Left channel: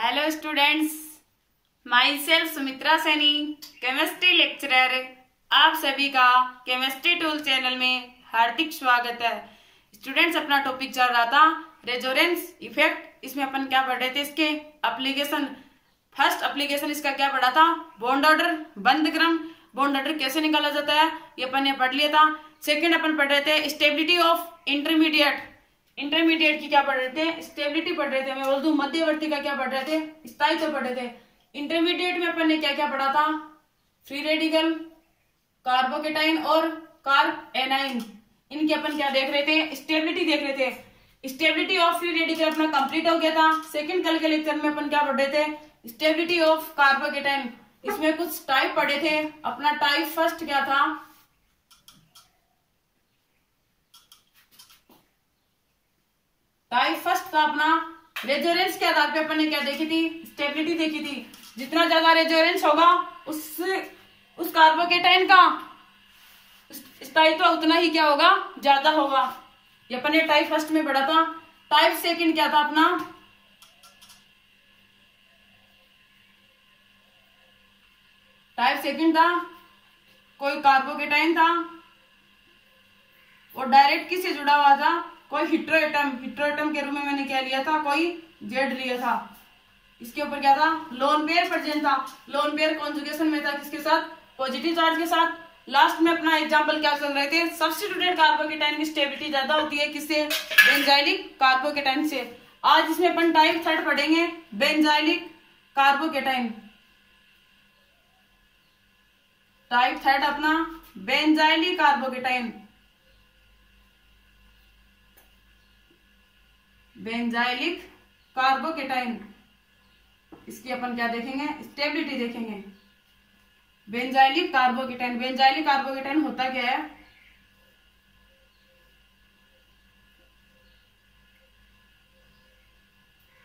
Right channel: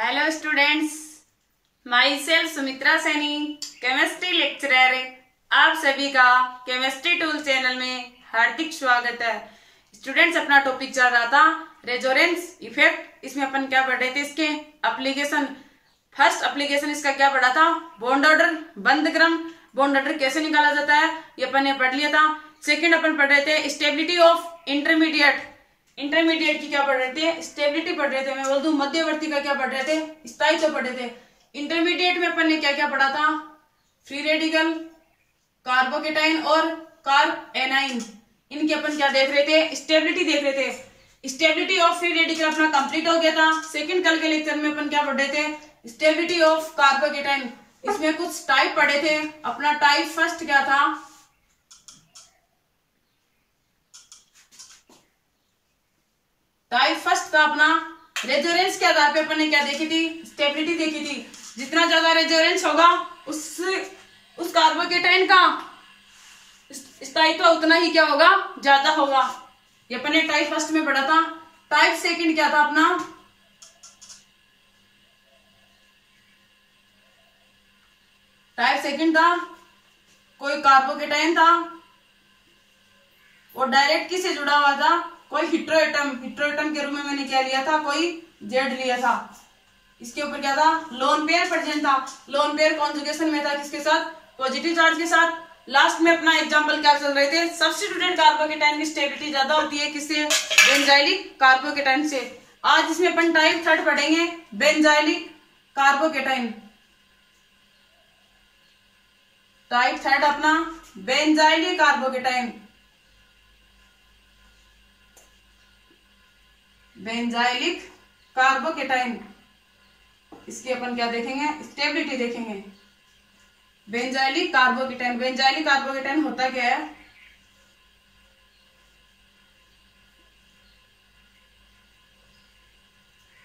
Hello students, my self Sumitra Saini, chemistry lecturer. आप सभी का केमिस्ट्री टूल चैनल में हार्दिक स्वागत है। स्टूडेंट्स, अपना टॉपिक चल रहा था रेजोनेंस इफेक्ट। इसमें अपन क्या पढ़ रहे थे, इसके एप्लीकेशन। फर्स्ट एप्लीकेशन इसका क्या पढ़ा था, बॉन्ड ऑर्डर, बंद क्रम, बॉन्ड ऑर्डर कैसे निकाला जाता है, ये अपन ने पढ़ लिया था। सेकंड अपन पढ़ रहे थे स्टेबिलिटी ऑफ इंटरमीडिएट की क्या पढ़ रहे थे, स्टेबिलिटी पढ़ रहे थे। मैं बोल दूं मध्यवर्ती का क्या पढ़ रहे थे, स्थायित्व पढ़ रहे थे। इंटरमीडिएट में अपन ने क्या क्या पढ़ा था, फ्री रेडिकल, कार्बोकेटाइन और कार्ब एनाइन। इनके अपन क्या देख रहे थे, स्टेबिलिटी देख रहे थे। स्टेबिलिटी ऑफ फ्री रेडिकल अपना कंप्लीट हो गया था। सेकंड कल के लेक्चर में अपन क्या पढ़ रहे थे, स्टेबिलिटी ऑफ कार्बोकेटाइन। इसमें कुछ टाइप पढ़े थे। अपना टाइप फर्स्ट क्या था, टाइप फर्स्ट था अपना रेजोनेंस के आधार पे अपन ने क्या देखी थी, स्टेबिलिटी देखी थी। जितना ज्यादा रेजोनेंस होगा उस कार्बोकेटाइन का स्थायित्व उतना ही क्या होगा, ज्यादा होगा। ये अपन ने टाइप फर्स्ट में पढ़ा था। टाइप सेकंड क्या था अपना, टाइप सेकंड था कोई कार्बोकेटाइन था और डायरेक्ट किससे जुड़ा हुआ था, कोई हिट्रोएटम के रूप में मैंने क्या लिया था, कोई जेड लिया था। इसके ऊपर क्या था, लोन पेयर प्रेजेंट था। लोन पेयर कॉन्जुगेशन में था किसके साथ, पॉजिटिव चार्ज के साथ। लास्ट में अपना एग्जांपल क्या चल रहे थे, सब्स्टिट्यूटेड कार्बोकेटाइन की स्टेबिलिटी ज्यादा होती है किससे, बेंजाइलिक कार्बोकेटाइन से। आज इसमें अपन टाइप थर्ड पढ़ेंगे, बेंजाइलिक कार्बोकेटाइन। टाइप थर्ड अपना बेंजाइलिक कार्बोकेटाइन, बेंजाइलिक कार्बोकेटाइन। इसकी अपन क्या देखेंगे, स्टेबिलिटी देखेंगे। बेंजाइलिक कार्बोकेटाइन, बेंजाइलिक कार्बोकेटाइन होता क्या है,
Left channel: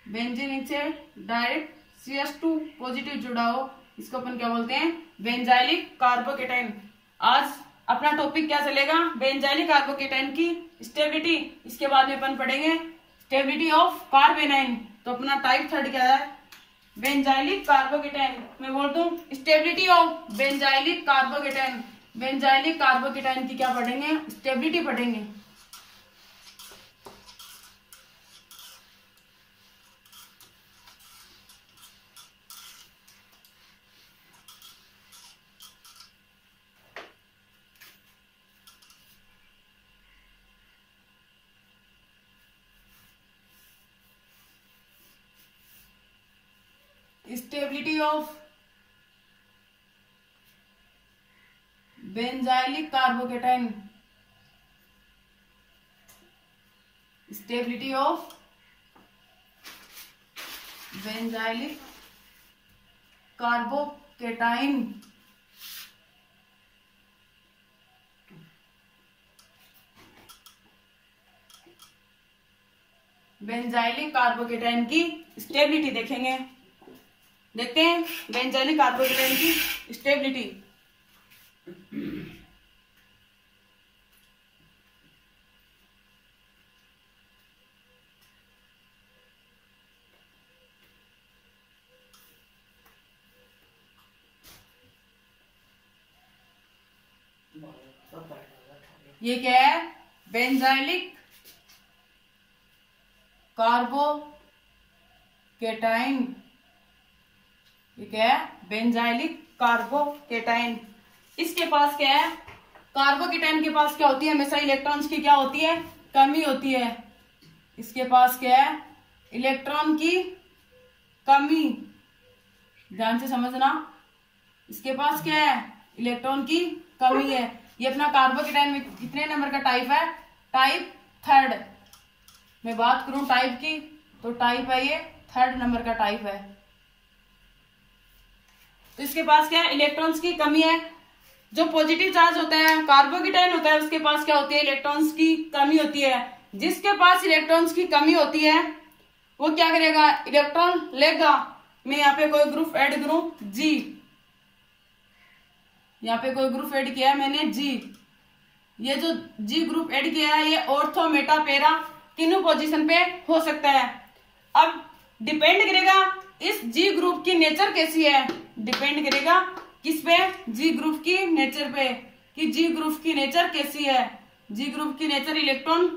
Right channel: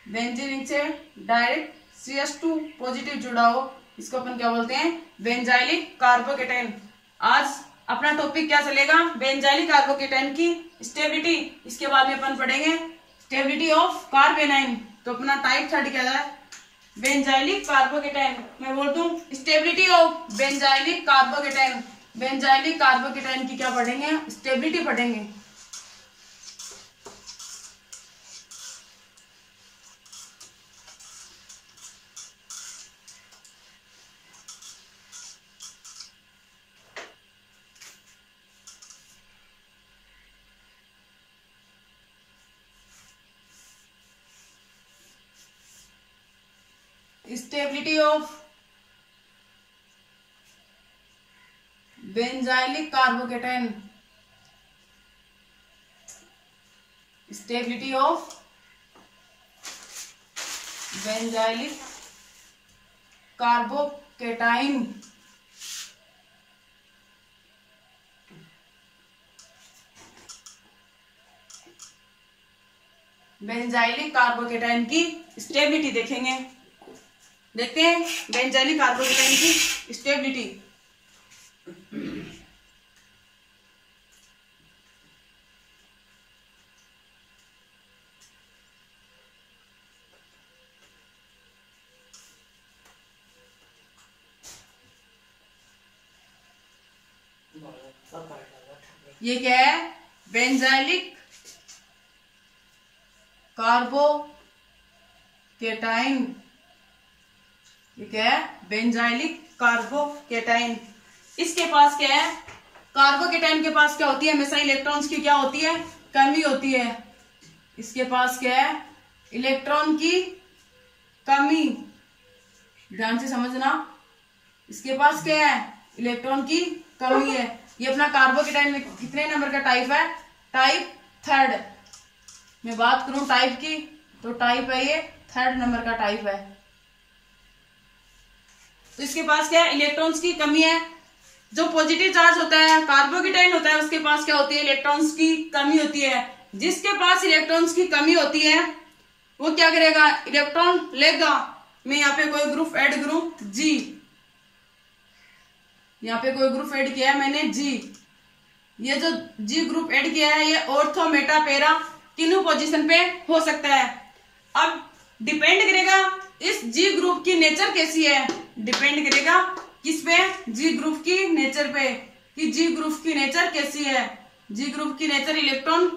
बेंजीन से डायरेक्ट CH2 पॉजिटिव जुड़ा हो, इसको अपन क्या बोलते हैं, बेंजाइलिक कार्बोकेटाइन। आज अपना टॉपिक क्या चलेगा, बेंजाइलिक कार्बोकेटाइन की स्टेबिलिटी। इसके बाद में अपन पढ़ेंगे स्टेबिलिटी ऑफ कार्ब एनाइन। तो अपना टाइप थर्ड क्या है, बेंजाइलिक कार्बोकेटाइन। मैं बोल दूं stability of benzylic carbocation. Benzylic carbocation की क्या पढ़ेंगे, स्टेबिलिटी पढ़ेंगे। Stability of benzylic carbocation, stability of benzylic carbocation. Benzylic carbocation की स्टेबिलिटी देखेंगे। देखते हैं बेंजाइलिक कार्बोकेटाइन की स्टेबिलिटी। ये क्या है, बेंजाइलिक कार्बोकेटाइन। ये क्या है, बेंजाइलिक कार्बोकेटाइन। इसके पास क्या है, कार्बोकेटाइन के पास क्या होती है, हमेशा इलेक्ट्रॉन्स की क्या होती है, कमी होती है। इसके पास क्या है, इलेक्ट्रॉन की कमी। ध्यान से समझना, इसके पास क्या है, इलेक्ट्रॉन की कमी है। ये अपना कार्बोकेटाइन में कितने नंबर का टाइप है, टाइप थर्ड। मैं बात करूं टाइप की तो टाइप है ये थर्ड नंबर का टाइप है। तो इसके पास क्या है, इलेक्ट्रॉन्स की कमी है। जो पॉजिटिव चार्ज होता है, कार्बोकेटाइन होता है, उसके पास क्या होती है, इलेक्ट्रॉन्स की कमी होती है। जिसके पास इलेक्ट्रॉन्स की कमी होती है वो क्या करेगा, इलेक्ट्रॉन लेगा। मैं यहाँ पे कोई ग्रुप ऐड करूं, G, यहाँ पे कोई ग्रुप ऐड किया है मैंने G। ये जो G ग्रुप ऐड किया है ये ऑर्थो मेटा पैरा तीनों पोजीशन पे हो सकता है। अब डिपेंड करेगा इस जी ग्रुप की नेचर कैसी है, डिपेंड करेगा किस पे, जी ग्रुप की नेचर पे, कि जी ग्रुप की नेचर कैसी है। जी ग्रुप की नेचर इलेक्ट्रॉन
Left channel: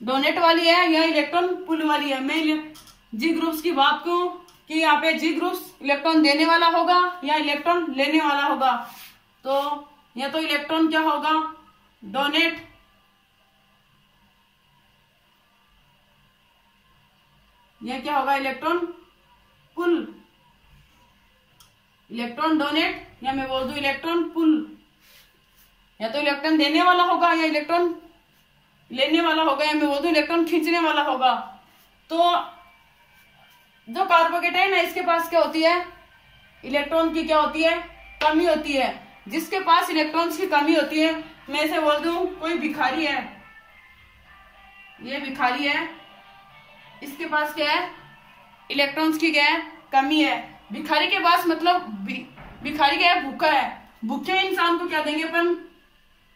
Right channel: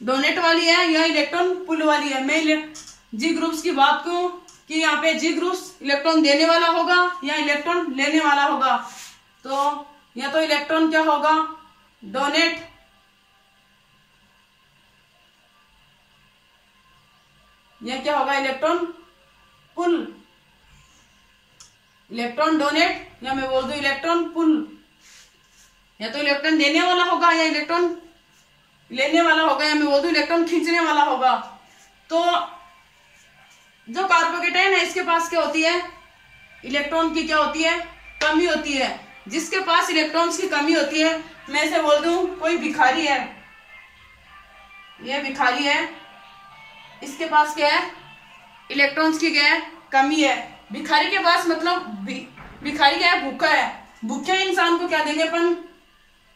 डोनेट वाली है या इलेक्ट्रॉन पुल वाली है। मैं जी ग्रुप्स की बात करूं कि यहाँ पे जी ग्रुप्स इलेक्ट्रॉन देने वाला होगा या इलेक्ट्रॉन लेने वाला होगा, तो या तो इलेक्ट्रॉन क्या होगा, डोनेट, या क्या होगा, इलेक्ट्रॉन पुल। इलेक्ट्रॉन डोनेट या मैं बोल दूं इलेक्ट्रॉन पुल, या तो इलेक्ट्रॉन देने वाला होगा या इलेक्ट्रॉन लेने वाला होगा, या मैं बोल दूं इलेक्ट्रॉन खींचने वाला होगा। तो जो कार्बोकेटाइन है इसके पास क्या होती है, इलेक्ट्रॉन की क्या होती है, कमी होती है। जिसके पास इलेक्ट्रॉन्स की कमी होती है, मैं इसे बोल दूं कोई भिखारी है, ये भिखारी है, इसके पास क्या है, इलेक्ट्रॉन्स की क्या है, कमी है। भिखारी के पास मतलब भिखारी क्या है, भूखा है। भूखे इंसान को क्या देंगे अपन,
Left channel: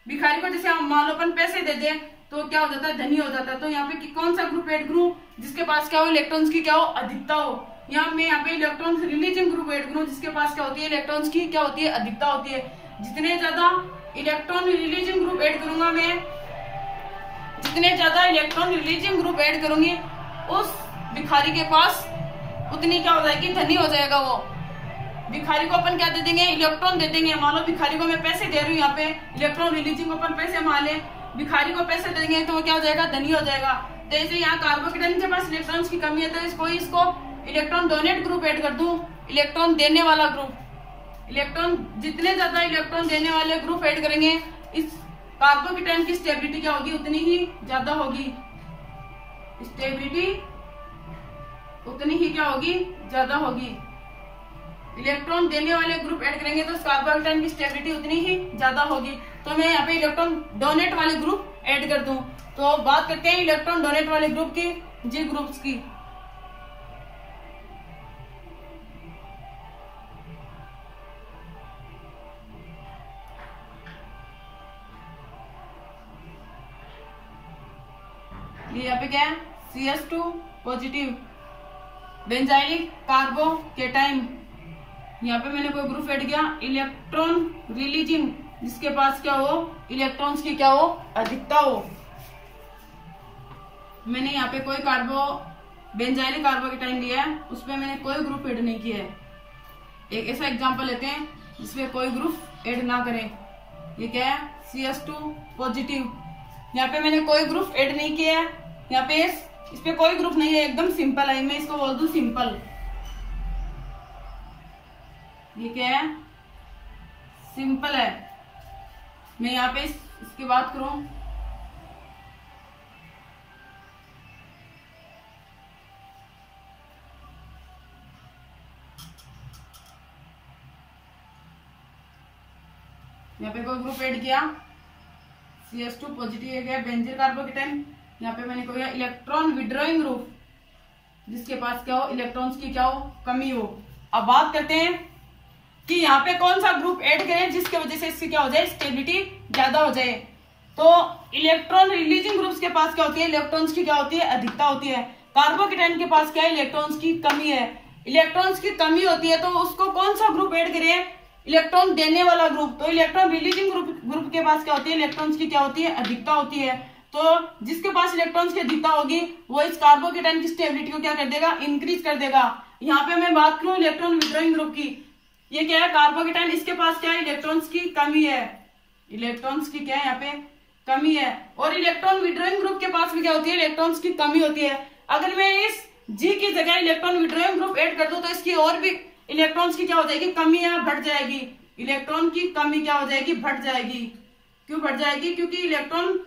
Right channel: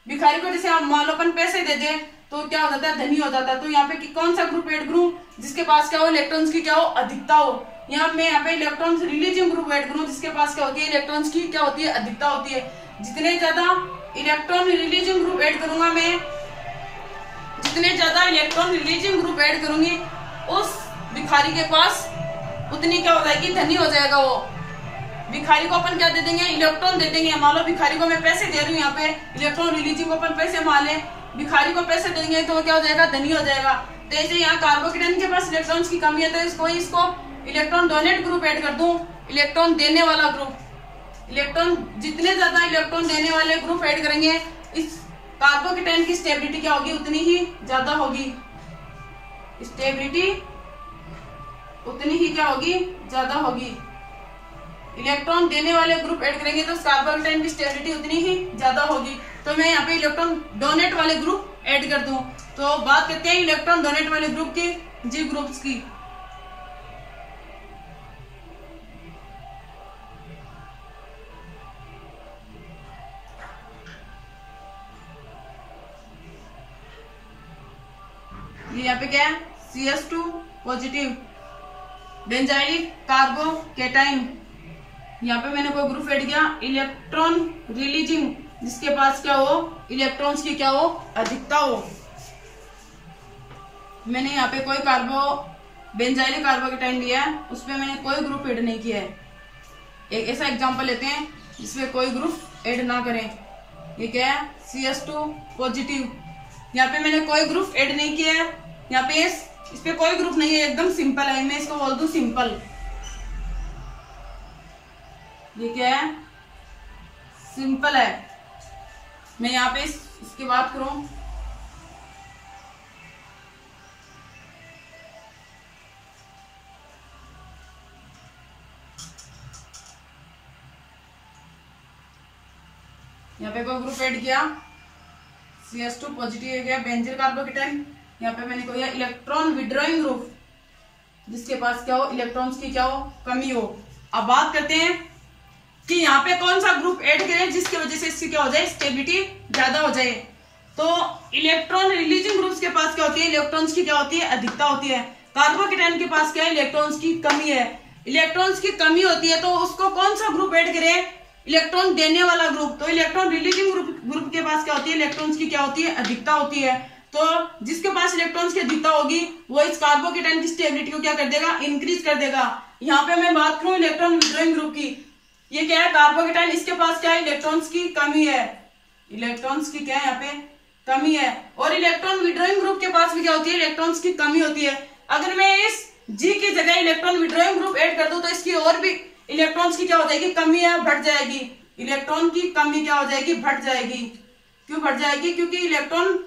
भिखारी को जैसे हम मान लो अपन पैसे दे दें तो क्या हो जाता है, धनी हो जाता है। तो यहाँ पे कौन सा ग्रुप ऐड करूं, जिसके पास क्या हो, इलेक्ट्रॉन्स की क्या हो, अधिकता हो। यहाँ पे इलेक्ट्रॉन्स रिलीजिंग ग्रुप ऐड करूं जिसके पास क्या होती है, इलेक्ट्रॉन्स की क्या होती है, अधिकता होती है। जितने ज्यादा इलेक्ट्रॉन रिलीजिंग ग्रुप ऐड करूंगा मैं, जितने ज्यादा इलेक्ट्रॉन रिलीजिंग ग्रुप ऐड करूंगी, उस भिखारी के पास उतनी क्या हो जाएगी, धनी हो जाएगा वो। भिखारी को अपन क्या दे देंगे, इलेक्ट्रॉन दे देंगे। मान लो भिखारी को मैं पैसे दे रही हूँ, यहाँ पे इलेक्ट्रॉन रिलीजिंग को अपन पैसे मान लें, भिखारी को पैसे देंगे तो वो क्या हो जाएगा, धनी हो जाएगा। तो ऐसे यहाँ कार्बोकेटाइन के पास इलेक्ट्रॉन्स की कमी है, तो इसको इलेक्ट्रॉन डोनेट ग्रुप ऐड कर दूं, इलेक्ट्रॉन देने वाला ग्रुप। इलेक्ट्रॉन जितने ज्यादा इलेक्ट्रॉन देने वाले ग्रुप ऐड करेंगे, इस कार्बोकेटाइन की स्टेबिलिटी क्या होगी, उतनी ही ज्यादा होगी। स्टेबिलिटी उतनी ही क्या होगी, ज्यादा होगी। इलेक्ट्रॉन देने वाले ग्रुप ऐड करेंगे तो कार्बोकेटाइन की स्टेबिलिटी उतनी ही ज्यादा होगी। तो मैं यहाँ पे इलेक्ट्रॉन डोनेट वाले ग्रुप ऐड कर दूं। तो बात करते हैं इलेक्ट्रॉन डोनेट वाले ग्रुप की, जी ग्रुप्स की। ये यहाँ पे क्या है, CS2 पॉजिटिव बेंजाइलिक कार्बोकेटाइन। यहाँ पे मैंने कोई ग्रुप ऐड किया, इलेक्ट्रॉन रिलीजिंग, जिसके पास क्या हो, इलेक्ट्रॉन्स की क्या हो, अधिकता हो। मैंने यहाँ पे कोई बेंजाइलिक कार्बोकेटाइन लिया है, उसमें मैंने कोई ग्रुप ऐड नहीं किया है। एक ऐसा एग्जांपल लेते हैं जिसमें कोई ग्रुप ऐड ना करें। ये क्या है, CS2 पॉजिटिव। यहाँ पे मैंने कोई ग्रुप ऐड नहीं किया है, यहाँ पे इस पे कोई ग्रुप नहीं है, एकदम सिंपल है। मैं इसको बोल दूं सिंपल। ये क्या है, सिंपल है। मैं यहाँ पे इसकी बात करूं, यहाँ पे कोई ग्रुप ऐड किया, CS2 पॉजिटिव है गया बेंजील कार्बोकेटाइन। यहाँ पे मैंने कोई इलेक्ट्रॉन विड्रॉइंग ग्रुप, जिसके पास क्या हो, इलेक्ट्रॉन्स की क्या हो, कमी हो। अब बात करते हैं कि यहाँ पे कौन सा ग्रुप ऐड करें जिसकी वजह से इसकी क्या हो जाए, स्टेबिलिटी ज्यादा हो जाए। तो इलेक्ट्रॉन रिलीजिंग ग्रुप्स के पास क्या होती है, इलेक्ट्रॉन्स की क्या होती है, अधिकता होती है। कार्बोकेटाइन के पास क्या है, इलेक्ट्रॉन्स की कमी है। इलेक्ट्रॉन्स की कमी होती है तो उसको कौन सा ग्रुप ऐड करें, इलेक्ट्रॉन देने वाला ग्रुप। तो इलेक्ट्रॉन रिलीजिंग ग्रुप के पास क्या होती है, इलेक्ट्रॉन्स की क्या होती है, अधिकता होती है। तो जिसके पास इलेक्ट्रॉन्स की अधिकता होगी वो इस कार्बोकेटाइन की स्टेबिलिटी को क्या कर देगा, इंक्रीज कर देगा। यहाँ पे मैं बात करूं इलेक्ट्रॉन विड्रॉइंग ग्रुप की, ये क्या है, कार्बोकेटाइन, इसके पास क्या है, इलेक्ट्रॉन्स की कमी है। इलेक्ट्रॉन्स की क्या है, यहाँ पे कमी है। और इलेक्ट्रॉन विड्रॉइंग ग्रुप के पास भी क्या होती है, इलेक्ट्रॉन्स की कमी होती है। अगर मैं इस जी की जगह इलेक्ट्रॉन विड्रॉइंग ग्रुप ऐड कर दूं तो इसकी और भी इलेक्ट्रॉन्स की क्या हो जाएगी, कमी है, बढ़ जाएगी। इलेक्ट्रॉन की कमी क्या हो जाएगी, बढ़ जाएगी। क्यों बढ़ जाएगी, क्योंकि इलेक्ट्रॉन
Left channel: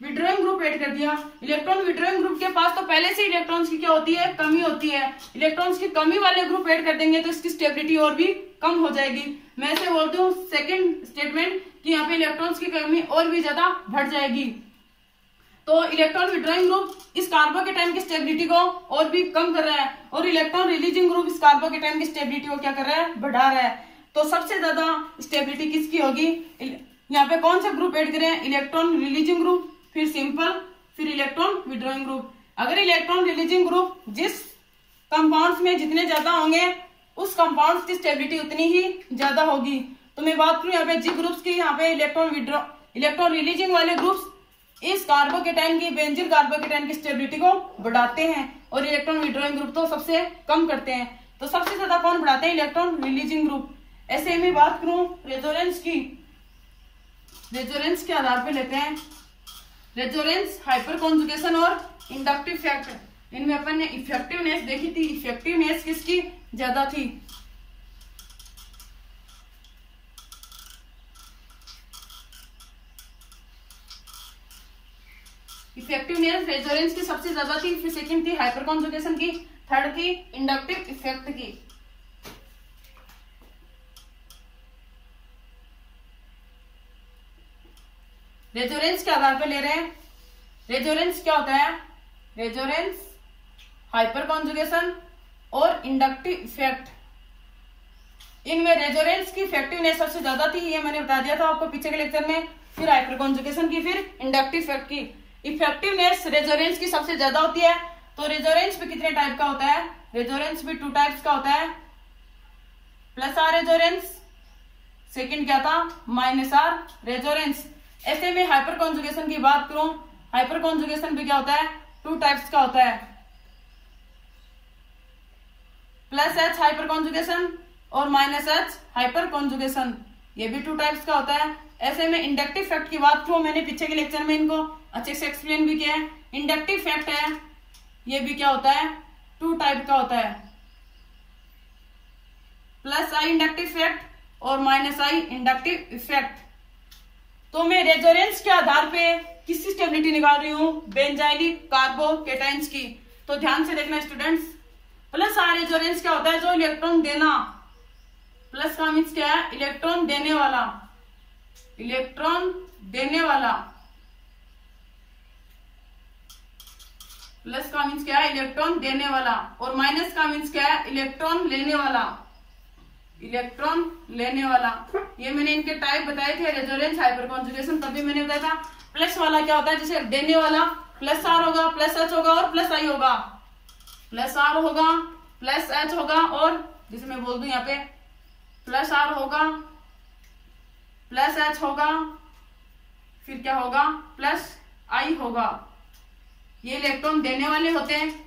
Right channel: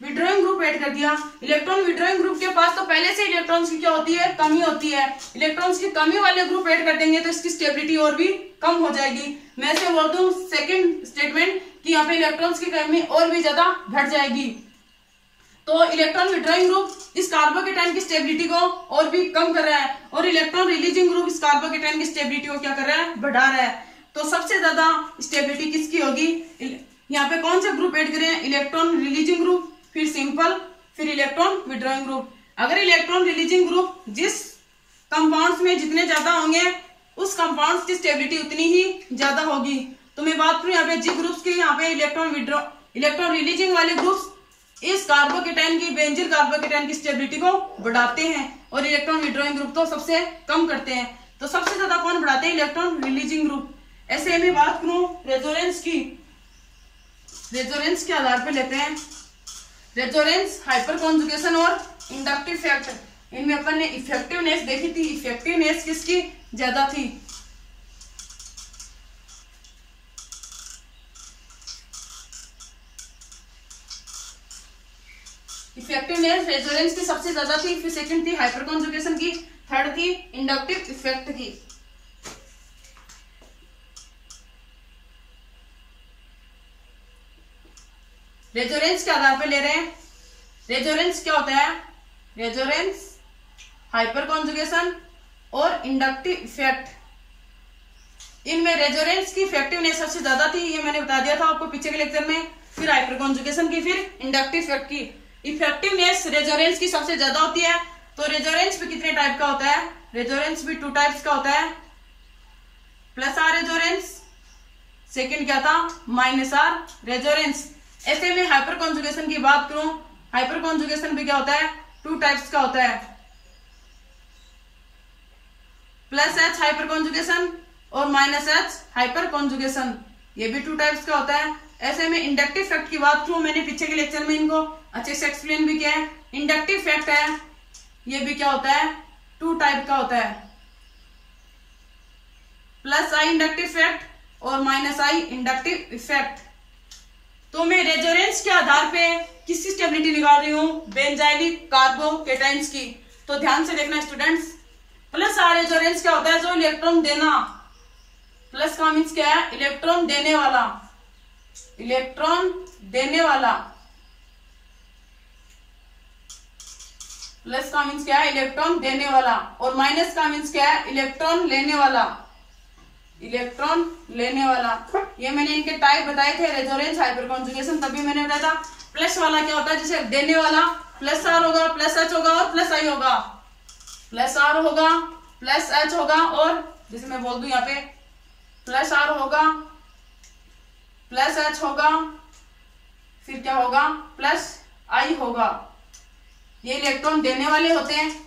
विड्रॉइंग ग्रुप ऐड कर दिया। इलेक्ट्रॉन विड्रॉइंग ग्रुप के पास तो पहले से इलेक्ट्रॉन्स की क्या होती है, कमी होती है। इलेक्ट्रॉन्स की कमी वाले ग्रुप ऐड कर देंगे तो इसकी स्टेबिलिटी और भी कम हो जाएगी। मैं ऐसे बोल दूं सेकंड स्टेटमेंट कि यहाँ पे इलेक्ट्रॉन्स की कमी और भी ज्यादा बढ़ जाएगी। तो इलेक्ट्रॉन विड्रॉइंग ग्रुप इस कार्बोकेटाइन की स्टेबिलिटी को और भी कम कर रहा है, और इलेक्ट्रॉन रिलीजिंग ग्रुप इस कार्बोकेटाइन की स्टेबिलिटी को क्या कर रहा है, बढ़ा रहा है। तो सबसे ज्यादा स्टेबिलिटी किसकी होगी, यहाँ पे कौन सा ग्रुप ऐड करें, इलेक्ट्रॉन रिलीजिंग ग्रुप, फिर सिंपल, फिर इलेक्ट्रॉन विड्रॉइंग ग्रुप। अगर इलेक्ट्रॉन रिलीजिंग ग्रुप जिस कंपाउंड्स में जितने ज्यादा होंगे उस कंपाउंड्स की स्टेबिलिटी उतनी ही ज्यादा होगी। तो मैं बात करूं यहाँ पे जी ग्रुप्स की, यहाँ पे इलेक्ट्रॉन रिलीजिंग वाले ग्रुप्स इस कार्बोकेटाइन की, बेंजील कार्बोकेटाइन की स्टेबिलिटी को बढ़ाते हैं और इलेक्ट्रॉन विड्रॉइंग ग्रुप तो सबसे कम करते हैं। तो सबसे ज्यादा कौन बढ़ाते हैं? Electron releasing group. ऐसे में बात करूं रेजोनेंस की, रेजोनेंस के आधार पे लेते हैं रेजोनेंस, हाइपर कॉन्जुगेशन और इंडक्टिव इफेक्ट। इनमें अपन ने इफेक्टिवनेस देखी थी, इफेक्टिवनेस किसकी ज्यादा थी? इफेक्टिवनेस रेजोनेंस की सबसे ज्यादा थी, फिर सेकंड थी हाइपर कॉन्जुगेशन की, थर्ड थी इंडक्टिव इफेक्ट की। रेजोनेंस के आधार पे ले रहे हैं। रेजोनेंस क्या होता है? रेजोनेंस, हाइपर कॉन्जुगेशन और इंडक्टिव इफेक्ट। इनमें रेजोनेंस की इफेक्टिवनेस सबसे ज्यादा थी, ये मैंने बता दिया था आपको पीछे के लेक्चर में। फिर हाइपर कॉन्जुगेशन की, फिर इंडक्टिव इफेक्ट की। इफेक्टिवनेस रेजोनेंस की सबसे ज्यादा होती है। तो रेजोनेंस भी कितने टाइप का होता है? रेजोनेंस भी 2 टाइप्स का होता है, प्लस आर रेजोनेंस, सेकंड क्या था? Minus R resonance. ऐसे में हाइपर कॉन्जुगेशन की बात करूं, हाइपर कॉन्जुगेशन भी क्या होता है? 2 टाइप्स का होता है, प्लस एच हाइपर कॉन्जुगेशन और माइनस एच हाइपर कॉन्जुगेशन, ये भी 2 टाइप्स का होता है। ऐसे में इंडक्टिव इफेक्ट की बात करूं, मैंने पीछे के लेक्चर में इनको अच्छे से एक्सप्लेन भी किया है। इंडक्टिव इफेक्ट है, ये भी क्या होता है? 2 टाइप का होता है, प्लस आई इंडक्टिव इफेक्ट और माइनस आई इंडक्टिव इफेक्ट। तो मैं रेजोनेंस के आधार पे किसकी स्टेबिलिटी निकाल रही हूँ? बेंजाइलिक कार्बोकेटाइन्स की। तो ध्यान से देखना स्टूडेंट्स, प्लस आर रेजोनेंस क्या होता है? जो इलेक्ट्रॉन देना, प्लस का मीन्स क्या है? इलेक्ट्रॉन देने वाला, इलेक्ट्रॉन देने वाला। प्लस का मीन्स क्या है? इलेक्ट्रॉन देने वाला। और माइनस का मीन्स क्या है? इलेक्ट्रॉन लेने वाला, इलेक्ट्रॉन लेने वाला। ये मैंने इनके टाइप बताए थे, रेजोनेंस, हाइपर कॉन्जुगेशन, तभी मैंने बताया था। प्लस वाला क्या होता है? जैसे देने वाला प्लस आर होगा, प्लस एच होगा और प्लस आई होगा, प्लस आर होगा, प्लस एच होगा, और जैसे मैं बोल दूं यहाँ पे प्लस आर होगा, प्लस एच होगा, फिर क्या होगा? प्लस आई होगा। ये इलेक्ट्रॉन देने वाले होते हैं।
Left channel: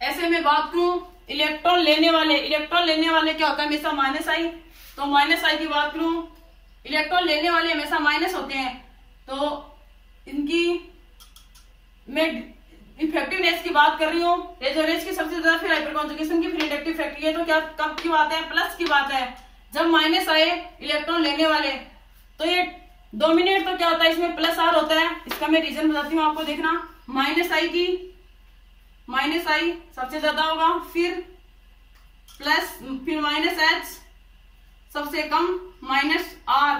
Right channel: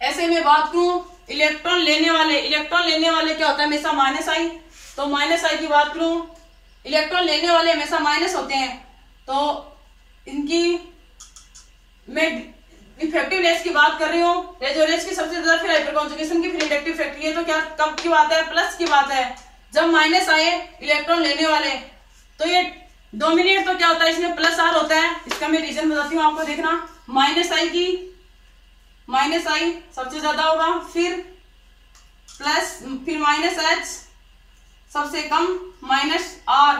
ऐसे में बात करूं इलेक्ट्रॉन लेने वाले, इलेक्ट्रॉन लेने वाले क्या होता है? हमेशा माइनस आई। तो माइनस आई की बात करूं, इलेक्ट्रॉन लेने वाले हमेशा माइनस होते हैं। तो इनकी मैं इफेक्टिवनेस की बात कर रही हूँ, रेजोनेंस की सबसे ज्यादा, फिर हाइपर कॉन्जुगेशन की, फिर इंडक्टिव इफेक्ट। ये तो क्या कब की बात है? प्लस की बात है, जब माइनस आए इलेक्ट्रॉन लेने वाले। तो ये डोमिनेट तो क्या होता है? इसमें प्लस आर होता है। इसका मैं रीजन बताती हूँ आपको, देखना। माइनस आई की, माइनस आई सबसे ज्यादा होगा, फिर प्लस, फिर माइनस एच सबसे कम, माइनस आर।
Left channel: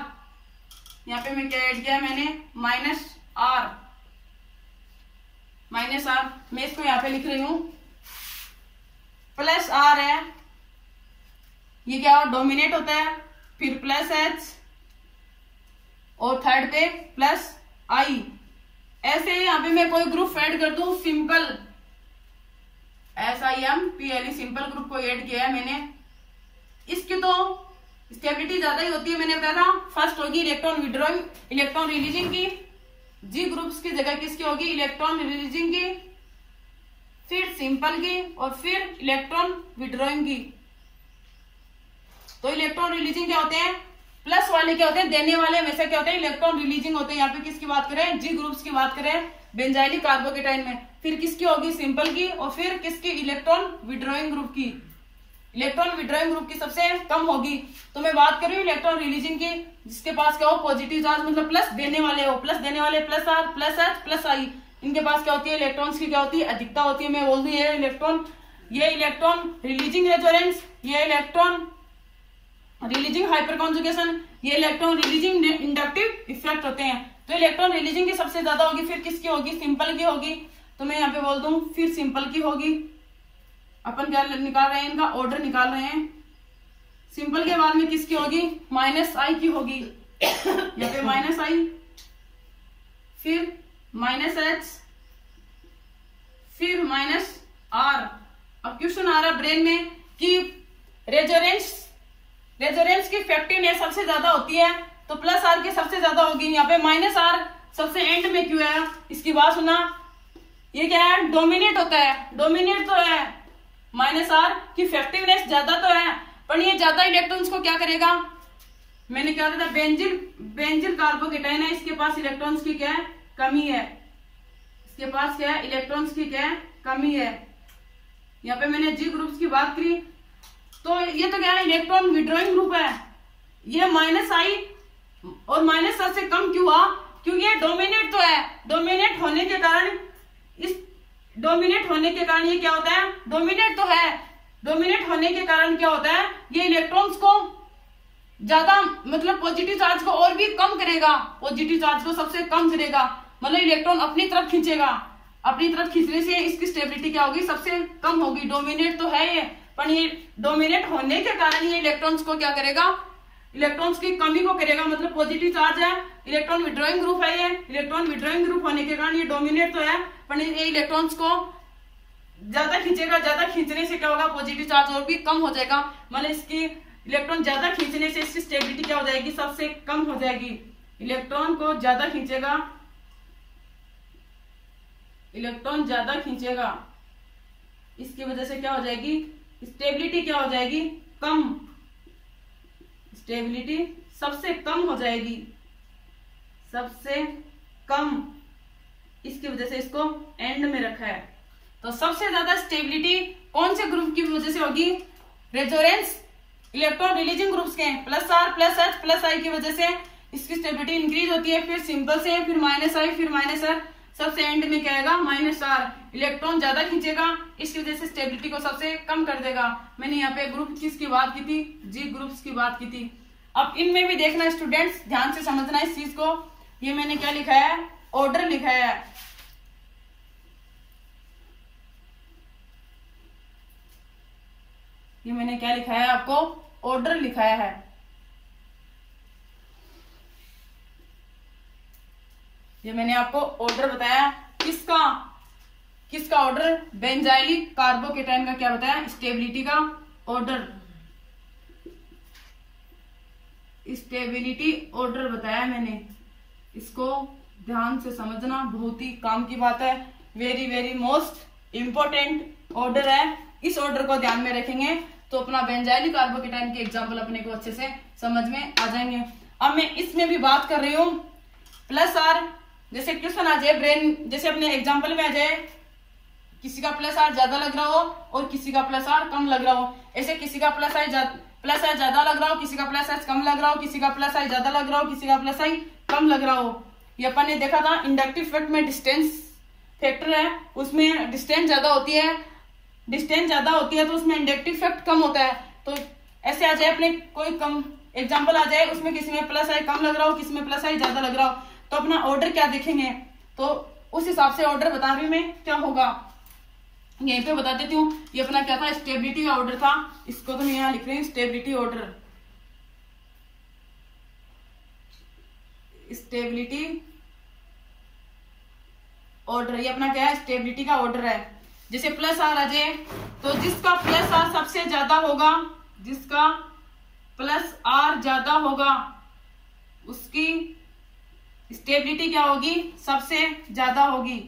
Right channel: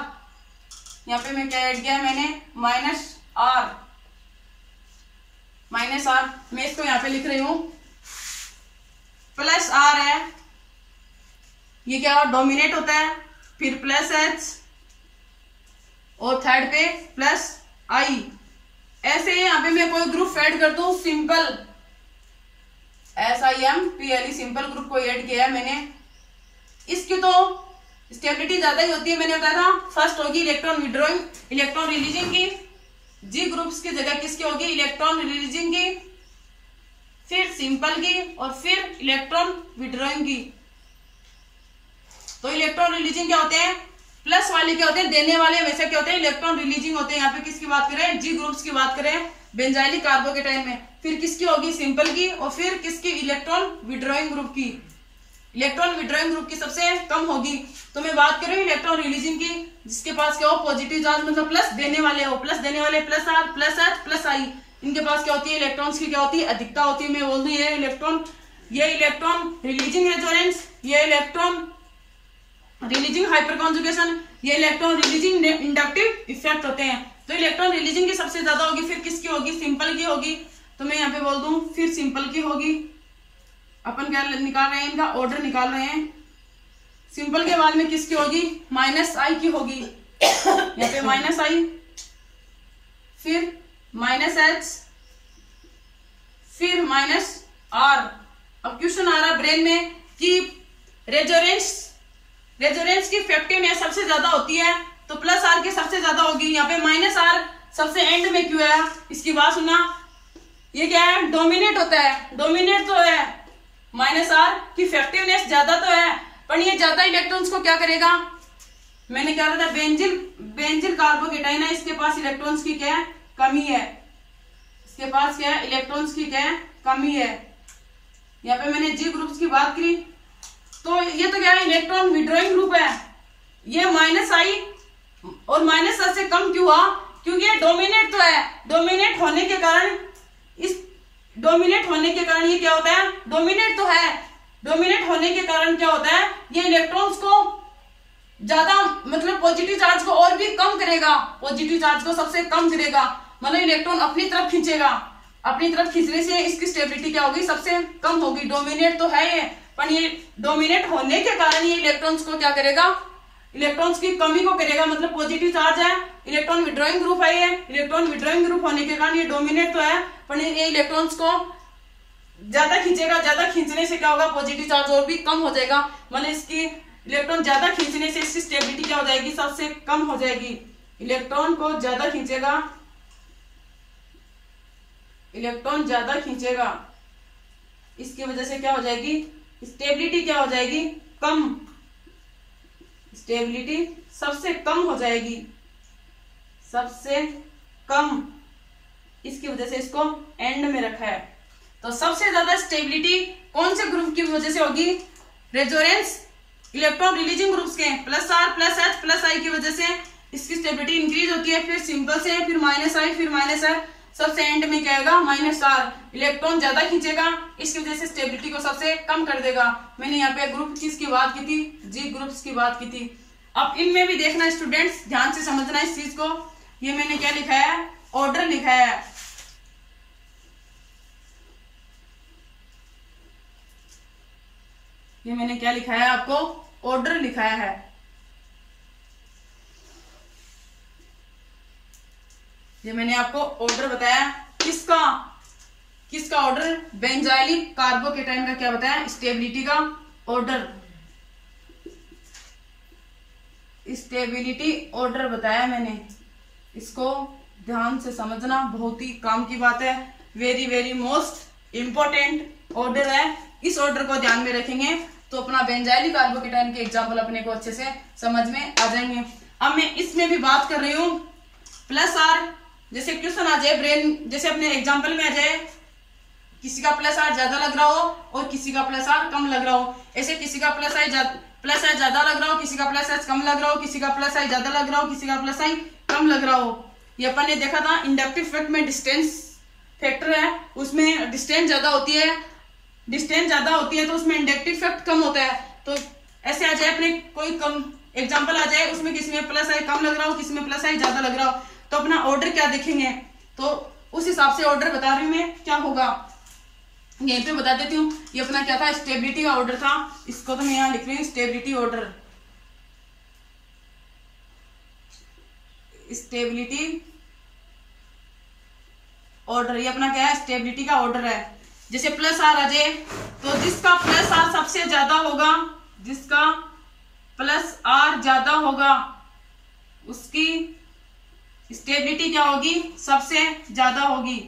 यहाँ पे मैं क्या ऐड किया है? मैंने माइनस आर, माइनस आर। मैं इसको यहाँ पे लिख रही हूं, प्लस आर है, ये क्या डोमिनेट होता है, फिर प्लस एच और थर्ड पे प्लस आई। ऐसे यहाँ पे मैं कोई ग्रुप ऐड कर दूं, सिंपल SIMPLE, सिंपल ग्रुप को ऐड किया है मैंने। इसकी तो स्टेबिलिटी ज्यादा ही होती है, मैंने बताया था। फर्स्ट होगी इलेक्ट्रॉन विड्रॉइंग, इलेक्ट्रॉन रिलीजिंग की। जी ग्रुप्स की जगह किसकी होगी? इलेक्ट्रॉन रिलीजिंग की, फिर सिंपल की, और फिर इलेक्ट्रॉन विड्रॉइंग की। तो इलेक्ट्रॉन रिलीजिंग क्या होते हैं? प्लस वाले क्या होते हैं? देने वाले हमेशा क्या होते हैं? इलेक्ट्रॉन रिलीजिंग होते हैं। यहाँ पे किसकी बात करें? जी ग्रुप्स की बात करें बेंजाइलिक कार्बोकेटाइन में। फिर किसकी होगी? सिंपल की, और फिर किसकी? इलेक्ट्रॉन विड्रॉइंग ग्रुप की। इलेक्ट्रॉन विड्रॉइंग ग्रुप की सबसे कम होगी। तो मैं बात कर रही हूँ इलेक्ट्रॉन रिलीजिंग की, जिसके पास क्या हो? पॉजिटिव चार्ज, मतलब प्लस देने वाले हो, प्लस देने वाले, plus R, plus H, plus I. इनके पास क्या होती है? इलेक्ट्रॉन्स की क्या होती है? अधिकता होती है। मैं बोल दूं ये इलेक्ट्रॉन रिलीजिंग रेजोनेंस, ये इलेक्ट्रॉन रिलीजिंग हाइपर कॉन्जुगेशन, ये इलेक्ट्रॉन रिलीजिंग इंडक्टिव इफेक्ट होते हैं। तो इलेक्ट्रॉन रिलीजिंग की सबसे ज्यादा होगी, फिर किसकी होगी? सिंपल की होगी। तो मैं यहाँ पे बोल दूं फिर सिंपल की होगी। अपन क्या निकाल रहे हैं? इनका ऑर्डर निकाल रहे हैं। सिंपल के बाद में किसकी होगी? माइनस आई की होगी। यहाँ पे माइनस आई, फिर माइनस एच, फिर माइनस आर। अब क्वेश्चन आ रहा है ब्रेन में कि रेजोनेंस की इफेक्टिवनेस सबसे ज्यादा होती है तो प्लस आर की सबसे ज्यादा होगी। यहाँ पे माइनस आर सबसे एंड में क्यों है, इसकी बात सुना। ये क्या है, डोमिनेट होता है, डोमिनेट तो है, माइनस आर की इफेक्टिवनेस ज्यादा तो है, पर ये ज्यादा इलेक्ट्रॉन्स को क्या करेगा, मैंने क्या था बेंजिल कार्बोकेटाइन है, इसके पास इलेक्ट्रॉन्स की क्या है, कमी है, इसके पास क्या है, इलेक्ट्रॉन्स की क्या है, कमी है। यहाँ पे मैंने जी ग्रुप्स की बात करी तो ये तो क्या है, इलेक्ट्रॉन विड्रॉइंग ग्रुप है। ये माइनस आई और माइनस आर से कम क्यों हुआ, क्योंकि ये डोमिनेट तो है, डोमिनेट होने के कारण ये क्या होता है, डोमिनेट तो है, डोमिनेट होने के कारण क्या होता है, ये इलेक्ट्रॉन्स को ज्यादा मतलब पॉजिटिव चार्ज को और भी कम करेगा, पॉजिटिव चार्ज को सबसे कम करेगा, मतलब इलेक्ट्रॉन अपनी तरफ खींचेगा, अपनी तरफ खींचने से इसकी स्टेबिलिटी क्या होगी, सबसे कम होगी। डोमिनेट तो है ये, पर ये डोमिनेट होने के कारण ये इलेक्ट्रॉन्स को क्या करेगा, इलेक्ट्रॉन्स की कमी को करेगा, मतलब पॉजिटिव चार्ज है, इलेक्ट्रॉन विड्रॉइंग ग्रुप है, ये इलेक्ट्रॉन विड्रॉइंग ग्रुप होने के कारण ये डोमिनेट तो है, पर ये इलेक्ट्रॉन्स को ज्यादा खींचेगा, ज्यादा खींचने से क्या होगा, पॉजिटिव चार्ज और भी कम हो जाएगा, मतलब इसकी इलेक्ट्रॉन ज्यादा खींचने से इसकी स्टेबिलिटी क्या हो जाएगी, सबसे कम हो जाएगी। इलेक्ट्रॉन को ज्यादा खींचेगा, इलेक्ट्रॉन ज्यादा खींचेगा, इसकी वजह से क्या हो जाएगी, स्टेबिलिटी क्या हो जाएगी, कम, स्टेबिलिटी सबसे कम हो जाएगी, सबसे कम, इसकी वजह से इसको एंड में रखा है। तो सबसे ज्यादा स्टेबिलिटी कौन से ग्रुप की वजह से होगी, रेजोनेंस इलेक्ट्रॉन रिलीजिंग ग्रुप्स के plus R plus H plus I की वजह से इसकी स्टेबिलिटी इंक्रीज होती है, फिर सिंपल से, फिर माइनस आई, फिर माइनस आर, सबसे एंड में क्या आएगा, माइनस आर। इलेक्ट्रॉन ज्यादा खींचेगा, इसकी वजह से स्टेबिलिटी को सबसे कम कर देगा। मैंने यहाँ पे ग्रुप किसकी बात की थी, जी ग्रुप्स की बात की थी। अब इनमें भी देखना स्टूडेंट्स, ध्यान से समझना इस चीज को। ये मैंने क्या लिखा है, ऑर्डर लिखा है, ये मैंने क्या लिखा है, आपको ऑर्डर लिखाया है। ये मैंने आपको ऑर्डर बताया, किसका ऑर्डर, बेंजाइलिक कार्बोकेटाइन का क्या बताया, स्टेबिलिटी का ऑर्डर, स्टेबिलिटी ऑर्डर बताया मैंने। इसको ध्यान से समझना, बहुत ही काम की बात है, very very most important order है। इस ऑर्डर को ध्यान में रखेंगे तो अपना बेंजाइलिक कार्बोकेटाइन के एग्जाम्पल अपने को अच्छे से समझ में आ जाएंगे। अब मैं इसमें भी बात कर रही हूँ प्लस आर, जैसे क्वेश्चन आ जाए ब्रेन, जैसे अपने एग्जाम्पल में आ जाए, किसी का प्लस आर ज्यादा लग रहा हो और किसी का प्लस आर कम लग रहा हो, ऐसे किसी का प्लस आई ज्यादा लग रहा हो, किसी का प्लस आई कम लग रहा हो, किसी का प्लस आई ज्यादा लग रहा हो, किसी का प्लस आई कम लग रहा हो। ये अपन ने देखा था इंडक्टिव इफेक्ट में डिस्टेंस फैक्टर है, उसमें डिस्टेंस ज्यादा होती है, डिस्टेंस ज्यादा होती है तो उसमें इंडक्टिव इफेक्ट कम होता है। तो ऐसे आ जाए अपने कोई कम एग्जांपल आ जाए, उसमें किसी में प्लस आई कम लग रहा हो, किसी में प्लस आई ज्यादा लग रहा हो, तो अपना ऑर्डर क्या देखेंगे, तो उस हिसाब से ऑर्डर बता रही हूँ मैं क्या होगा, यहीं पे बता देती हूँ। ये अपना क्या था, स्टेबिलिटी का ऑर्डर था, इसको तो मैं यहाँ लिख रही हूँ स्टेबिलिटी ऑर्डर, स्टेबिलिटी ऑर्डर, ये अपना क्या है, स्टेबिलिटी का ऑर्डर है। जैसे प्लस आर आ जाए तो जिसका प्लस आर सबसे ज्यादा होगा, जिसका प्लस आर ज्यादा होगा उसकी स्टेबिलिटी क्या होगी, सबसे ज्यादा होगी।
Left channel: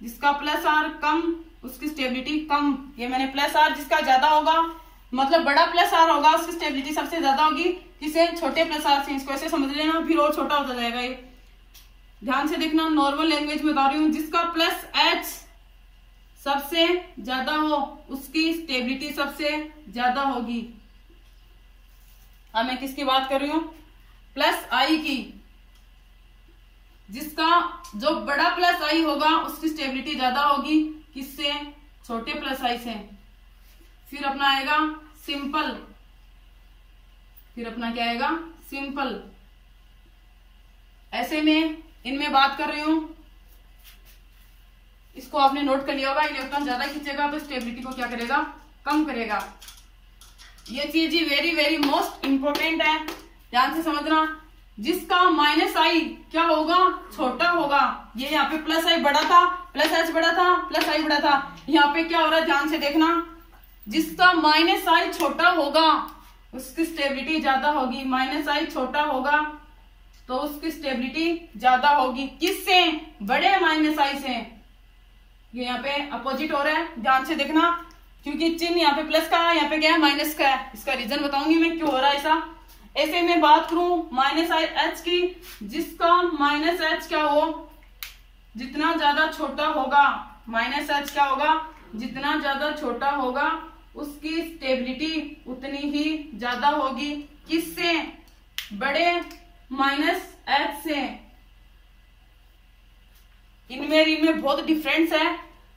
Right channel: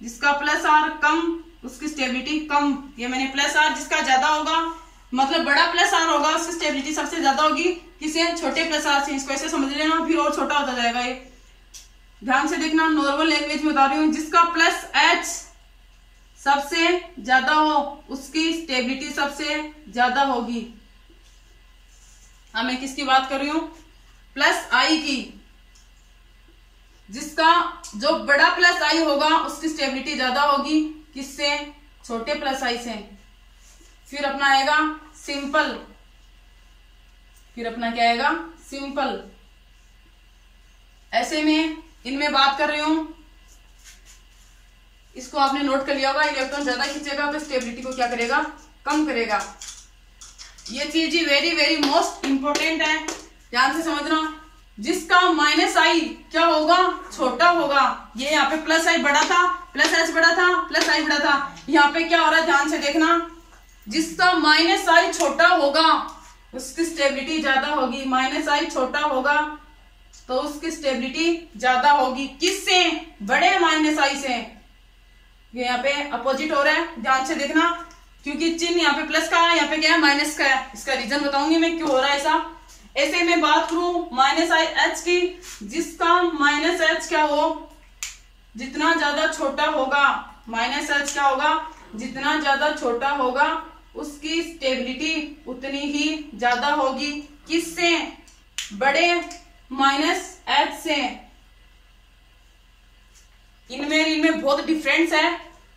जिसका प्लस आर कम उसकी स्टेबिलिटी कम। ये मैंने प्लस आर जिसका ज्यादा होगा मतलब बड़ा प्लस आर होगा उसकी स्टेबिलिटी सबसे ज्यादा होगी, किसे, छोटे प्लस आर से। इसको ऐसे समझ लेना, फिर और छोटा होता जाएगा। ये ध्यान से देखना, नॉर्मल लैंग्वेज में बता रही हूँ। जिसका प्लस एच सबसे ज्यादा हो उसकी स्टेबिलिटी सबसे ज्यादा होगी। अब मैं किसकी बात कर रही हूं, प्लस आई की। जिसका जो बड़ा प्लस आई होगा उसकी स्टेबिलिटी ज्यादा होगी, किससे, छोटे प्लस आई से। फिर अपना आएगा सिंपल, फिर अपना क्या आएगा, सिंपल। ऐसे में इनमें बात कर रही हूं, इसको आपने नोट कर लिया होगा। इलेक्ट्रॉन ज्यादा खींचेगा तो स्टेबिलिटी को क्या करेगा, कम करेगा। ये चीज ही वेरी वेरी मोस्ट इंपोर्टेंट है, ध्यान से समझना। जिसका माइनस आई क्या होगा, छोटा होगा। ये यहाँ पे प्लस आई बड़ा था, प्लस एच बड़ा था, प्लस आई बड़ा था। यहाँ पे क्या हो रहा है, ध्यान से देखना, जिसका माइनस आई छोटा होगा उसकी स्टेबिलिटी ज्यादा होगी। माइनस आई छोटा होगा तो उसकी स्टेबिलिटी ज्यादा होगी। किससे, बड़े माइनस आई से। ये यहाँ पे अपोजिट हो रहा है, ध्यान से देखना, क्योंकि चिन्ह यहाँ पे प्लस का है, यहाँ पे क्या है, माइनस का है। इसका रीजन बताऊंगी मैं क्यों हो रहा है ऐसा। ऐसे ही मैं बात करूं माइनस आई एच की, जिसका माइनस एच क्या हो, जितना ज्यादा छोटा होगा, माइनस एच क्या होगा, जितना ज्यादा छोटा होगा उसकी स्टेबिलिटी उतनी ही ज्यादा होगी। किससे, बड़े माइनस एच से। इनमें बहुत डिफरेंस है।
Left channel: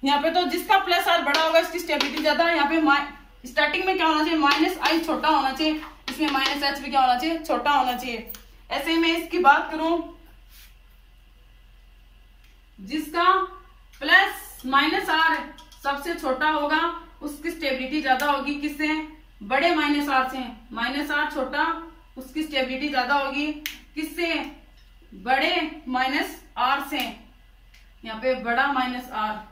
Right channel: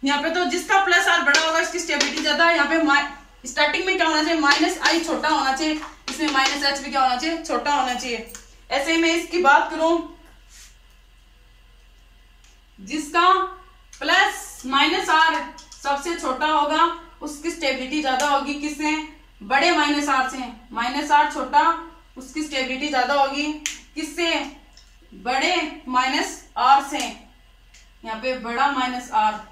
यहाँ पे तो जिसका प्लस आर बड़ा होगा इसकी स्टेबिलिटी ज्यादा। यहाँ पे स्टार्टिंग में क्या होना चाहिए, माइनस आई छोटा होना चाहिए, इसमें माइनस एच भी क्या होना चाहिए, छोटा होना चाहिए। ऐसे ही मैं इसकी बात करूं, जिसका प्लस माइनस आर सबसे छोटा होगा उसकी स्टेबिलिटी ज्यादा होगी। किससे, बड़े माइनस आर से। माइनस आर छोटा, उसकी स्टेबिलिटी ज्यादा होगी। किससे, बड़े माइनस आर से। यहाँ पे बड़ा माइनस आर,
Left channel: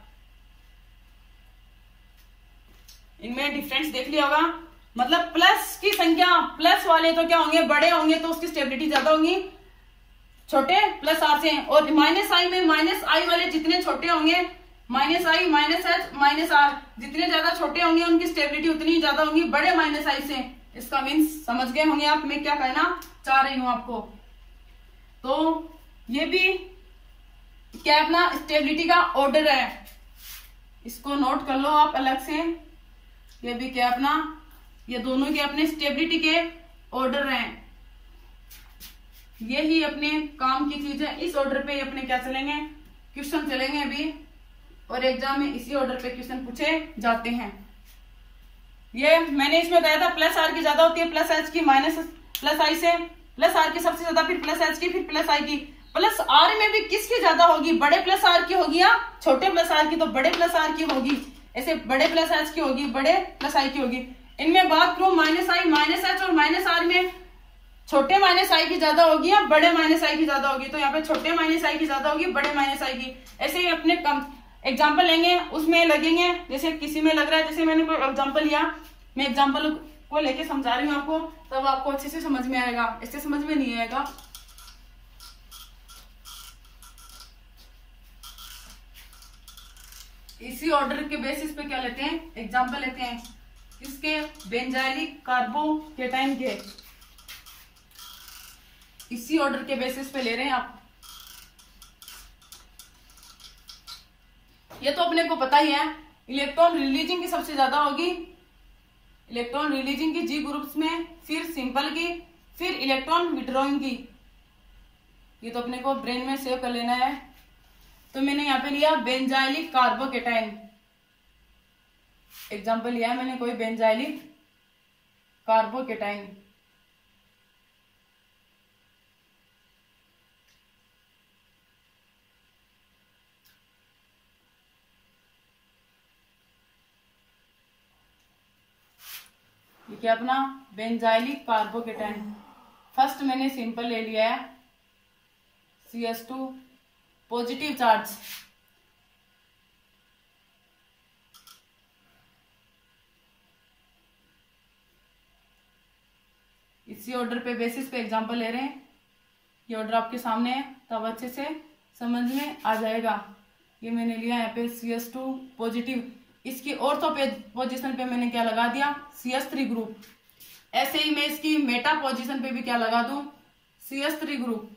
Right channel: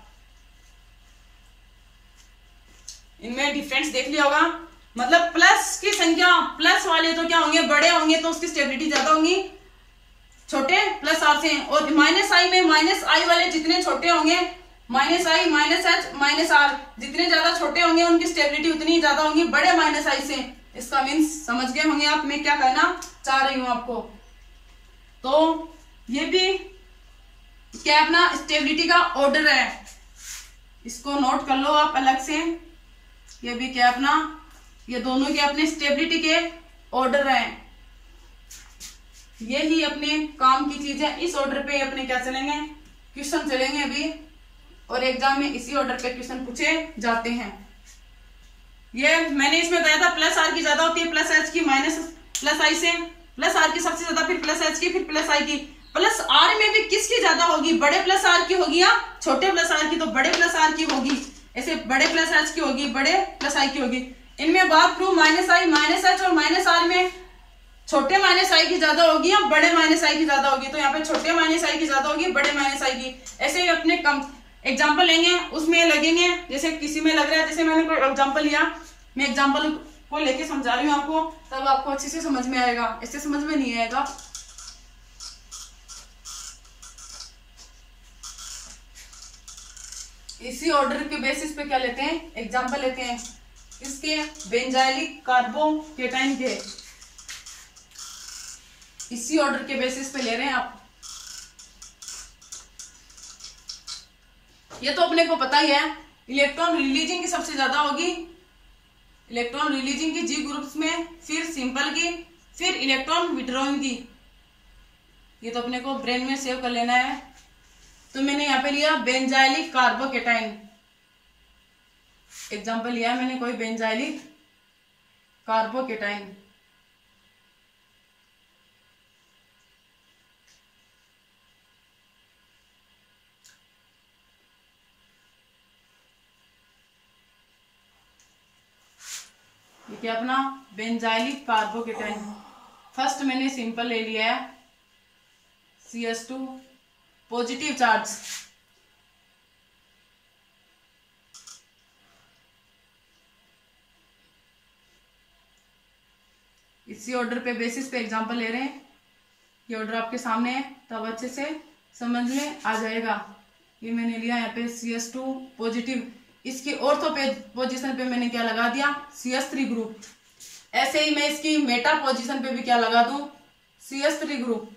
इनमें डिफरेंस देख लिया होगा। मतलब प्लस की संख्या, प्लस वाले तो क्या होंगे, बड़े होंगे तो उसकी स्टेबिलिटी ज्यादा होगी छोटे प्लस आर से। और माइनस आई में माइनस आई वाले जितने छोटे होंगे, minus I minus H minus R जितने ज्यादा छोटे होंगे उनकी स्टेबिलिटी उतनी ज्यादा होगी बड़े माइनस आई से। इसका मीन्स समझ गए होंगे आप मैं क्या कहना चाह रही हूं आपको। तो ये भी क्या अपना स्टेबिलिटी का ऑर्डर है, इसको नोट कर लो आप अलग से। ये भी क्या अपना, ये दोनों के अपने स्टेबिलिटी के ऑर्डर हैं। यही अपने काम की चीज है। इस ऑर्डर पे अपने क्या चलेंगे, क्वेश्चन चलेंगे अभी, और एग्जाम में इसी ऑर्डर पे क्वेश्चन पूछे जाते हैं। ये मैंने इसमें बताया था प्लस आर की ज्यादा होती है प्लस एच की माइनस प्लस आई से, प्लस आर की सबसे ज्यादा, फिर प्लस एच की, फिर प्लस आई की। प्लस आर में भी किसकी ज्यादा होगी, बड़े प्लस आर की होगी या छोटे प्लस आर की, तो बड़े प्लस आर की होगी। ऐसे बड़े प्लस एच की होगी, बड़े प्लस आई की होगी। इनमें बात करूं माइनस आई माइनस एच और माइनस आर में छोटे माइनस आई की ज्यादा होगी या बड़े माइनस आई की ज्यादा होगी, तो यहाँ पे छोटे माइनस आई की ज्यादा होगी बड़े माइनस आई की। ऐसे ही अपने कम एग्जाम्पल लेंगे, उसमें लगेंगे, जैसे किसी में लग रहा है, जैसे मैंने कोई एग्जाम्पल लिया, मैं एग्जाम्पल को लेके समझा रही हूँ आपको, तब आपको अच्छे से समझ में आएगा, इससे समझ में नहीं आएगा। इसी ऑर्डर के बेसिस पे क्या लेते हैं, एग्जाम्पल लेते हैं इसके बेंजाइलिक कार्बोकेटाइन के, इसी ऑर्डर के बेसिस पे ले रहे हैं आप। ये तो अपने को पता ही है, इलेक्ट्रॉन रिलीजिंग की सबसे ज्यादा होगी, इलेक्ट्रॉन रिलीजिंग की जी ग्रुप्स में, फिर सिंपल की, फिर इलेक्ट्रॉन विड्रॉइंग की। ये तो अपने को ब्रेन में सेव कर लेना है। तो मैंने यहाँ पे लिया बेंजाइलिक कार्बोकेटाइन, एग्जाम्पल लिया है मैंने कोई बेंजाइलिक कार्बोकेटाइन। क्या अपना बेंजाइलिक कार्बोकेटाइन। फर्स्ट मैंने सिंपल ले लिया है CS2 पॉजिटिव चार्ज, इसी ऑर्डर पे बेसिस पे एग्जांपल ले रहे हैं। ये ऑर्डर आपके सामने है, तब अच्छे से समझ में आ जाएगा। ये मैंने लिया यहाँ पे CS2 पॉजिटिव, इसकी ऑर्थो पोजीशन पे मैंने क्या लगा दिया, CS3 ग्रुप। ऐसे ही मैं इसकी मेटा पोजीशन पे भी क्या लगा दूं, CS3 ग्रुप।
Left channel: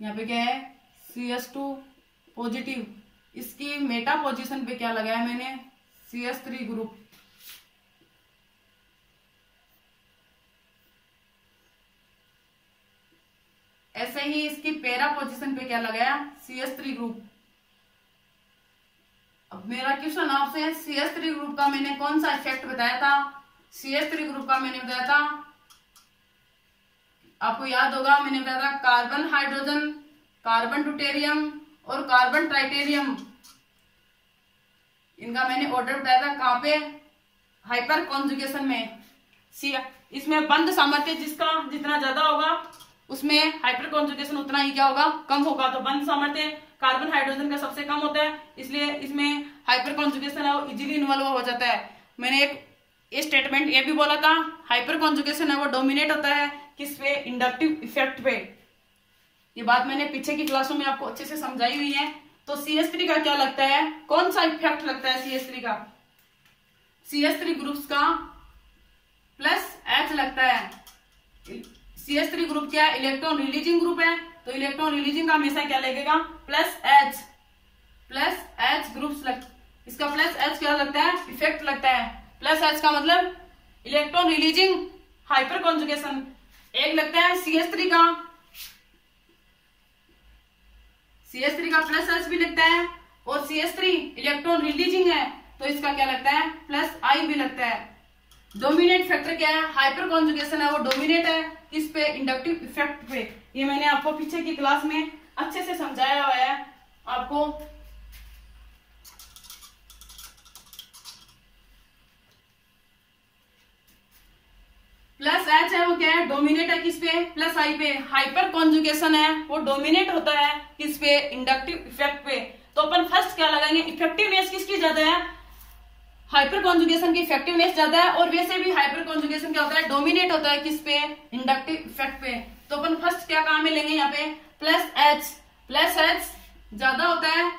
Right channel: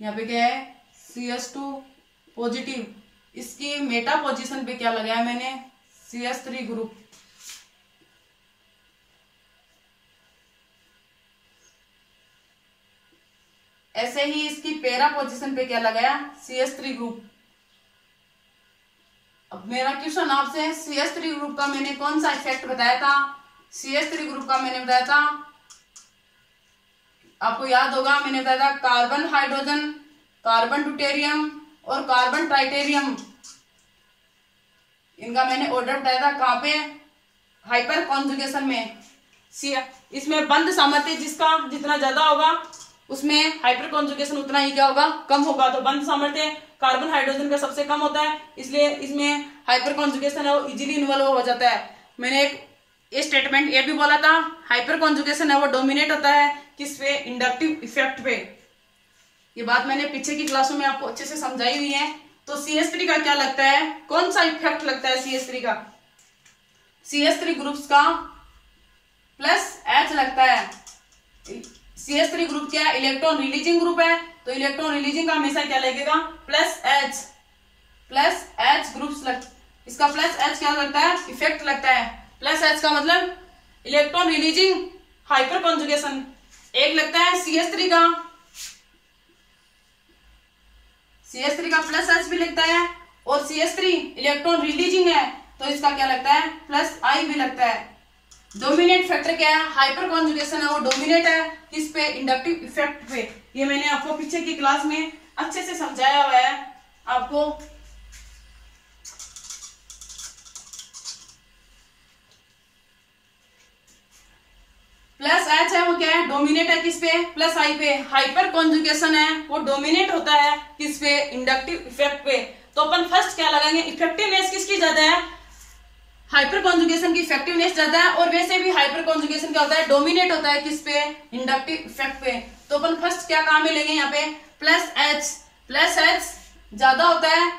यहाँ पे क्या है CS2 पॉजिटिव, इसकी मेटा पोजीशन पे क्या लगाया मैंने, CS3 ग्रुप। ऐसे ही इसकी पैरा पोजीशन पे क्या लगाया, CS3 ग्रुप। अब मेरा क्वेश्चन आपसे है, CS3 ग्रुप का मैंने कौन सा इफेक्ट बताया था, CS3 ग्रुप का मैंने बताया था, आपको याद होगा मैंने बताया था कार्बन हाइड्रोजन, कार्बन ड्यूटेरियम और कार्बन ट्राइटेरियम, इनका मैंने ऑर्डर बताया था कहाँ पे, हाइपर कॉन्जुगेशन में। इसमें बंद सामर्थ्य जिसका जितना ज्यादा होगा उसमें हाइपर कॉन्जुगेशन उतना ही क्या होगा, कम होगा। तो बंद सामर्थ्य कार्बन हाइड्रोजन का सबसे कम होता है, इसलिए इसमें हाइपर कॉन्जुगेशन है वो इजीली इन्वॉल्व हो जाता है। मैंने एक ये स्टेटमेंट ये भी बोला था, हाइपर कॉन्जुगेशन है वो डोमिनेट होता है किस पे, इंडक्टिव इफेक्ट पे। ये बात मैंने पीछे की क्लासों में आपको अच्छे से समझाई हुई है। तो CH3 का क्या लगता है, कौन सा इफेक्ट लगता है CH3 का, CH3 ग्रुप्स का +H लगता है। CH3 ग्रुप क्या है, इलेक्ट्रॉन रिलीजिंग ग्रुप है, तो इलेक्ट्रॉन रिलीजिंग का हमेशा क्या लगेगा, +H ग्रुप्स इसका +H क्या लगता है, इफेक्ट लगता है। +H का मतलब इलेक्ट्रॉन रिलीजिंग हाइपर कॉन्जुगेशन। एक लगता है CH3 का +H भी लगता है, और CH3 इलेक्ट्रॉन रिलीजिंग है तो इसका क्या लगता है, +I भी लगता है। डोमिनेट फैक्टर क्या है, हाइपर कॉन्जुगेशन है वो डोमिनेट है किस पे, इंडक्टिव इफेक्ट पे। ये मैंने आपको पीछे की क्लास में अच्छे से समझाया हुआ है आपको। +H है वो क्या है, डोमिनेट है किस पे, +I पे। हाइपर कॉन्जुगेशन है वो डोमिनेट होता है किस पे, इंडक्टिव इफेक्ट पे। तो अपन फर्स्ट क्या लगाएंगे, इफेक्टिवनेस किसकी ज्यादा है, हाइपर कॉन्जुगेशन की इफेक्टिवनेस ज्यादा है। और वैसे भी हाइपर कॉन्जुगेशन क्या होता है, डोमिनेट होता है किस पे, इंडक्टिव इफेक्ट पे। तो अपन फर्स्ट क्या काम में लेंगे यहाँ पे, +H ज्यादा होता है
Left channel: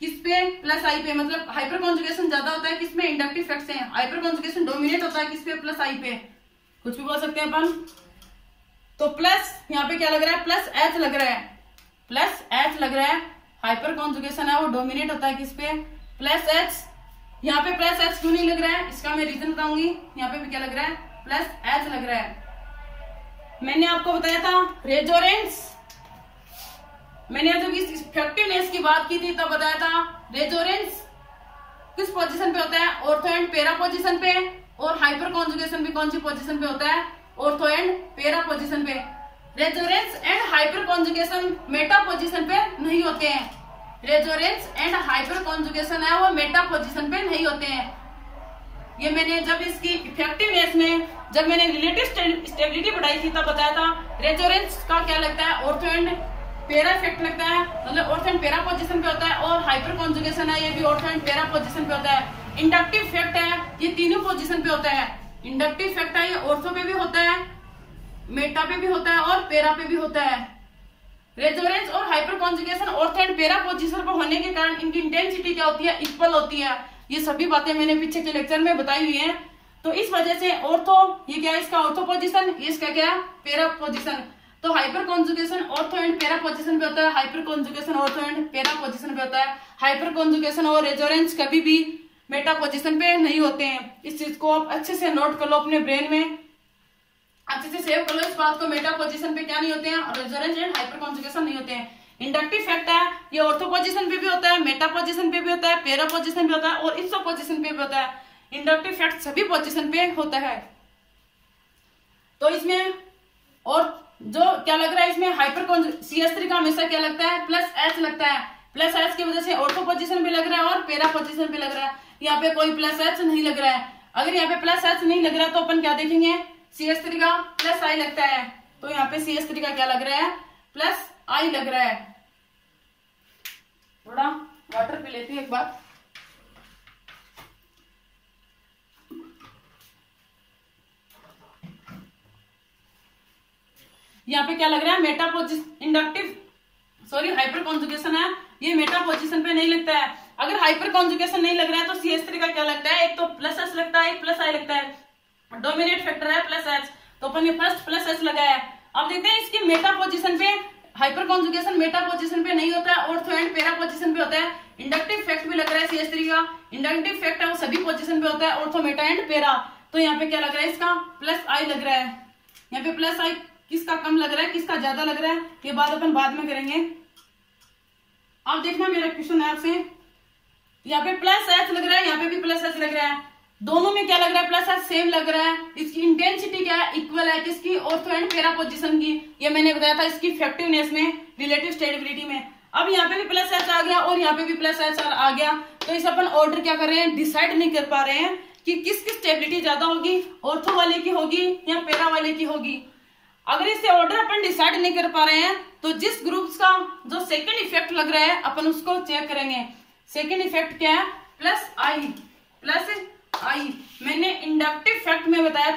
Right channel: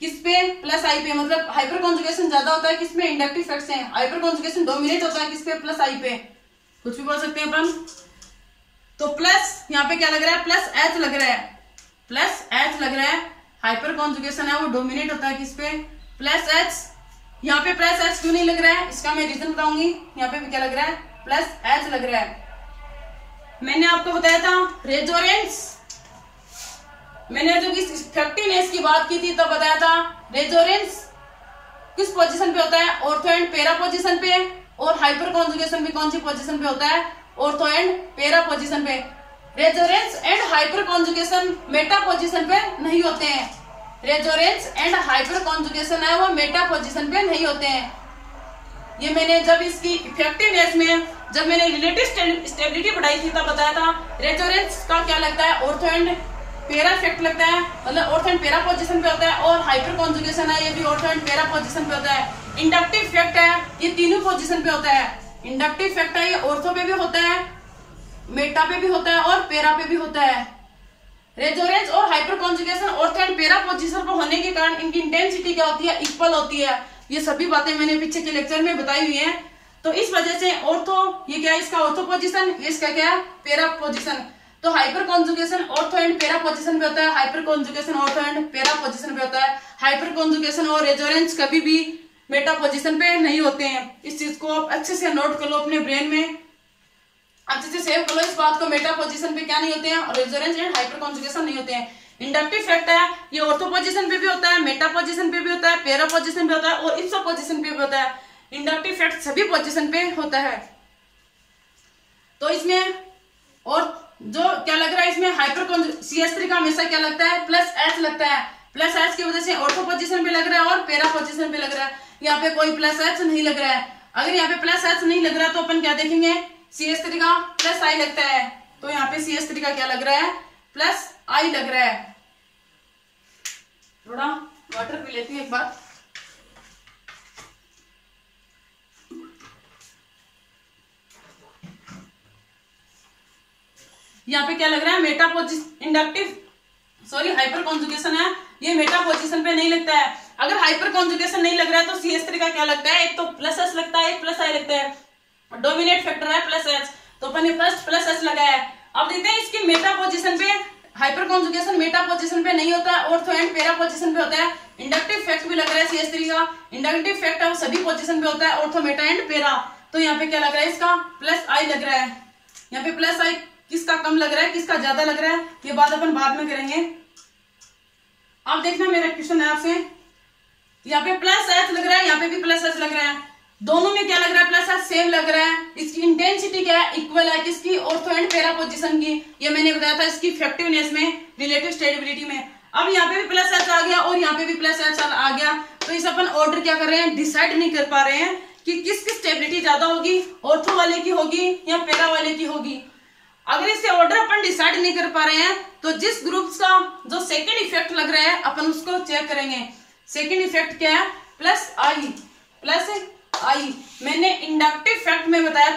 किस पे, +I पे। मतलब हाइपर कॉन्जुगेशन ज्यादा होता है किस पे, इंडक्टिव इफेक्ट से। हाइपर कॉन्जुगेशन डोमिनेट होता है किस पे, +I पे। कुछ भी बोल सकते हैं अपन। तो प्लस यहाँ पे क्या लग रहा है, +H लग रहा है, +H लग रहा है। हाइपर कॉन्जुगेशन है वो डोमिनेट होता है किस पे, +H। यहाँ पे +H क्यों नहीं लग रहा है, इसका मैं रीजन बताऊंगी। यहाँ पे भी क्या लग रहा है, +H लग रहा है। मैंने आपको बताया था रेजोनेंस, मैंने जब इस इफेक्टिवनेस की बात की थी तब बताया था रेजोनेंस किस पोजीशन पे होता है, ऑर्थो एंड पैरा पोजीशन पे। और हाइपर कॉन्जुगेशन भी कौन सी पोजीशन पे होता है, ऑर्थो एंड पैरा पोजीशन पे। Resonance and hyper conjugation Meta position पे नहीं होते हैं। रेजोनेंस एंड हाइपर कॉन्जुगेशन है वो मेटा पोजीशन पे नहीं होते हैं। ये मैंने जब इसकी इफेक्टिवनेस में जब मैंने रिलेटिव स्टेबिलिटी पढ़ाई थी तब बताया था। रेजोनेंस का क्या लगता है, ऑर्थो एंड पैरा इफेक्ट लगता है, मतलब ऑर्थो एंड पैरा पोजीशन पे होता है। और हाइपर कॉन्जुगेशन है ये भी ऑर्थो एंड पैरा पोजीशन पे होता है। इंडक्टिव इफेक्ट है ये तीनों पोजीशन पे होता है। इंडक्टिव इफेक्ट है ये ऑर्थो पे भी होता है, मेटा पे भी होता है और पैरा पे भी होता है। रेजोनेंस और hyper conjugation ortho and para position पर होने के कारण इनकी इंटेंसिटी क्या होती है, इक्वल होती है। ये सभी बातें मैंने पीछे के लेक्चर में बताई हुई हैं। तो इस वजह से ऑर्थो ये क्या है, इसका ऑर्थो पोजीशन, इसका क्या है, पैरा पोजीशन। तो hyper conjugation ortho and para position पे होता है, hyper conjugation ortho and para position पे होता है। हाइपर कॉन्जुगेशन और रेजोनेंस कभी भी मेटा पोजीशन पे नहीं होते हैं। इस चीज को आप अच्छे से नोट कर लो अपने ब्रेन में, अच्छे से सेव कर लो इस बात को। मेटा पोजीशन पे क्या नहीं होते हैं, और रेजोनेंस एंड हाइपर कॉन्जुगेशन नहीं होते हैं। इंडक्टिव इफेक्ट है ये ऑर्थो पोजीशन पे भी होता है, मेटा पोजीशन पे भी होता है, पैरा पोजीशन पे होता है और इप्सो पोजीशन पे भी होता है। इंडक्टिव इफेक्ट सभी पोजीशन पे होता है। तो इसमें और जो क्या लग रहा है, इसमें हाइपर CH3 का हमेशा क्या लगता है, +H लगता है। +H की वजह से ऑर्थो पोजीशन पे लग रहा है और पैरा पोजीशन पे लग रहा है। यहाँ पे कोई +H नहीं लग रहा है। अगर यहाँ पे +H नहीं लग रहा है तो अपन क्या देखेंगे, CH3 का +I लगता है। तो यहाँ पे CH3 का क्या लग रहा है, +I लग रहा है। थोड़ा वाटर पी लेती हूँ एक बार। यहाँ पे क्या लग रहा है, Meta position, inductive sorry hyper conjugation है ये मेटा पोजीशन पे नहीं लगता है। अगर हाइपर कॉन्जुगेशन नहीं लग रहा है तो CH3 का क्या लगता है, एक तो +H लगता है, एक +I लगता है। डोमिनेट फैक्टर है +H, तो अपन ने फर्स्ट +H लगाया है। अब देखते हैं इसकी मेटा पोजीशन पे, हाइपर कॉन्जुगेशन मेटा पोजीशन पे नहीं होता है, ऑर्थो एंड पैरा पोजीशन पे होता है। इंडक्टिव इफेक्ट भी लग रहा है CH3 का, इंडक्टिव इफेक्ट है वो सभी पोजीशन पे होता है, ऑर्थो, मेटा एंड पैरा। तो यहाँ पे क्या लग रहा है, इसका +I लग रहा है। यहाँ पे +I किसका कम लग रहा है, किसका ज्यादा लग रहा है, ये बात अपन बाद में करेंगे। अब देखना मेरा क्वेश्चन है आपसे, यहाँ पे +H लग रहा है, यहाँ पे भी +H लग रहा है। दोनों में क्या लग रहा है, +H सेम लग रहा है। इसकी इंटेंसिटी क्या है, इक्वल है किसकी, ऑर्थो एंड पैरा पोजीशन की। ये मैंने बताया था इसकी इफेक्टिवनेस में, रिलेटिव स्टेबिलिटी में। अब यहाँ पे भी +H आ गया और यहाँ पे भी +H आ गया। तो इस अपन ऑर्डर क्या कर रहे हैं, डिसाइड नहीं कर पा रहे हैं कि किसकी स्टेबिलिटी ज्यादा होगी, ऑर्थो वाले की होगी या पैरा वाले की होगी। अगर इसे ऑर्डर अपन डिसाइड नहीं कर पा रहे हैं तो जिस ग्रुप्स का जो सेकंड इफेक्ट लग रहा है अपन उसको चेक करेंगे। सेकंड इफेक्ट क्या है, प्लस आई। मैंने इंडक्टिव इफेक्ट में बताया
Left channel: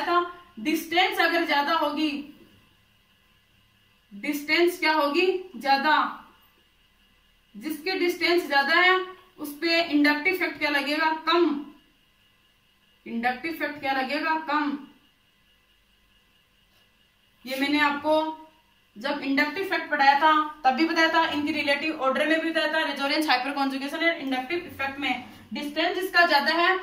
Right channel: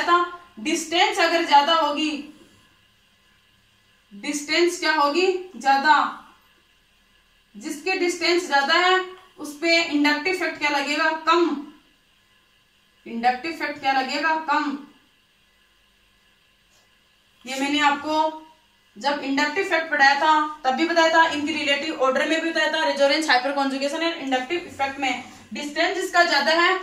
था, डिस्टेंस अगर ज्यादा होगी, डिस्टेंस क्या होगी, ज्यादा, जिसकी डिस्टेंस ज्यादा है उस पे इंडक्टिव इफेक्ट क्या लगेगा, कम। इंडक्टिव इफेक्ट क्या लगेगा, कम। ये मैंने आपको जब इंडक्टिव इफेक्ट पढ़ाया था तब भी बताया था, इनकी रिलेटिव ऑर्डर में भी बताया था, रेजोनेंस, हाइपर कॉन्जुगेशन और इंडक्टिव इफेक्ट में डिस्टेंस जिसका ज्यादा है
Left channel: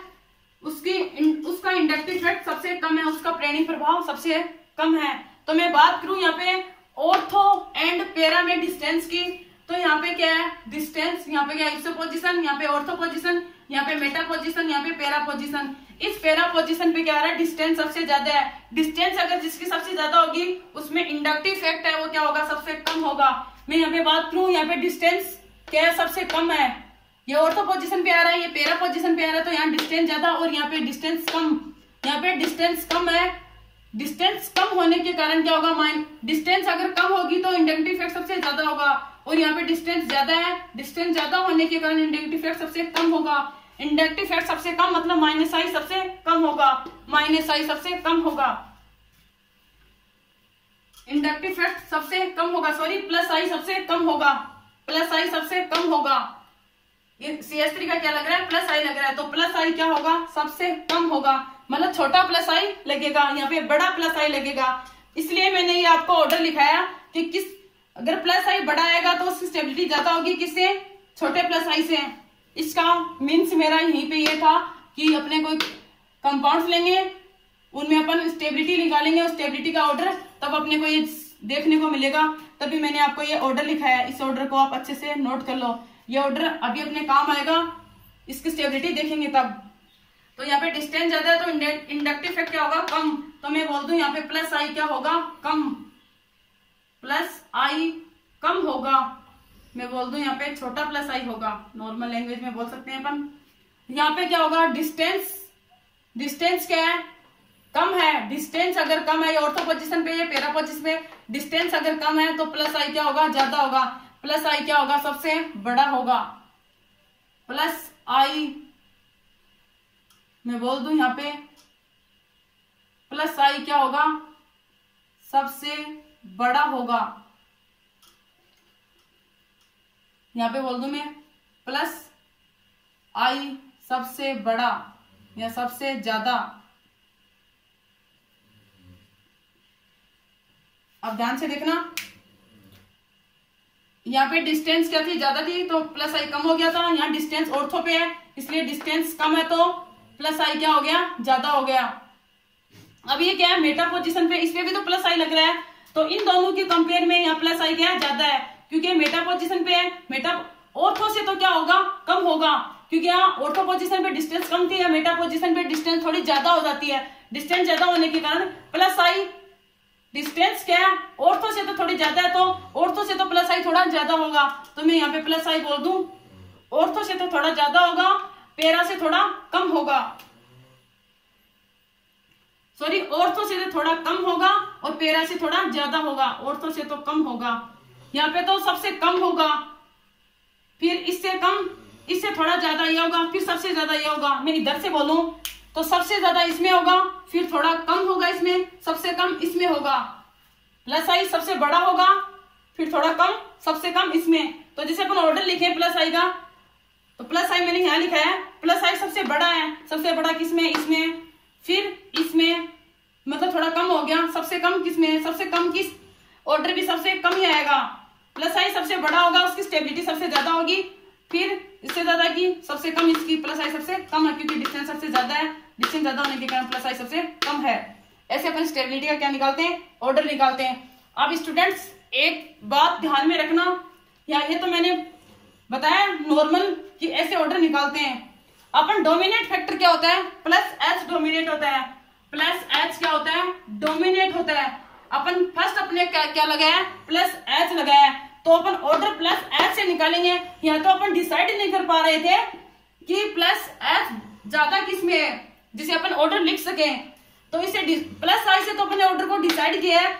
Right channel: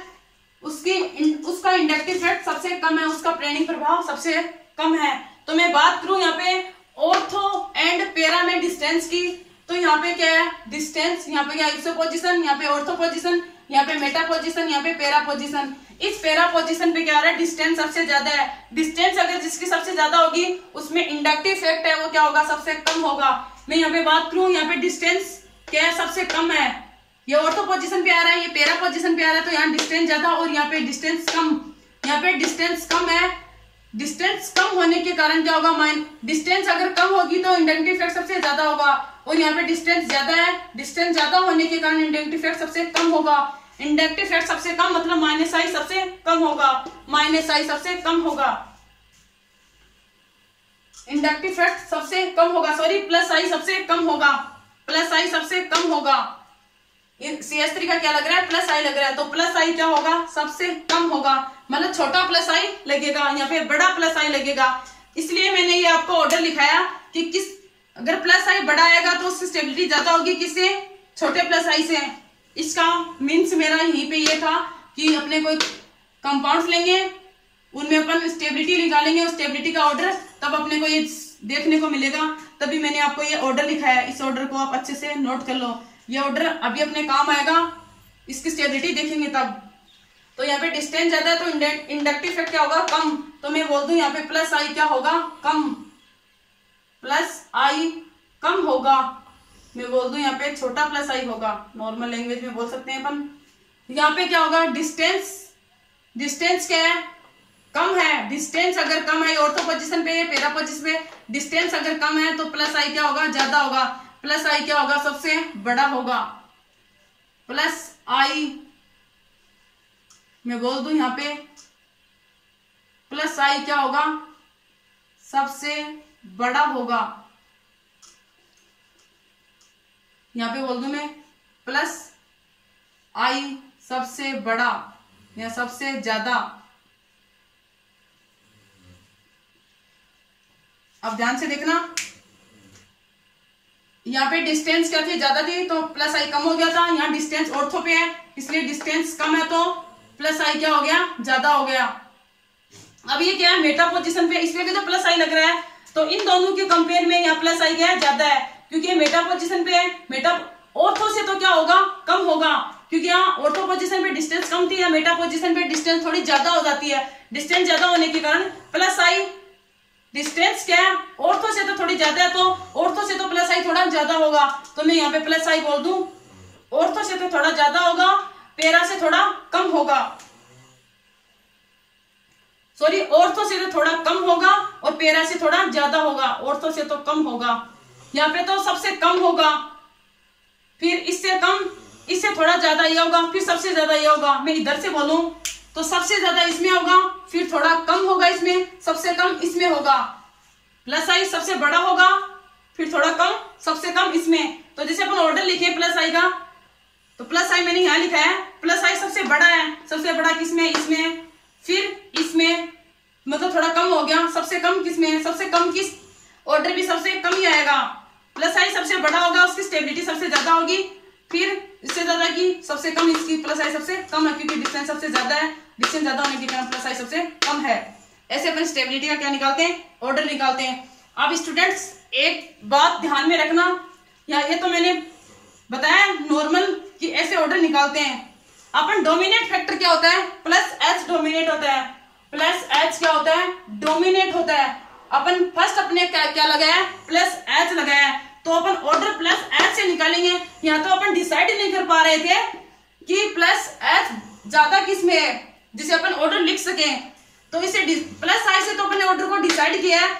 उसका इंडक्टिव इफेक्ट सबसे कम है, उसका प्रेरणिक प्रभाव सबसे कम है। तो मैं बात करूं यहाँ पे ऑर्थो एंड पैरा में डिस्टेंस की, तो यहाँ पे क्या है, डिस्टेंस, यहाँ पे क्या है, इप्सो पोजिशन, यहाँ पे ऑर्थो पोजिशन, यहाँ पे मेटा पोजिशन, यहाँ पे पैरा पोजिशन। इस पैरा पोजिशन पे क्या आ रहा है, डिस्टेंस सबसे ज्यादा है। डिस्टेंस अगर जिसकी सबसे ज्यादा होगी उसमें इंडक्टिव इफेक्ट है वो क्या होगा, सबसे कम होगा। मैं यहाँ पे बात करूं, यहाँ पे डिस्टेंस क्या है, सबसे कम है। ये ऑर्थो पोजिशन पे आ रहा है, ये पैरा पोजिशन पे आ रहा है, तो यहाँ डिस्टेंस ज्यादा और यहाँ पे डिस्टेंस कम। यहाँ पे डिस्टेंस कम है, डिस्टेंस कम होने के कारण क्या होगा, डिस्टेंस अगर कम होगी तो इंडक्टिव इफेक्ट सबसे ज्यादा होगा, और यहाँ पे डिस्टेंस ज्यादा है, डिस्टेंस ज्यादा होने के कारण इंडक्टिव इफेक्ट सबसे कम होगा। इंडक्टिव इफेक्ट सबसे कम मतलब माइनस आई सबसे कम होगा, माइनस आई सबसे कम होगा। इंडक्टिव इफेक्ट सबसे कम होगा, सॉरी प्लस आई सबसे कम होगा, प्लस आई सबसे कम होगा। CS3 का क्या लग रहा है, प्लस आई लग रहा है, तो प्लस आई क्या होगा, सबसे कम होगा, मतलब छोटा प्लस आई लगेगा, यहाँ पे बड़ा प्लस आई लगेगा। इसलिए मैंने ये आपको ऑर्डर लिखाया कि किस, अगर प्लस आई बड़ा आएगा तो उसकी स्टेबिलिटी ज्यादा होगी, किससे, छोटे प्लस आई से। इसका मीन्स मेरा यहीं पे ये था कि अपने कोई कंपाउंड्स लेंगे, उनमें अपन स्टेबिलिटी निकालेंगे, उस स्टेबिलिटी का ऑर्डर तब अपने को ये देखने को मिलेगा। तभी मैंने आपको ये ऑर्डर लिखाया है, इस ऑर्डर को आप अच्छे से नोट कर लो, ये ऑर्डर अभी अपने काम आएगा, इसकी स्टेबिलिटी देखेंगे तब। तो यहाँ पे डिस्टेंस ज्यादा है तो इंडक्टिव इफेक्ट क्या होगा, कम। तो मैं बोल दूं यहाँ पे प्लस आई क्या होगा, कम, प्लस आई कम होगा। मैं बोल दूं यहाँ पे छोटा प्लस आई होगा, नॉर्मल लैंग्वेज में बोल सकते हैं अपन। यहाँ पे क्या होगा, डिस्टेंस क्या है, कम है। डिस्टेंस अगर कम है ऑर्थो पोजीशन पे, पैरा पोजीशन पे डिस्टेंस अगर कम है तो प्लस आई क्या होगा, ज्यादा होगा। प्लस आई क्या होगा, सबसे बड़ा होगा। प्लस आई मैं बोल दूं यहाँ पे प्लस आई क्या होगा, सबसे बड़ा होगा। यहाँ पे बोल दूं मैं प्लस आई सबसे बड़ा या सबसे ज्यादा। अब ध्यान से देखना, यहाँ पे डिस्टेंस क्या थी, ज्यादा थी तो प्लस आई कम हो गया था। यहाँ डिस्टेंस ऑर्थो पे है इसलिए डिस्टेंस कम है तो प्लस आई क्या हो गया, ज्यादा हो गया। अब ये क्या है, मेटा पोजीशन पे, इसमें भी तो प्लस आई लग रहा है, तो इन दोनों के कंपेयर में यहाँ प्लस आई क्या है, ज्यादा है, क्योंकि मेटा पोजीशन पे है। मेटा ऑर्थो से तो क्या होगा, कम होगा, क्योंकि यहाँ ऑर्थो पोजीशन पे डिस्टेंस कम थी, या मेटा पोजीशन पे डिस्टेंस थोड़ी ज्यादा हो जाती है। डिस्टेंस ज्यादा होने के कारण प्लस आई, डिस्टेंस क्या है, ऑर्थो से तो थोड़ी ज्यादा है, तो ऑर्थो से तो प्लस आई थोड़ा ज्यादा होगा, तो मैं यहाँ पे प्लस आई बोल दूं। ऑर्थो से तो थोड़ा ज्यादा होगा, पैरा से थोड़ा कम होगा, सॉरी ऑर्थो से तो थोड़ा कम होगा और पैरा से थोड़ा ज्यादा होगा, ऑर्थो से तो कम होगा। यहाँ पे तो सबसे कम होगा, फिर इससे कम, इससे थोड़ा ज्यादा ये होगा, फिर सबसे ज्यादा ये होगा। मैं इधर से बोलूं तो सबसे ज्यादा इसमें होगा, फिर थोड़ा कम होगा इसमें, सबसे कम इसमें होगा। प्लस आई सबसे बड़ा होगा, फिर थोड़ा कम, सबसे कम इसमें। तो जैसे अपन ऑर्डर लिखे प्लस आई का, तो प्लस आई मैंने यहाँ लिखा है, प्लस आई सबसे बड़ा है, सबसे बड़ा किसमें, इसमें, फिर इसमें, मतलब थोड़ा कम हो गया, सबसे कम किसमें, सबसे कम किस, ऑर्डर भी सबसे कम ही आएगा। प्लस आई सबसे बड़ा होगा, उसकी स्टेबिलिटी सबसे ज्यादा होगी, फिर इससे ज्यादा की सबसे कम, इसकी प्लस आई सबसे कम है, क्योंकि डिस्टेंस सबसे ज्यादा है, डिस्टेंस ज्यादा होने के कारण प्लस आई सबसे कम है। ऐसे अपन स्टेबिलिटी का क्या निकालते हैं, ऑर्डर निकालते हैं। अब स्टूडेंट्स एक बात ध्यान में रखना, ये तो मैंने बताया नॉर्मल कि ऐसे ऑर्डर निकालते हैं अपन। डोमिनेट फैक्टर क्या होता है, प्लस एच डोमिनेट होता है, प्लस एच क्या होता है, डोमिनेट होता है। अपन फर्स्ट अपने क्या लगाया, प्लस एच लगाया, तो अपन ऑर्डर प्लस एच से निकालेंगे। यहाँ तो अपन डिसाइड नहीं कर पा रहे थे कि प्लस एच ज्यादा किस में है जिसे अपन ऑर्डर लिख सकें, तो इसे प्लस आई से तो अपने ऑर्डर को डिसाइड किया है।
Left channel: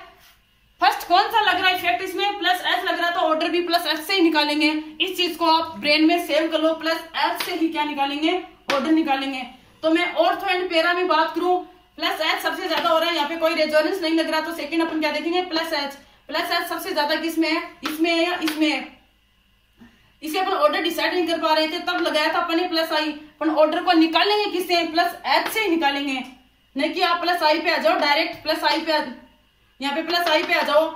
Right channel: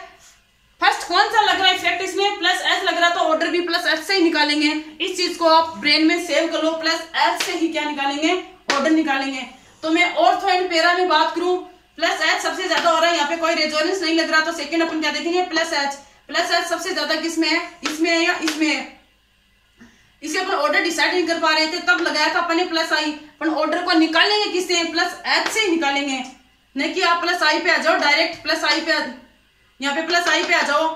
फर्स्ट कौन सा लग रहा है इफेक्ट, इसमें प्लस एच लग रहा है, तो ऑर्डर भी प्लस एच से ही निकालेंगे। इस चीज को आप ब्रेन में सेव कर लो, प्लस एच से ही क्या निकालेंगे, ऑर्डर निकालेंगे। तो मैं ऑर्थो एंड पैरा में बात करूं, प्लस एच सबसे ज्यादा हो रहा है, यहाँ पे कोई रेजोनेंस नहीं लग रहा, तो सेकंड अपन क्या देखेंगे, प्लस एच। प्लस एच सबसे ज्यादा किसमें है, इसमें है या इसमें है। इसे अपन ऑर्डर डिसाइड नहीं कर पा रहे थे, तब लगाया था अपन ने प्लस आई। अपन ऑर्डर को निकालेंगे किससे, प्लस एच से ही निकालेंगे। नहीं कि आप प्लस आई पे आ जाओ, डायरेक्ट प्लस आई पे, यहाँ पे प्लस आई पे आ जाओ,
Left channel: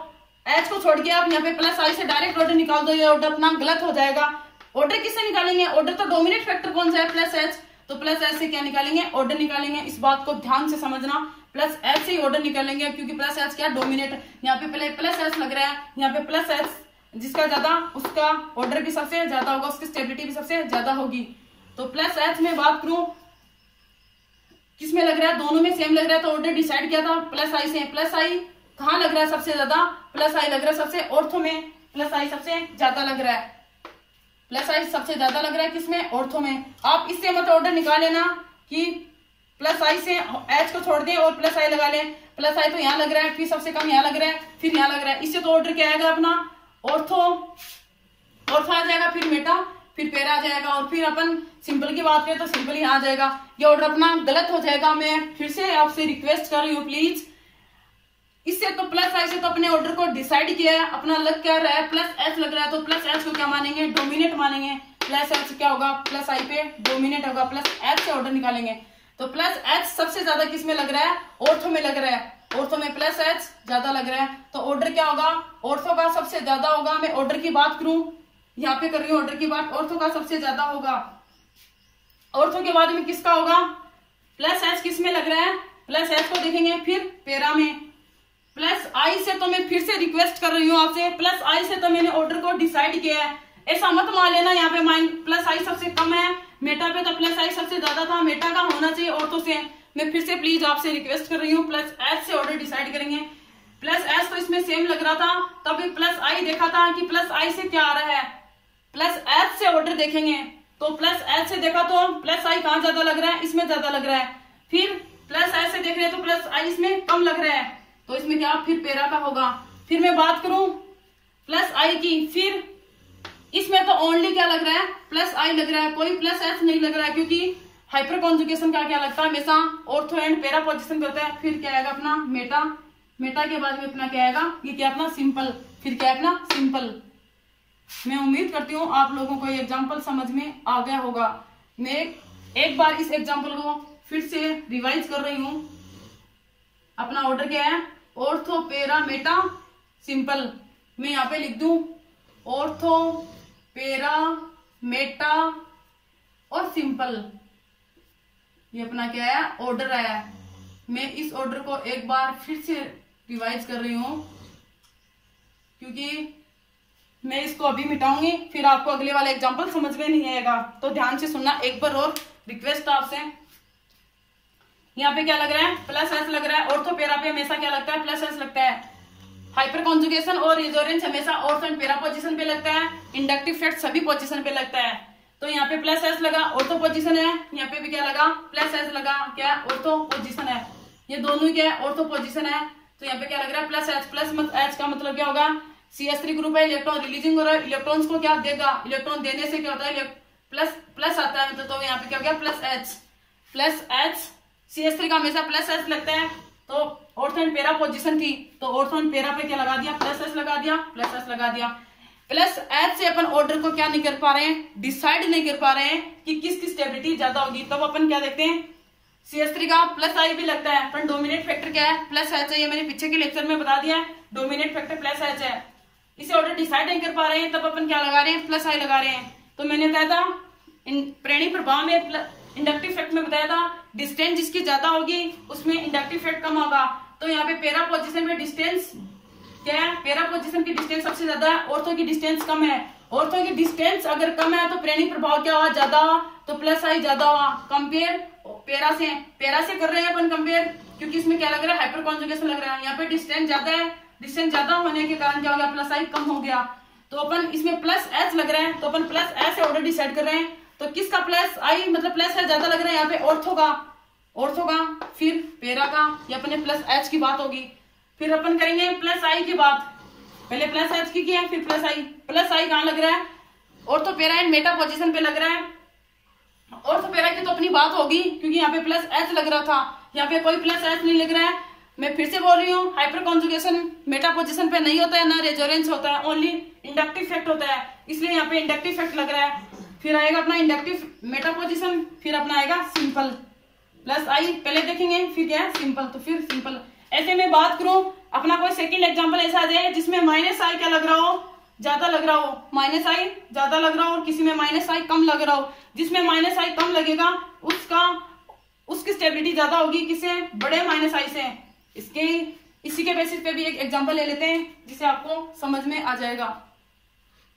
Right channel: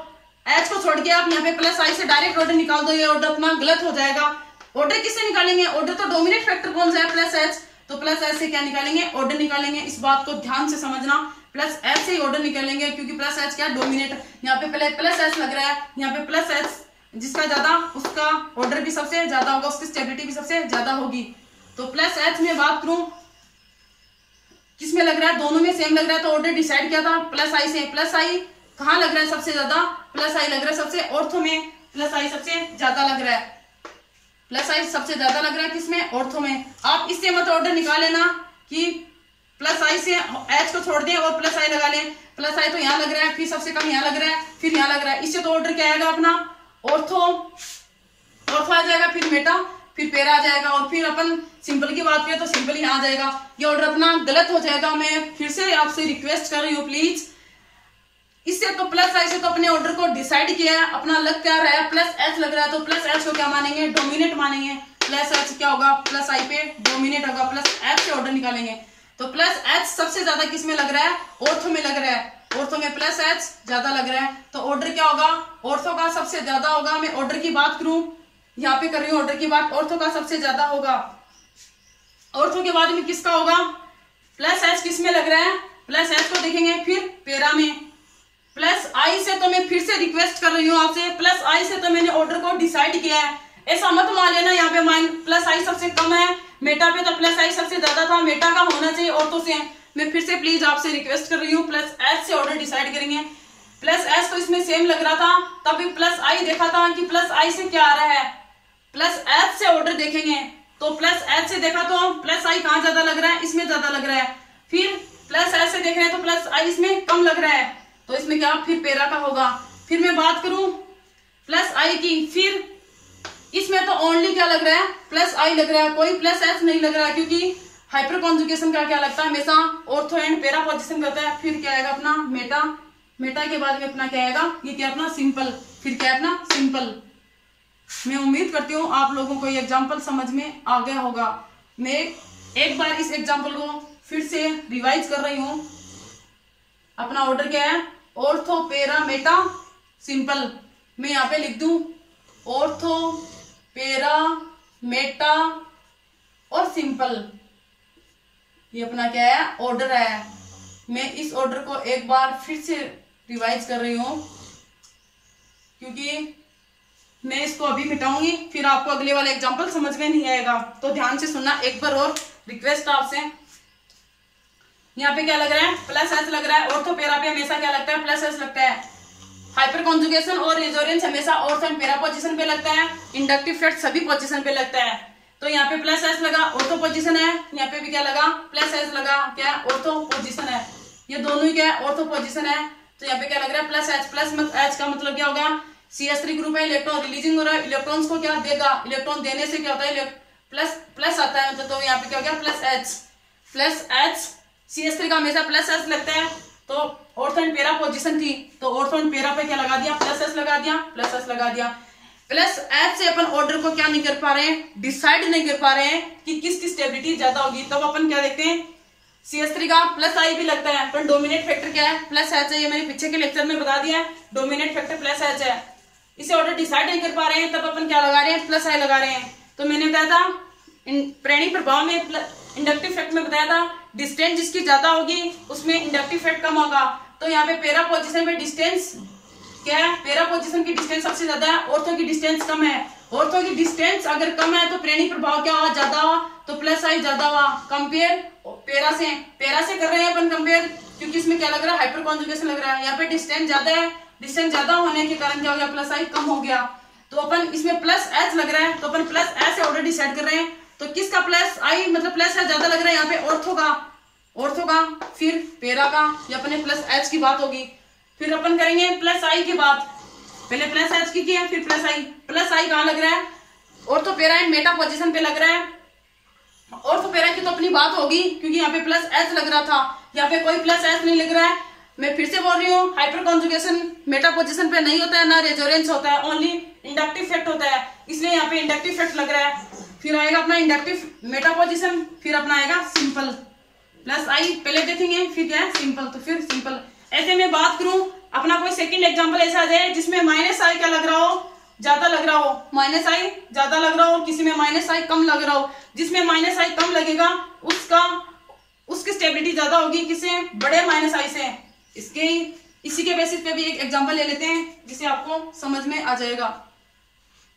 एच को छोड़ के आप यहाँ पे प्लस आई से डायरेक्ट ऑर्डर निकाल दो, ये ऑर्डर अपना गलत हो जाएगा। ऑर्डर किससे निकालेंगे, ऑर्डर तो डोमिनेट फैक्टर कौन सा है, प्लस एच, तो प्लस एच से क्या निकालेंगे, ऑर्डर निकालेंगे। इस बात को ध्यान से समझना, प्लस एच से ही ऑर्डर निकालेंगे, क्योंकि प्लस एच क्या डोमिनेट, यहाँ पे पहले प्लस एच लग रहा है, यहाँ पे प्लस एच जिसका ज्यादा उसका ऑर्डर भी सबसे ज्यादा होगा, उसकी स्टेबिलिटी भी सबसे ज्यादा होगी। तो प्लस एच में बात करूं किसमें लग रहा है, दोनों में सेम लग रहा है, तो ऑर्डर डिसाइड किया था प्लस आई से। प्लस आई कहाँ लग रहा है सबसे ज्यादा, प्लस आई लग रहा है सबसे, ऑर्थो में प्लस आई सबसे ज्यादा लग रहा है, प्लस आई सबसे ज्यादा लग रहा है किसमें, ऑर्थो में। आप इससे मत ऑर्डर निकाल लेना कि प्लस आई से एच को छोड़ दें और प्लस आई लगा लें। प्लस आई तो यहाँ लग रहा है, फिर सबसे कम यहाँ लग रहा है, फिर यहाँ लग रहा है, इससे तो ऑर्डर क्या आएगा अपना, ऑर्थो आ जाएगा, फिर मेटा, फिर पैरा आ जाएगा, और फिर अपन सिंपल की बात करें तो सिंपल यहाँ आ जाएगा। ये ऑर्डर अपना गलत हो जाएगा। मैं फिर से आपसे रिक्वेस्ट कर रही हूँ प्लीज, इससे तो प्लस आई से तो अपने ऑर्डर को डिसाइड किया है, अपना लग क्या रहा है, प्लस एच लग रहा है, तो प्लस एच को क्या मानेंगे, डोमिनेट मानेंगे। प्लस एच क्या होगा, प्लस आई पे डोमिनेट होगा, प्लस एच से ऑर्डर निकालेंगे। तो प्लस एच सबसे ज्यादा किसमें लग रहा है, ऑर्थो में लग रहा है, ऑर्थो में प्लस एच ज्यादा लग रहा है, तो ऑर्डर क्या होगा, ऑर्थो का सबसे ज्यादा होगा। मैं ऑर्डर की बात करूं, यहाँ पे कर रही हूँ ऑर्डर की बात, ऑर्थो का सबसे ज्यादा होगा। ऑर्थो के बाद में किसका होगा, प्लस एच किसमें लग रहा है, प्लस एच को देखेंगे, फिर पैरा में। प्लस आई से तो मैं फिर से रिक्वेस्ट कर रही हूँ आपसे, प्लस आई से तो मैंने ऑर्डर को डिसाइड किया है, ऐसा मत मान लेना यहाँ पे माइन प्लस आई सबसे कम है, मेटा पे तो प्लस आई सबसे ज्यादा था, मेटा का होना चाहिए ऑर्थो से। मैं फिर से प्लीज आपसे रिक्वेस्ट कर रही हूँ, प्लस एच से ऑर्डर डिसाइड करेंगे। प्लस एच तो इसमें सेम लग रहा था, तब प्लस आई देखा था कि प्लस आई से क्या आ रहा है, प्लस एच से ऑर्डर देखेंगे, तो प्लस एच से देखा तो प्लस आई कहाँ ज्यादा लग रहा है, इसमें ज्यादा लग रहा है। फिर प्लस एच से देख रहे हैं तो प्लस आई इसमें कम लग रहा है, तो इसमें क्या, फिर पैरा का होगा। फिर मैं बात करूं प्लस आई की, फिर इसमें तो ओनली क्या लग रहा है, प्लस आई लग रहा है, कोई प्लस एच नहीं लग रहा है, क्योंकि हाइपर कॉन्जुगेशन का क्या लगता है, हमेशा ऑर्थो एंड पैरा पोजीशन करता है। फिर क्या आएगा अपना मेटा, मेटा के बाद में अपना क्या आएगा, ये क्या अपना सिंपल, फिर क्या अपना सिंपल। मैं उम्मीद करती हूँ आप लोगों को ये एग्जाम्पल समझ में आ गया होगा। मैं एक बार इस एग्जाम्पल को फिर से रिवाइज कर रही हूँ। अपना ऑर्डर क्या है, ऑर्थो पैरा मेटा सिंपल। मैं यहाँ पे लिख दूं ऑर्थो पैरा मेटा और सिंपल, ये अपना क्या है, ऑर्डर है। मैं इस ऑर्डर को एक बार फिर से रिवाइज कर रही हूँ, क्योंकि मैं इसको अभी मिटाऊंगी, फिर आपको अगले वाला एग्जाम्पल समझ में नहीं आएगा, तो ध्यान से सुनना। एक बार और रिक्वेस्ट आपसे, यहाँ पे क्या लग रहा है, प्लस एच लग रहा है, ऑर्थो पैरा पे हमेशा क्या लगता है, प्लस एच लगता है। हाइपर कॉन्जुगेशन और रेजोनेंस हमेशा ऑर्थो एंड पैरा पोजीशन पे लगता है, इंडक्टिव इफेक्ट सभी पोजीशन पे लगता है। तो यहाँ पे प्लस एच लगा, ऑर्थो पोजीशन है, यहाँ पे भी क्या लगा, प्लस एच लगा, क्या ऑर्थो पोजीशन है, ये दोनों ही क्या है, ऑर्थो पोजीशन है। तो यहाँ पे क्या लग रहा है, प्लस एच। प्लस एच का मतलब क्या होगा, CH3 ग्रुप है, इलेक्ट्रॉन रिलीजिंग हो रहा है, इलेक्ट्रॉन्स को क्या देगा, इलेक्ट्रॉन देने से क्या होता है, प्लस प्लस आता है, मतलब तो यहाँ पे क्या हो गया, plus H. Plus H CH3 का हमेशा प्लस एच लगता है, तो ऑर्थो एंड पैरा पोजीशन थी, तो ऑर्थो एंड पैरा पे क्या लगा दिया, प्लस एच लगा दिया, प्लस एच लगा दिया। प्लस एच से अपन ऑर्डर को क्या नहीं कर पा रहे हैं, डिसाइड नहीं कर पा रहे हैं कि किसकी स्टेबिलिटी ज्यादा होगी, तब अपन क्या देखते हैं, CH3 का प्लस आई भी लगता है, पर डोमिनेट फैक्टर क्या है, प्लस एच है। ये मैंने पीछे के लेक्चर में बता दिया है, डोमिनेट फैक्टर प्लस एच है। इसे ऑर्डर डिसाइड नहीं कर पा रहे हैं, तब अपन क्या लगा रहे हैं, प्लस आई लगा रहे हैं। तो मैंने बताया था प्रेरणी प्रभाव में, इंडक्टिव इफेक्ट में बताया था, डिस्टेंस जिसकी ज्यादा होगी उसमें इंडक्टिव इफेक्ट कम होगा। तो यहाँ पे पैरा पोजीशन में डिस्टेंस क्या है, पैरा पोजीशन की डिस्टेंस सबसे ज्यादा है, ऑर्थो की डिस्टेंस कम है। ऑर्थो की डिस्टेंस अगर कम है तो प्रेरणी प्रभाव क्या हुआ, ज्यादा हुआ, तो प्लस आई ज्यादा हुआ। कंपेयर पैरा से कर रहे हैं अपन कंपेयर, क्योंकि इसमें क्या लग रहा है, हाइपर कॉन्जुगेशन लग रहा है। यहाँ पे डिस्टेंस ज्यादा है, डिस्टेंस ज्यादा होने के कारण क्या हो गया, प्लस आई कम हो गया। तो अपन इसमें प्लस एच लग रहा है, तो अपन प्लस एच ऑलरेडी सेट कर रहे हैं। तो किसका प्लस आई मतलब प्लस एच ज्यादा लग रहा है यहाँ पे, ऑर्थो का, फिर पैरा का, या अपने प्लस एच की बात होगी। फिर अपन करेंगे प्लस आई की बात, पहले प्लस एच की है फिर प्लस आई कहाँ लग रहा है, ortho para and Meta position पे लग रहा है। ऑर्थो पैरा की तो अपनी बात होगी क्योंकि यहाँ पे प्लस एच लग रहा था, यहाँ पे कोई प्लस एच नहीं लग रहा है। मैं फिर से बोल रही हूँ, हाइपर कॉन्जुगेशन मेटा पोजीशन पे नहीं होता है, ना रेजोनेंस होता है, ओनली इंडक्टिव इफेक्ट होता है, इसलिए यहाँ पे इंडक्टिव इफेक्ट लग रहा है। फिर आएगा अपना इंडक्टिव मेटा पोजीशन, फिर अपना आएगा सिंपल प्लस आई, पहले देखेंगे फिर क्या है सिंपल, तो फिर सिंपल। ऐसे में बात करूं अपना कोई सेकंड एग्जांपल ऐसा आ जाए जिसमें माइनस आई क्या लग रहा हो, ज्यादा लग रहा हो, माइनस आई ज्यादा लग रहा हो, किसी में माइनस आई कम लग रहा हो। जिसमें माइनस आई कम लगेगा उसकी स्टेबिलिटी ज्यादा होगी किससे, बड़े माइनस आई से। इसी के बेसिस पे भी एक एग्जांपल ले लेते हैं जिसे आपको समझ में आ जाएगा।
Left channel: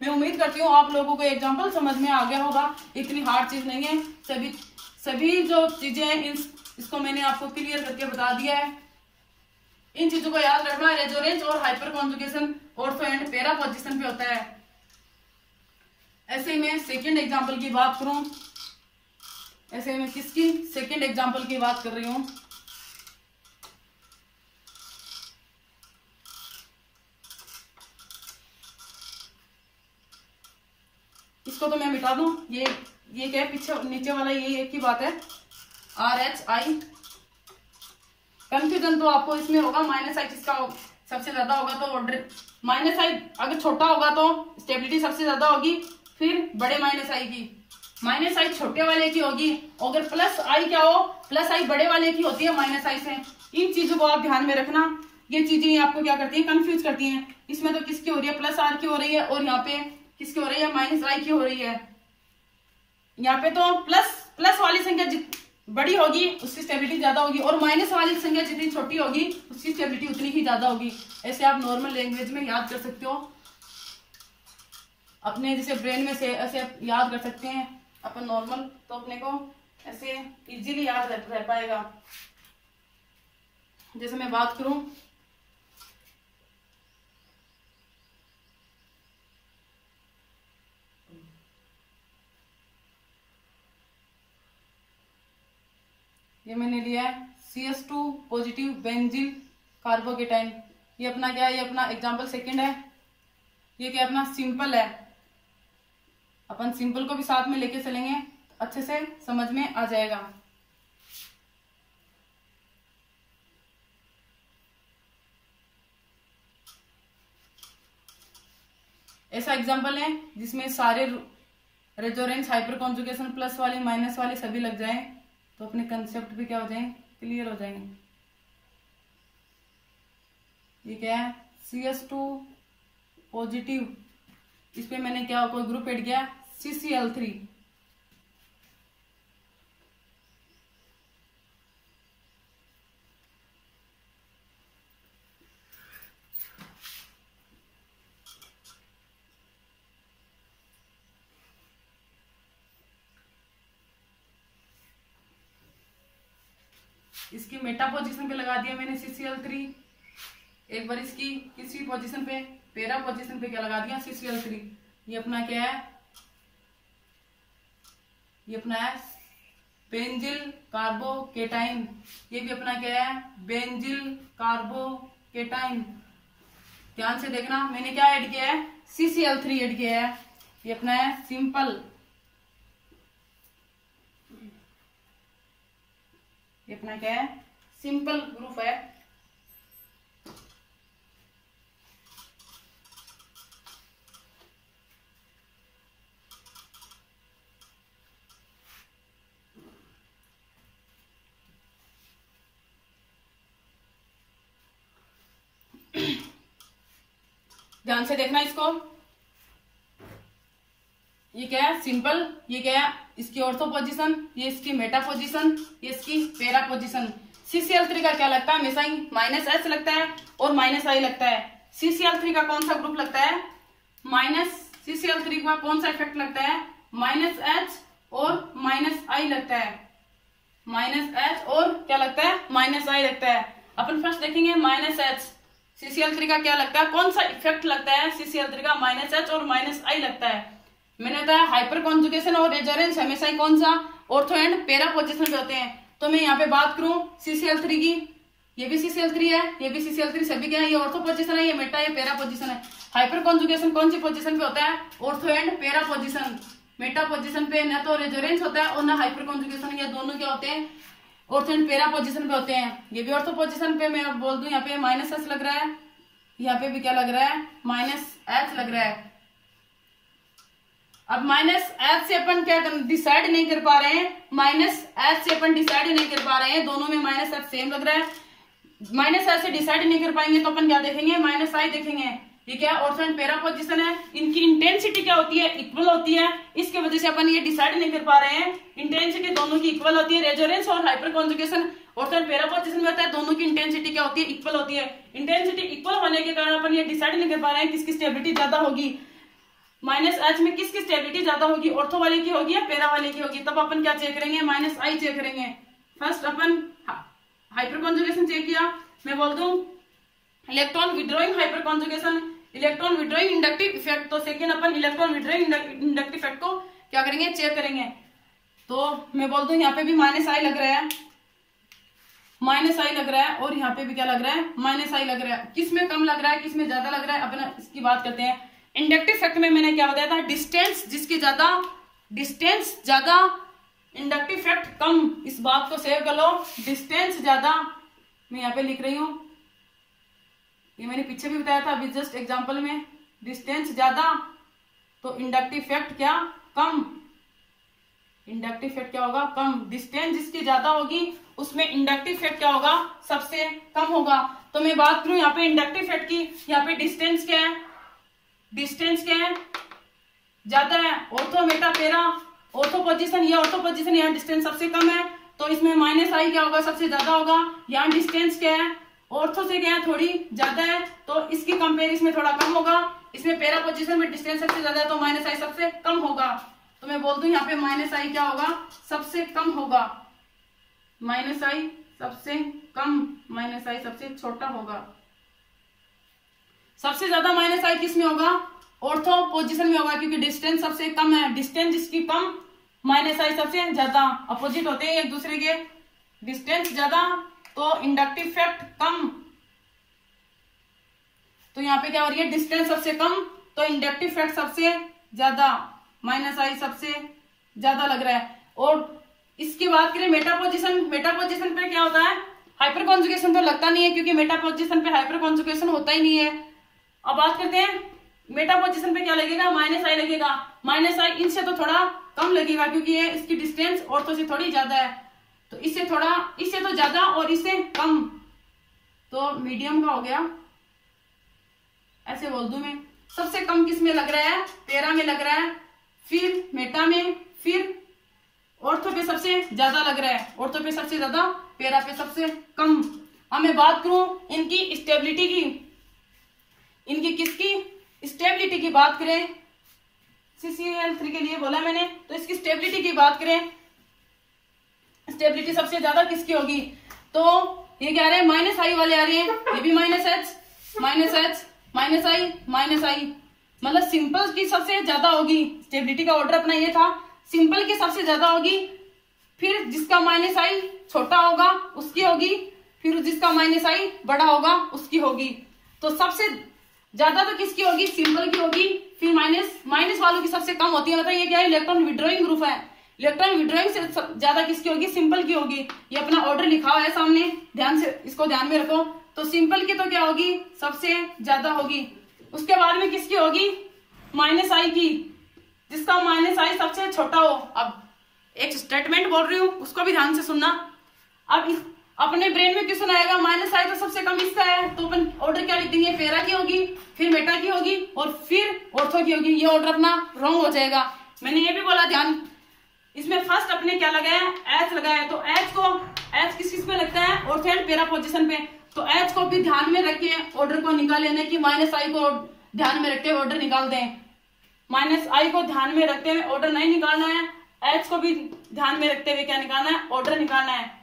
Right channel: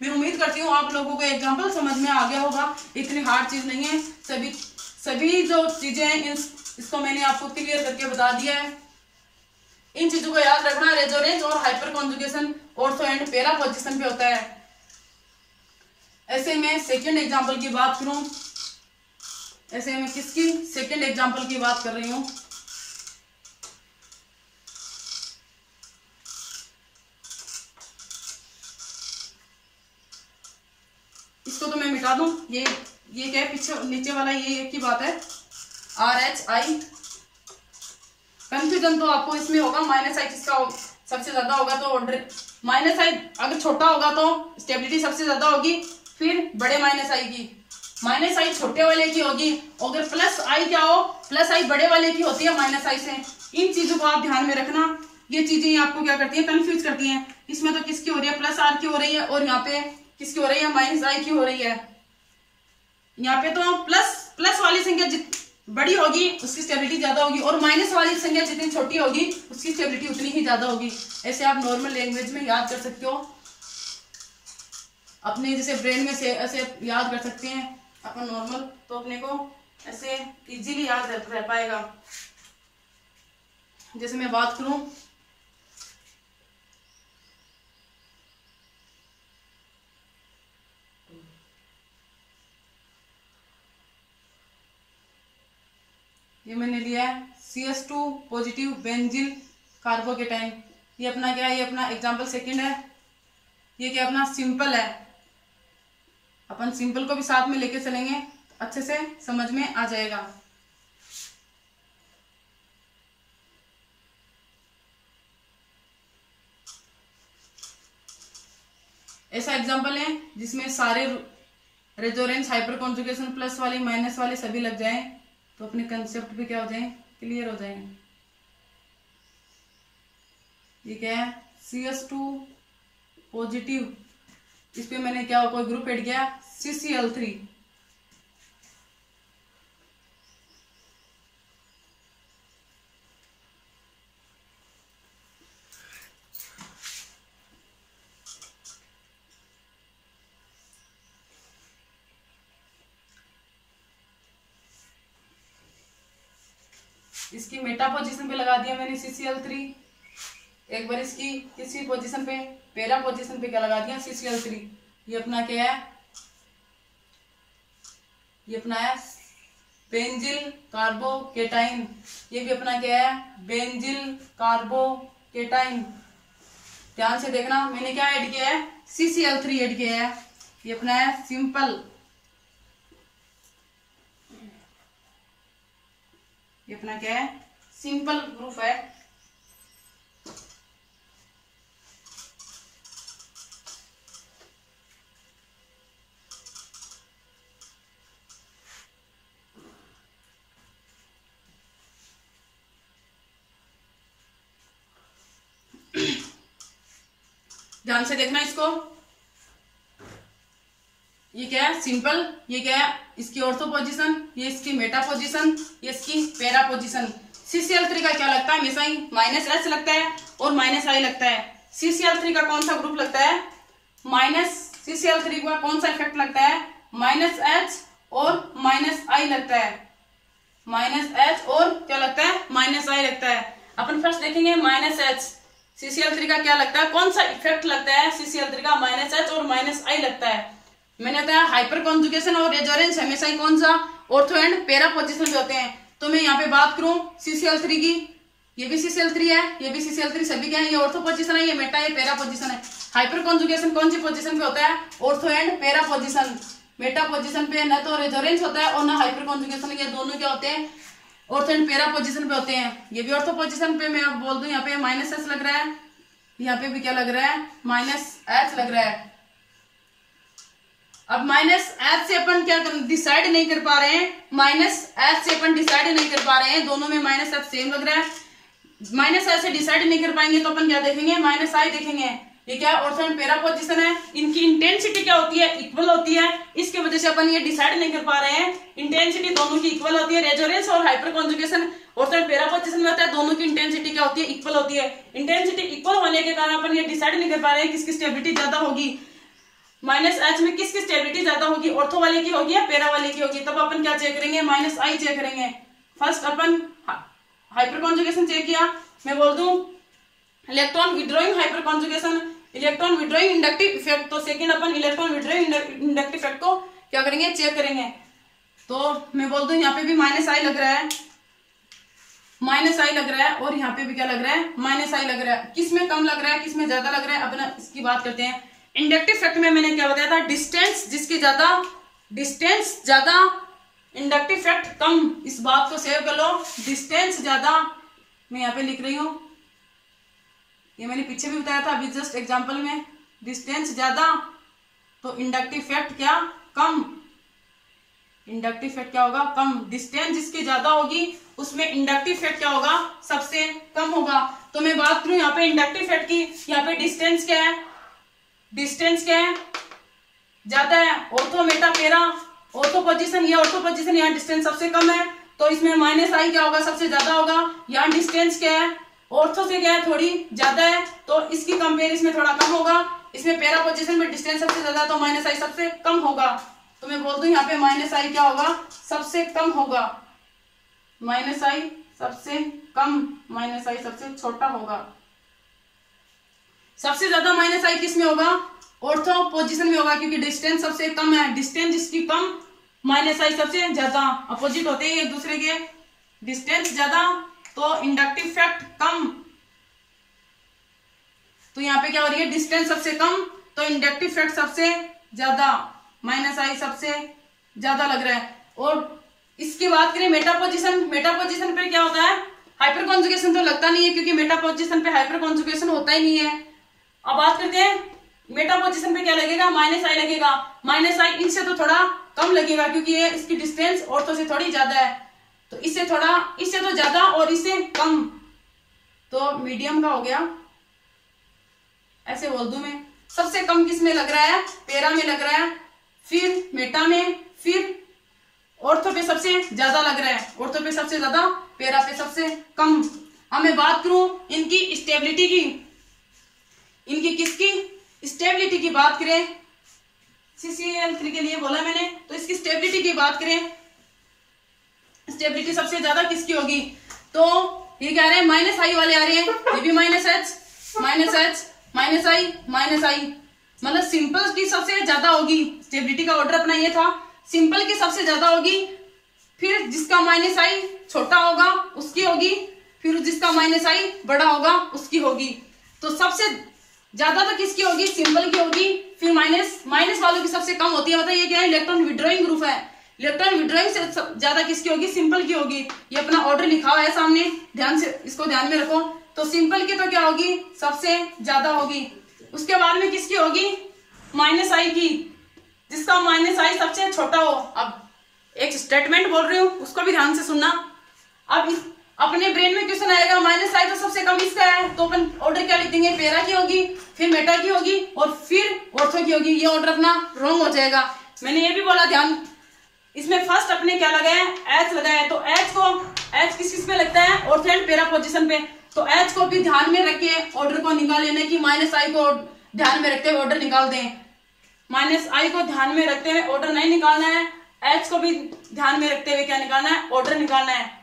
मैं उम्मीद करती हूँ आप लोगों को एग्जांपल समझ में आ गया होगा, इतनी हार्ड चीज नहीं है। सभी जो चीजें हैं इसको मैंने आपको क्लियर करके बता दिया है। इन चीजों को याद रखना, रेजोनेंस और hyper conjugation ortho and para position पे होता है। ऐसे में सेकंड एग्जांपल की बात करूं, ऐसे में किसकी सेकंड एग्जांपल की बात कर रही हूं, इसको तो मैं मिटा दूं, ये क्या है पीछे नीचे वाला, ये की बात है आर एच आई। कंफ्यूजन तो आपको इसमें होगा, माइनस आई किसका सबसे ज्यादा होगा, तो माइनस आई अगर छोटा होगा तो स्टेबिलिटी सबसे ज्यादा होगी, फिर बड़े माइनस आई की, माइनस आई छोटे वाले की होगी, अगर प्लस आई क्या हो, प्लस आई बड़े वाले की होती है माइनस आई से। इन चीजों को आप ध्यान में रखना, ये चीजें आपको क्या करती है, कंफ्यूज करती हैं। इसमें तो किसकी हो रही है, प्लस आर की हो रही है, और यहाँ पे किसकी हो रही है, माइनस आई की हो रही है। यहाँ पे तो प्लस वाली संख्या बड़ी होगी उसकी स्टेबिलिटी ज्यादा होगी, और माइनस वाली संख्या जितनी छोटी होगी उसकी स्टेबिलिटी उतनी ही ज्यादा होगी। ऐसे आप नॉर्मल लैंग्वेज में याद कर सकते हो, अपने जैसे ब्रेन में से ऐसे याद कर सकते हैं अपन नॉर्मल, तो अपने को ऐसे इजीली याद रह पाएगा। जैसे मैं बात करूं, ये मैंने लिया है CS2 पॉजिटिव बेंजील कार्बोकेटाइन। ये अपना क्या है, ये अपना एग्जांपल सेकंड है। ये क्या अपना सिंपल है, अपन सिंपल को भी साथ में लेके चलेंगे, अच्छे से समझ में आ जाएगा। ऐसा एग्जांपल है जिसमें सारे रेजोनेंस हाइपर कॉन्जुगेशन प्लस वाले माइनस वाले सभी लग जाएं, तो अपने कंसेप्ट भी क्या हो जाए, क्लियर हो जाएंगे। ये क्या है, CS2 पॉजिटिव, इस पे मैंने क्या कोई ग्रुप ऐड किया, CCl3। इसकी मेटा पोजीशन पे लगा दिया मैंने CCl3। एक बार इसकी किसी पोजीशन पे, पैरा पोजीशन पे क्या लगा दिया, CCl3। ये अपना क्या है, ये अपना है बेंजिल कार्बोकेटाइन। ये भी अपना क्या है, बेंजिल कार्बोकेटाइन। ध्यान से देखना, मैंने क्या ऐड किया है, CCl3 ऐड किया है। ये अपना है सिंपल, ये अपना क्या है, सिंपल ग्रुप है। ध्यान से देखना इसको, ये क्या है सिंपल, ये क्या है इसकी ऑर्थो पोजीशन, ये इसकी मेटा पोजीशन, ये इसकी पैरा पोजीशन। CCl3 का क्या लगता है, हमेशा ही माइनस एच लगता है और माइनस आई लगता है। CCl3 का कौन सा ग्रुप लगता है, CCl3 का कौन सा इफेक्ट लगता है, माइनस एच और माइनस आई लगता है। माइनस एच और क्या लगता है, माइनस आई लगता है। अपन फर्स्ट देखेंगे माइनस एच। CCl3 का क्या लगता है, कौन सा इफेक्ट लगता है CCl3 का, -H और -I लगता है। मैंने बताया हाइपर कॉन्जुगेशन और रेजोनेंस हमेशा ही कौन सा, ऑर्थो एंड पैरा पोजीशन पे होते हैं। तो मैं यहाँ पे बात करूं CCl3 की, ये भी CCl3 है, ये भी CCl3, सभी क्या है, ये ऑर्थो पोजीशन है, ये मेटा, ये पैरा पोजीशन है। हाइपर कॉन्जुगेशन कौन सी पोजीशन पे होता है, ortho and para position. Meta position पे न तो रेजोनेंस होता है और ना हाइपर कॉन्जुगेशन, ये दोनों क्या होते हैं, ऑर्थो एंड पैरा पोजीशन पे होते हैं। ये भी ऑर्थो पोजीशन पे, मैं बोल दूं यहाँ पे -S लग रहा है, यहाँ पे भी क्या लग रहा है, -H लग रहा है। अब -H से अपन क्या डिसाइड नहीं कर पा रहे हैं, -H से अपन डिसाइड नहीं कर पा रहे हैं, दोनों में -F सेम लग रहा है। -H से डिसाइड नहीं कर पाएंगे तो अपन क्या देखेंगे, -I देखेंगे। ये क्या, ऑर्थो एंड पैरा पोजीशन है, इनकी इंटेंसिटी क्या होती है, इक्वल होती है, इसकी वजह से अपन ये डिसाइड नहीं कर पा रहे हैं। इंटेंसिटी दोनों की इक्वल होती है, रेजोनेंस और hyper conjugation ortho and para position में होता है, दोनों की इंटेंसिटी क्या होती है, इक्वल होती है। इंटेंसिटी इक्वल होने के कारण अपन ये डिसाइड नहीं कर पा रहे हैं किसकी स्टेबिलिटी ज्यादा होगी, -H में किसकी स्टेबिलिटी ज्यादा होगी, ऑर्थो वाले की होगी या पैरा वाले की होगी। तब अपन क्या चेक करेंगे, -I चेक करेंगे। फर्स्ट अपन हाइपर कॉन्जुगेशन चेक किया, मैं बोल दूं electron withdrawing hyper conjugation, electron withdrawing inductive effect. तो सेकंड अपन इलेक्ट्रॉन विड्रॉइंग इंडक्टिव इफेक्ट को क्या करेंगे, चेक करेंगे। तो मैं बोल दूं यहाँ पे भी -I लग रहा है, -I लग रहा है, और यहाँ पे भी क्या लग रहा है, -I लग रहा है। किस में कम लग रहा है, किस में ज्यादा लग रहा है, अपना इसकी बात करते हैं। इंडक्टिव इफेक्ट में मैंने क्या बताया था, डिस्टेंस जिसकी ज्यादा, डिस्टेंस ज्यादा, इंडक्टिव इफेक्ट कम। इस बात को सेव कर लो, डिस्टेंस ज्यादा, मैं यहाँ पे लिख रही हूं, ये मैंने पीछे भी बताया था अभी जस्ट एग्जांपल में। डिस्टेंस ज्यादा तो इंडक्टिव इफेक्ट क्या, कम। इंडक्टिव इफेक्ट क्या होगा, कम। डिस्टेंस जिसकी ज्यादा होगी उसमें इंडक्टिव इफेक्ट क्या होगा, सबसे कम होगा। तो मैं बात करूं यहाँ पे इंडक्टिव इफेक्ट की, यहाँ पे डिस्टेंस क्या है, डिस्टेंस क्या है, ज्यादा है। Ortho Meta para, ortho position, ये ऑर्थो पोजीशन, यहाँ डिस्टेंस सबसे कम है, तो इसमें -I क्या होगा, सबसे ज्यादा होगा। यहाँ डिस्टेंस क्या है, ऑर्थो से क्या है, थोड़ी ज्यादा है, तो इसकी कंपेरिजन में थोड़ा कम होगा। इसमें पैरा पोजीशन में डिस्टेंस सबसे ज्यादा, तो -I सबसे कम होगा। तो मैं बोल दूं यहाँ पे -I क्या होगा, सबसे कम होगा। -I सबसे कम, -I सबसे छोटा होगा। सबसे ज्यादा -I किस में होगा, ऑर्थो पोजीशन में होगा, क्योंकि डिस्टेंस सबसे कम है। डिस्टेंस जिसकी कम, -I सबसे ज्यादा, अपोजिट होते हैं एक दूसरे के। डिस्टेंस ज्यादा तो इंडक्टिव इफेक्ट कम। तो यहाँ पे क्या हो रही है, डिस्टेंस सबसे कम तो इंडक्टिव इफेक्ट सबसे ज्यादा, -I सबसे ज्यादा लग रहा है। और इसकी बात करें मेटा पोजीशन, मेटा पोजीशन पे क्या होता है, हाइपर कॉन्जुगेशन तो लगता नहीं है, क्योंकि मेटा पोजीशन पे हाइपर कॉन्जुगेशन होता ही नहीं है। अब बात करते हैं मेटा पोजीशन पे क्या लगेगा, -I लगेगा। -I इनसे तो थोड़ा कम लगेगा, क्योंकि ये इसकी डिस्टेंस ऑर्थो से थोड़ी ज्यादा है, तो इससे थोड़ा, इससे तो ज्यादा और इससे कम, तो मीडियम का हो गया, ऐसे बोल दूं मैं। सबसे कम किस में लग रहा है, पैरा में लग रहा है, फिर मेटा में, फिर ऑर्थो पे सबसे ज्यादा लग रहा है, ऑर्थो पे सबसे ज्यादा, पैरा पे सबसे कम। अब मैं बात करूं इनकी स्टेबिलिटी की, इनकी किसकी स्टेबिलिटी की बात करें, CCl3 के लिए बोला मैंने, तो इसकी स्टेबिलिटी की बात करें, स्टेबिलिटी सबसे ज्यादा किसकी होगी, तो ये क्या आ रहे हैं, -I वाले आ रहे हैं, ये भी -H, -I, मतलब सिंपल की सबसे ज्यादा होगी। स्टेबिलिटी का ऑर्डर अपना ये था, सिंपल की सबसे ज्यादा होगी, फिर जिसका -I छोटा होगा उसकी होगी, फिर जिसका -I बड़ा होगा उसकी होगी। तो सबसे ज्यादा तो किसकी होगी, सिंपल की होगी, फिर माइनस वालों की सबसे कम होती है। मतलब ये क्या है, इलेक्ट्रॉन विड्रॉइंग ग्रुप है, इलेक्ट्रॉन विड्रॉइंग से ज्यादा किसकी होगी, सिंपल की होगी। ये अपना ऑर्डर लिखा हुआ है सामने, ध्यान से इसको ध्यान में रखो। तो सिंपल की तो क्या होगी, सबसे ज्यादा होगी। उसके बाद में किसकी होगी, -I की, जिसका -I सबसे छोटा हो। अब एक स्टेटमेंट बोल रही हूँ, उसको भी ध्यान से सुनना। अब अपने ब्रेन में क्वेश्चन आएगा, -I तो सबसे कम इसका है, तो अपन ऑर्डर क्या लिख देंगे, पैरा की होगी, फिर मेटा की होगी और फिर ऑर्थो की होगी। ये ऑर्डर अपना रॉन्ग हो जाएगा। मैंने ये भी बोला, ध्यान, इसमें फर्स्ट अपने क्या लगाया, H लगाया। तो H किस में लगता है, ऑर्थो एंड पैरा पोजीशन पे। तो H को भी ध्यान में रख के ऑर्डर को निकाल लेने की, -I को ध्यान में रखते हुए ऑर्डर निकाल दें। -I को ध्यान में रखते हुए ऑर्डर नहीं निकालना है, H को भी ध्यान में रखते हुए क्या निकालना है, ऑर्डर निकालना है।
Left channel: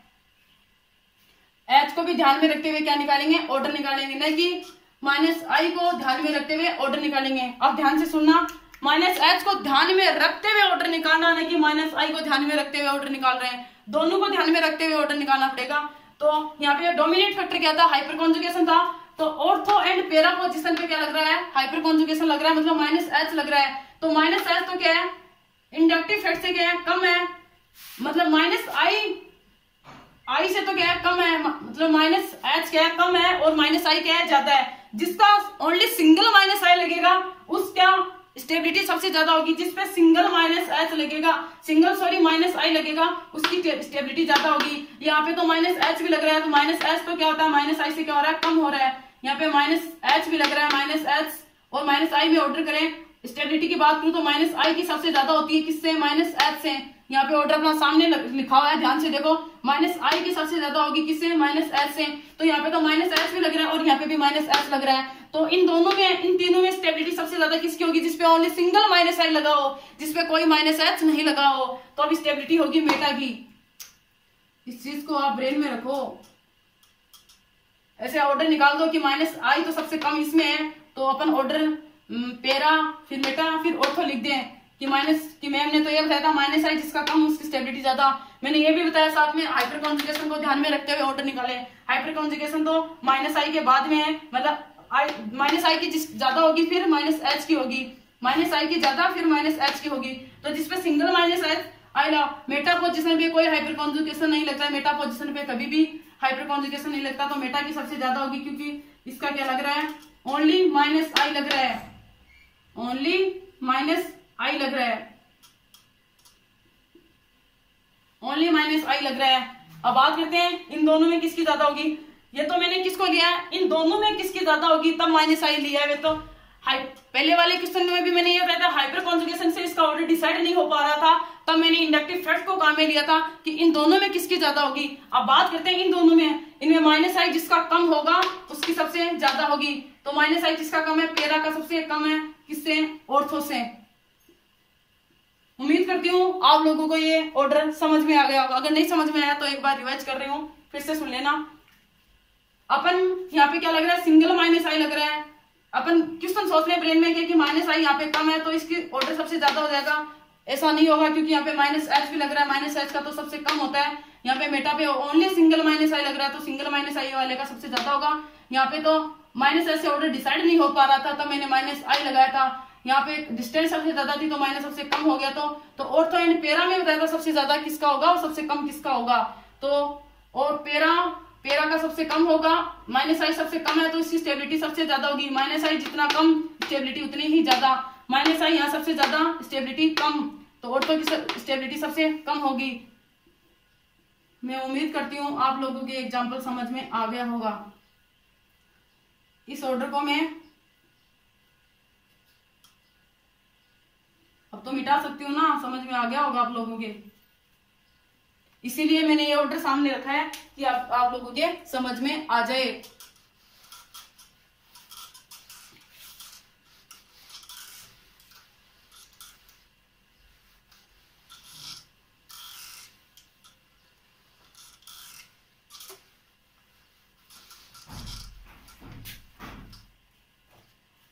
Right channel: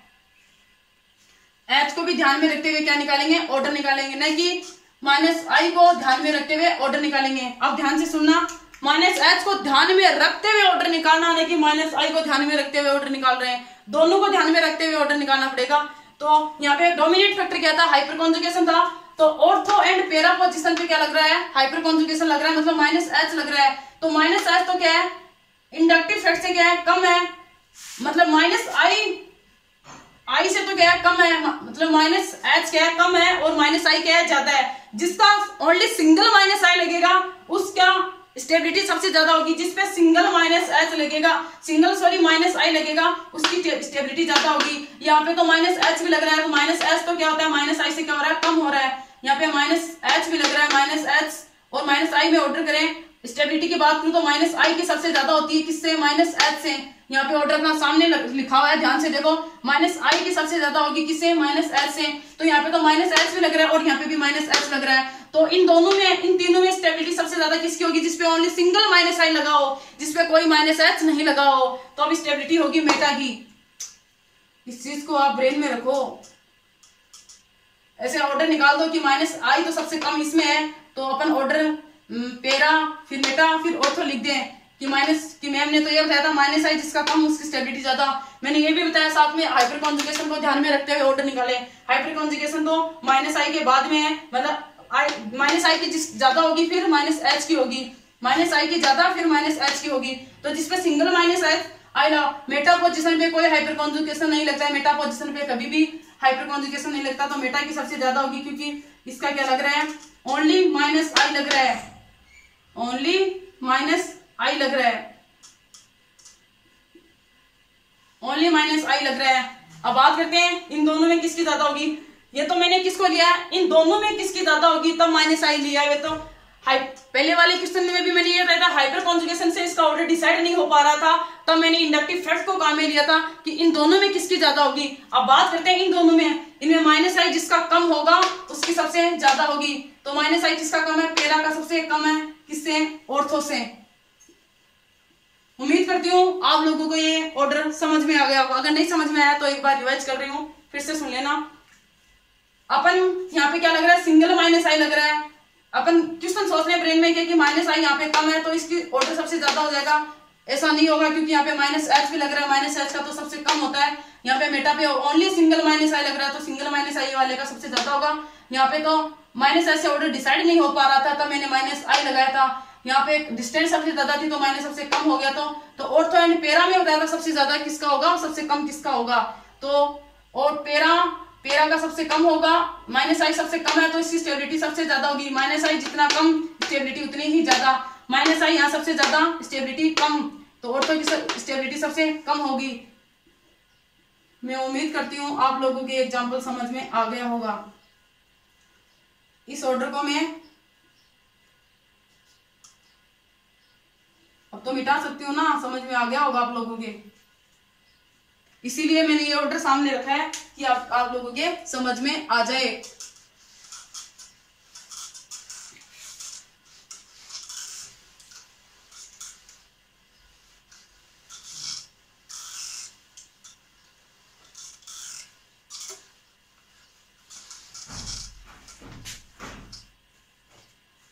H को भी ध्यान में रखते हुए क्या निकालेंगे, ऑर्डर निकालेंगे, नहीं कि माइनस आई को ध्यान में रखते हुए ऑर्डर निकालेंगे। अब ध्यान से सुनना, माइनस एच को ध्यान में रखते हुए ऑर्डर निकालना, नहीं कि माइनस आई को ध्यान में रखते हुए ऑर्डर निकाल रहे हैं, दोनों को ध्यान में रखते हुए ऑर्डर निकालना पड़ेगा। तो यहाँ पे डोमिनेट फैक्टर क्या था, हाइपर कॉन्जुगेशन था। तो ऑर्थो एंड पैरा पोजीशन पे क्या लग रहा है, हाइपर कॉन्जुगेशन लग रहा है, मतलब माइनस एच लग रहा है। तो माइनस एच तो क्या है, इंडक्टिव फैक्ट से क्या है, कम है, मतलब माइनस आई से तो क्या है, कम है, मतलब माइनस एच क्या है, कम है, और माइनस आई क्या है, ज्यादा है। जिसका ओनली सिंगल माइनस आई लगेगा उसका स्टेबिलिटी सबसे ज्यादा होगी। जिसपे सिंगल माइनस एच लगेगा, माइनस आई लगेगा, उसकी स्टेबिलिटी ज्यादा होगी। यहाँ पे तो माइनस एच भी लग रहा है, तो माइनस एच तो क्या होता है, माइनस आई से क्या हो रहा है, कम हो रहा है। यहाँ पे माइनस एच भी लग रहा है, माइनस एच और माइनस आई में ऑर्डर करें, स्टेबिलिटी की बात करूं तो माइनस आई की सबसे ज्यादा होती है, किससे, माइनस एच से। यहाँ पे ऑर्डर अपना सामने लिखा हुआ है, ध्यान से देखो, माइनस आई की सबसे ज्यादा होगी, किससे, माइनस एच से। तो यहाँ पे तो माइनस एच भी लग रहा है और यहाँ पे भी माइनस एच लग रहा है। तो इन दोनों में, इन तीनों में स्टेबिलिटी सबसे ज्यादा किसकी होगी, जिसपे ओनली सिंगल माइनस आई लगा हो, जिसपे कोई माइनस एच नहीं लगा हो, तो अब स्टेबिलिटी होगी मेटा की। इस चीज को आप ब्रेन में रखो। ऐसे ऑर्डर निकाल दो कि माइनस आई तो सबसे कम इसमें है, तो अपन ऑर्डर पैरा फिर मेटा फिर ऑर्थो लिख दें कि माइनस, कि मैम ने तो ये बताया था माइनस आई जिसका कम उसकी स्टेबिलिटी ज्यादा। मैंने ये भी बताया साथ में हाइपर कॉन्जुगेशन को ध्यान में रखते हुए ऑर्डर निकाले। हाइपर कॉन्जुगेशन तो माइनस आई के बाद में है, मतलब माइनस आई की जिस ज्यादा होगी फिर माइनस एच की होगी, माइनस आई की ज्यादा फिर माइनस एच की होगी। तो जिसपे सिंगल माइनस एच आई ला, मेटा पोजिशन पे कोई हाइपर कॉन्जुगेशन नहीं लगता है, मेटा पोजिशन पे कभी भी हाइपर कॉन्जुगेशन नहीं लगता, तो मेटा की सबसे ज्यादा होगी, क्योंकि इसका क्या लग रहा है, ओनली माइनस आई लग रहा है, ओनली माइनस आई लग रहा है, ओनली माइनस आई लग रहा है। अब बात करते हैं इन दोनों में किसकी ज्यादा होगी। ये तो मैंने किसको लिया है, इन दोनों में किसकी ज्यादा होगी तब माइनस आई लिया है। तो पहले वाले क्वेश्चन में भी मैंने ये बताया था, हाइपर कॉन्जुगेशन से इसका ऑर्डर डिसाइड नहीं हो पा रहा था, तब मैंने इंडक्टिव फैक्ट को काम में लिया था कि इन दोनों में किसकी ज्यादा होगी। अब बात करते हैं इन दोनों में, इनमें माइनस आई जिसका कम होगा उसकी सबसे ज्यादा होगी। तो माइनस आई जिसका कम है, पैरा का सबसे कम है, किससे, ऑर्थो से। उम्मीद करती हूँ आप लोगों को ये ऑर्डर समझ में आ गया होगा। अगर नहीं समझ में आया तो एक बार रिवाइज कर रही हूँ, फिर से सुन लेना। अपन यहाँ पे क्या लग रहा है, सिंगल माइनस आई लग रहा है। अपन क्वेश्चन सोच रहे हैं ब्रेन में कि माइनस आई यहाँ पे कम है तो इसकी ऑर्डर सबसे ज्यादा हो जाएगा। ऐसा नहीं होगा, क्योंकि यहाँ पे माइनस एच भी लग रहा है, माइनस एच का तो सबसे कम होता है। यहाँ पे मेटा पे ओनली सिंगल माइनस आई लग रहा है, तो सिंगल माइनस आई वाले का सबसे ज्यादा होगा। यहाँ पे तो माइनस एच से ऑर्डर डिसाइड नहीं हो पा रहा था, तब मैंने माइनस आई लगाया था। यहाँ पे डिस्टेंस सबसे ज्यादा थी तो माइनस सबसे कम हो गया। तो ऑर्थो एंड पैरा में बताया था सबसे ज्यादा किसका होगा और सबसे कम किसका होगा। तो और पैरा का सबसे कम होगा, माइनस आई सबसे कम है तो इसकी स्टेबिलिटी सबसे ज्यादा होगी। माइनस आई जितना कम स्टेबिलिटी उतनी ही ज्यादा, माइनस आई यहाँ सबसे ज्यादा स्टेबिलिटी कम, तो ऑर्थो की स्टेबिलिटी सबसे कम होगी। मैं उम्मीद करती हूँ आप लोगों के एग्जाम्पल समझ में आ गया होगा। इस ऑर्डर को मैं अब तो मिटा सकती हूँ ना, समझ में आ गया होगा आप लोगों के। इसीलिए मैंने ये ऑर्डर सामने रखा है कि आप लोगों के समझ में आ जाए।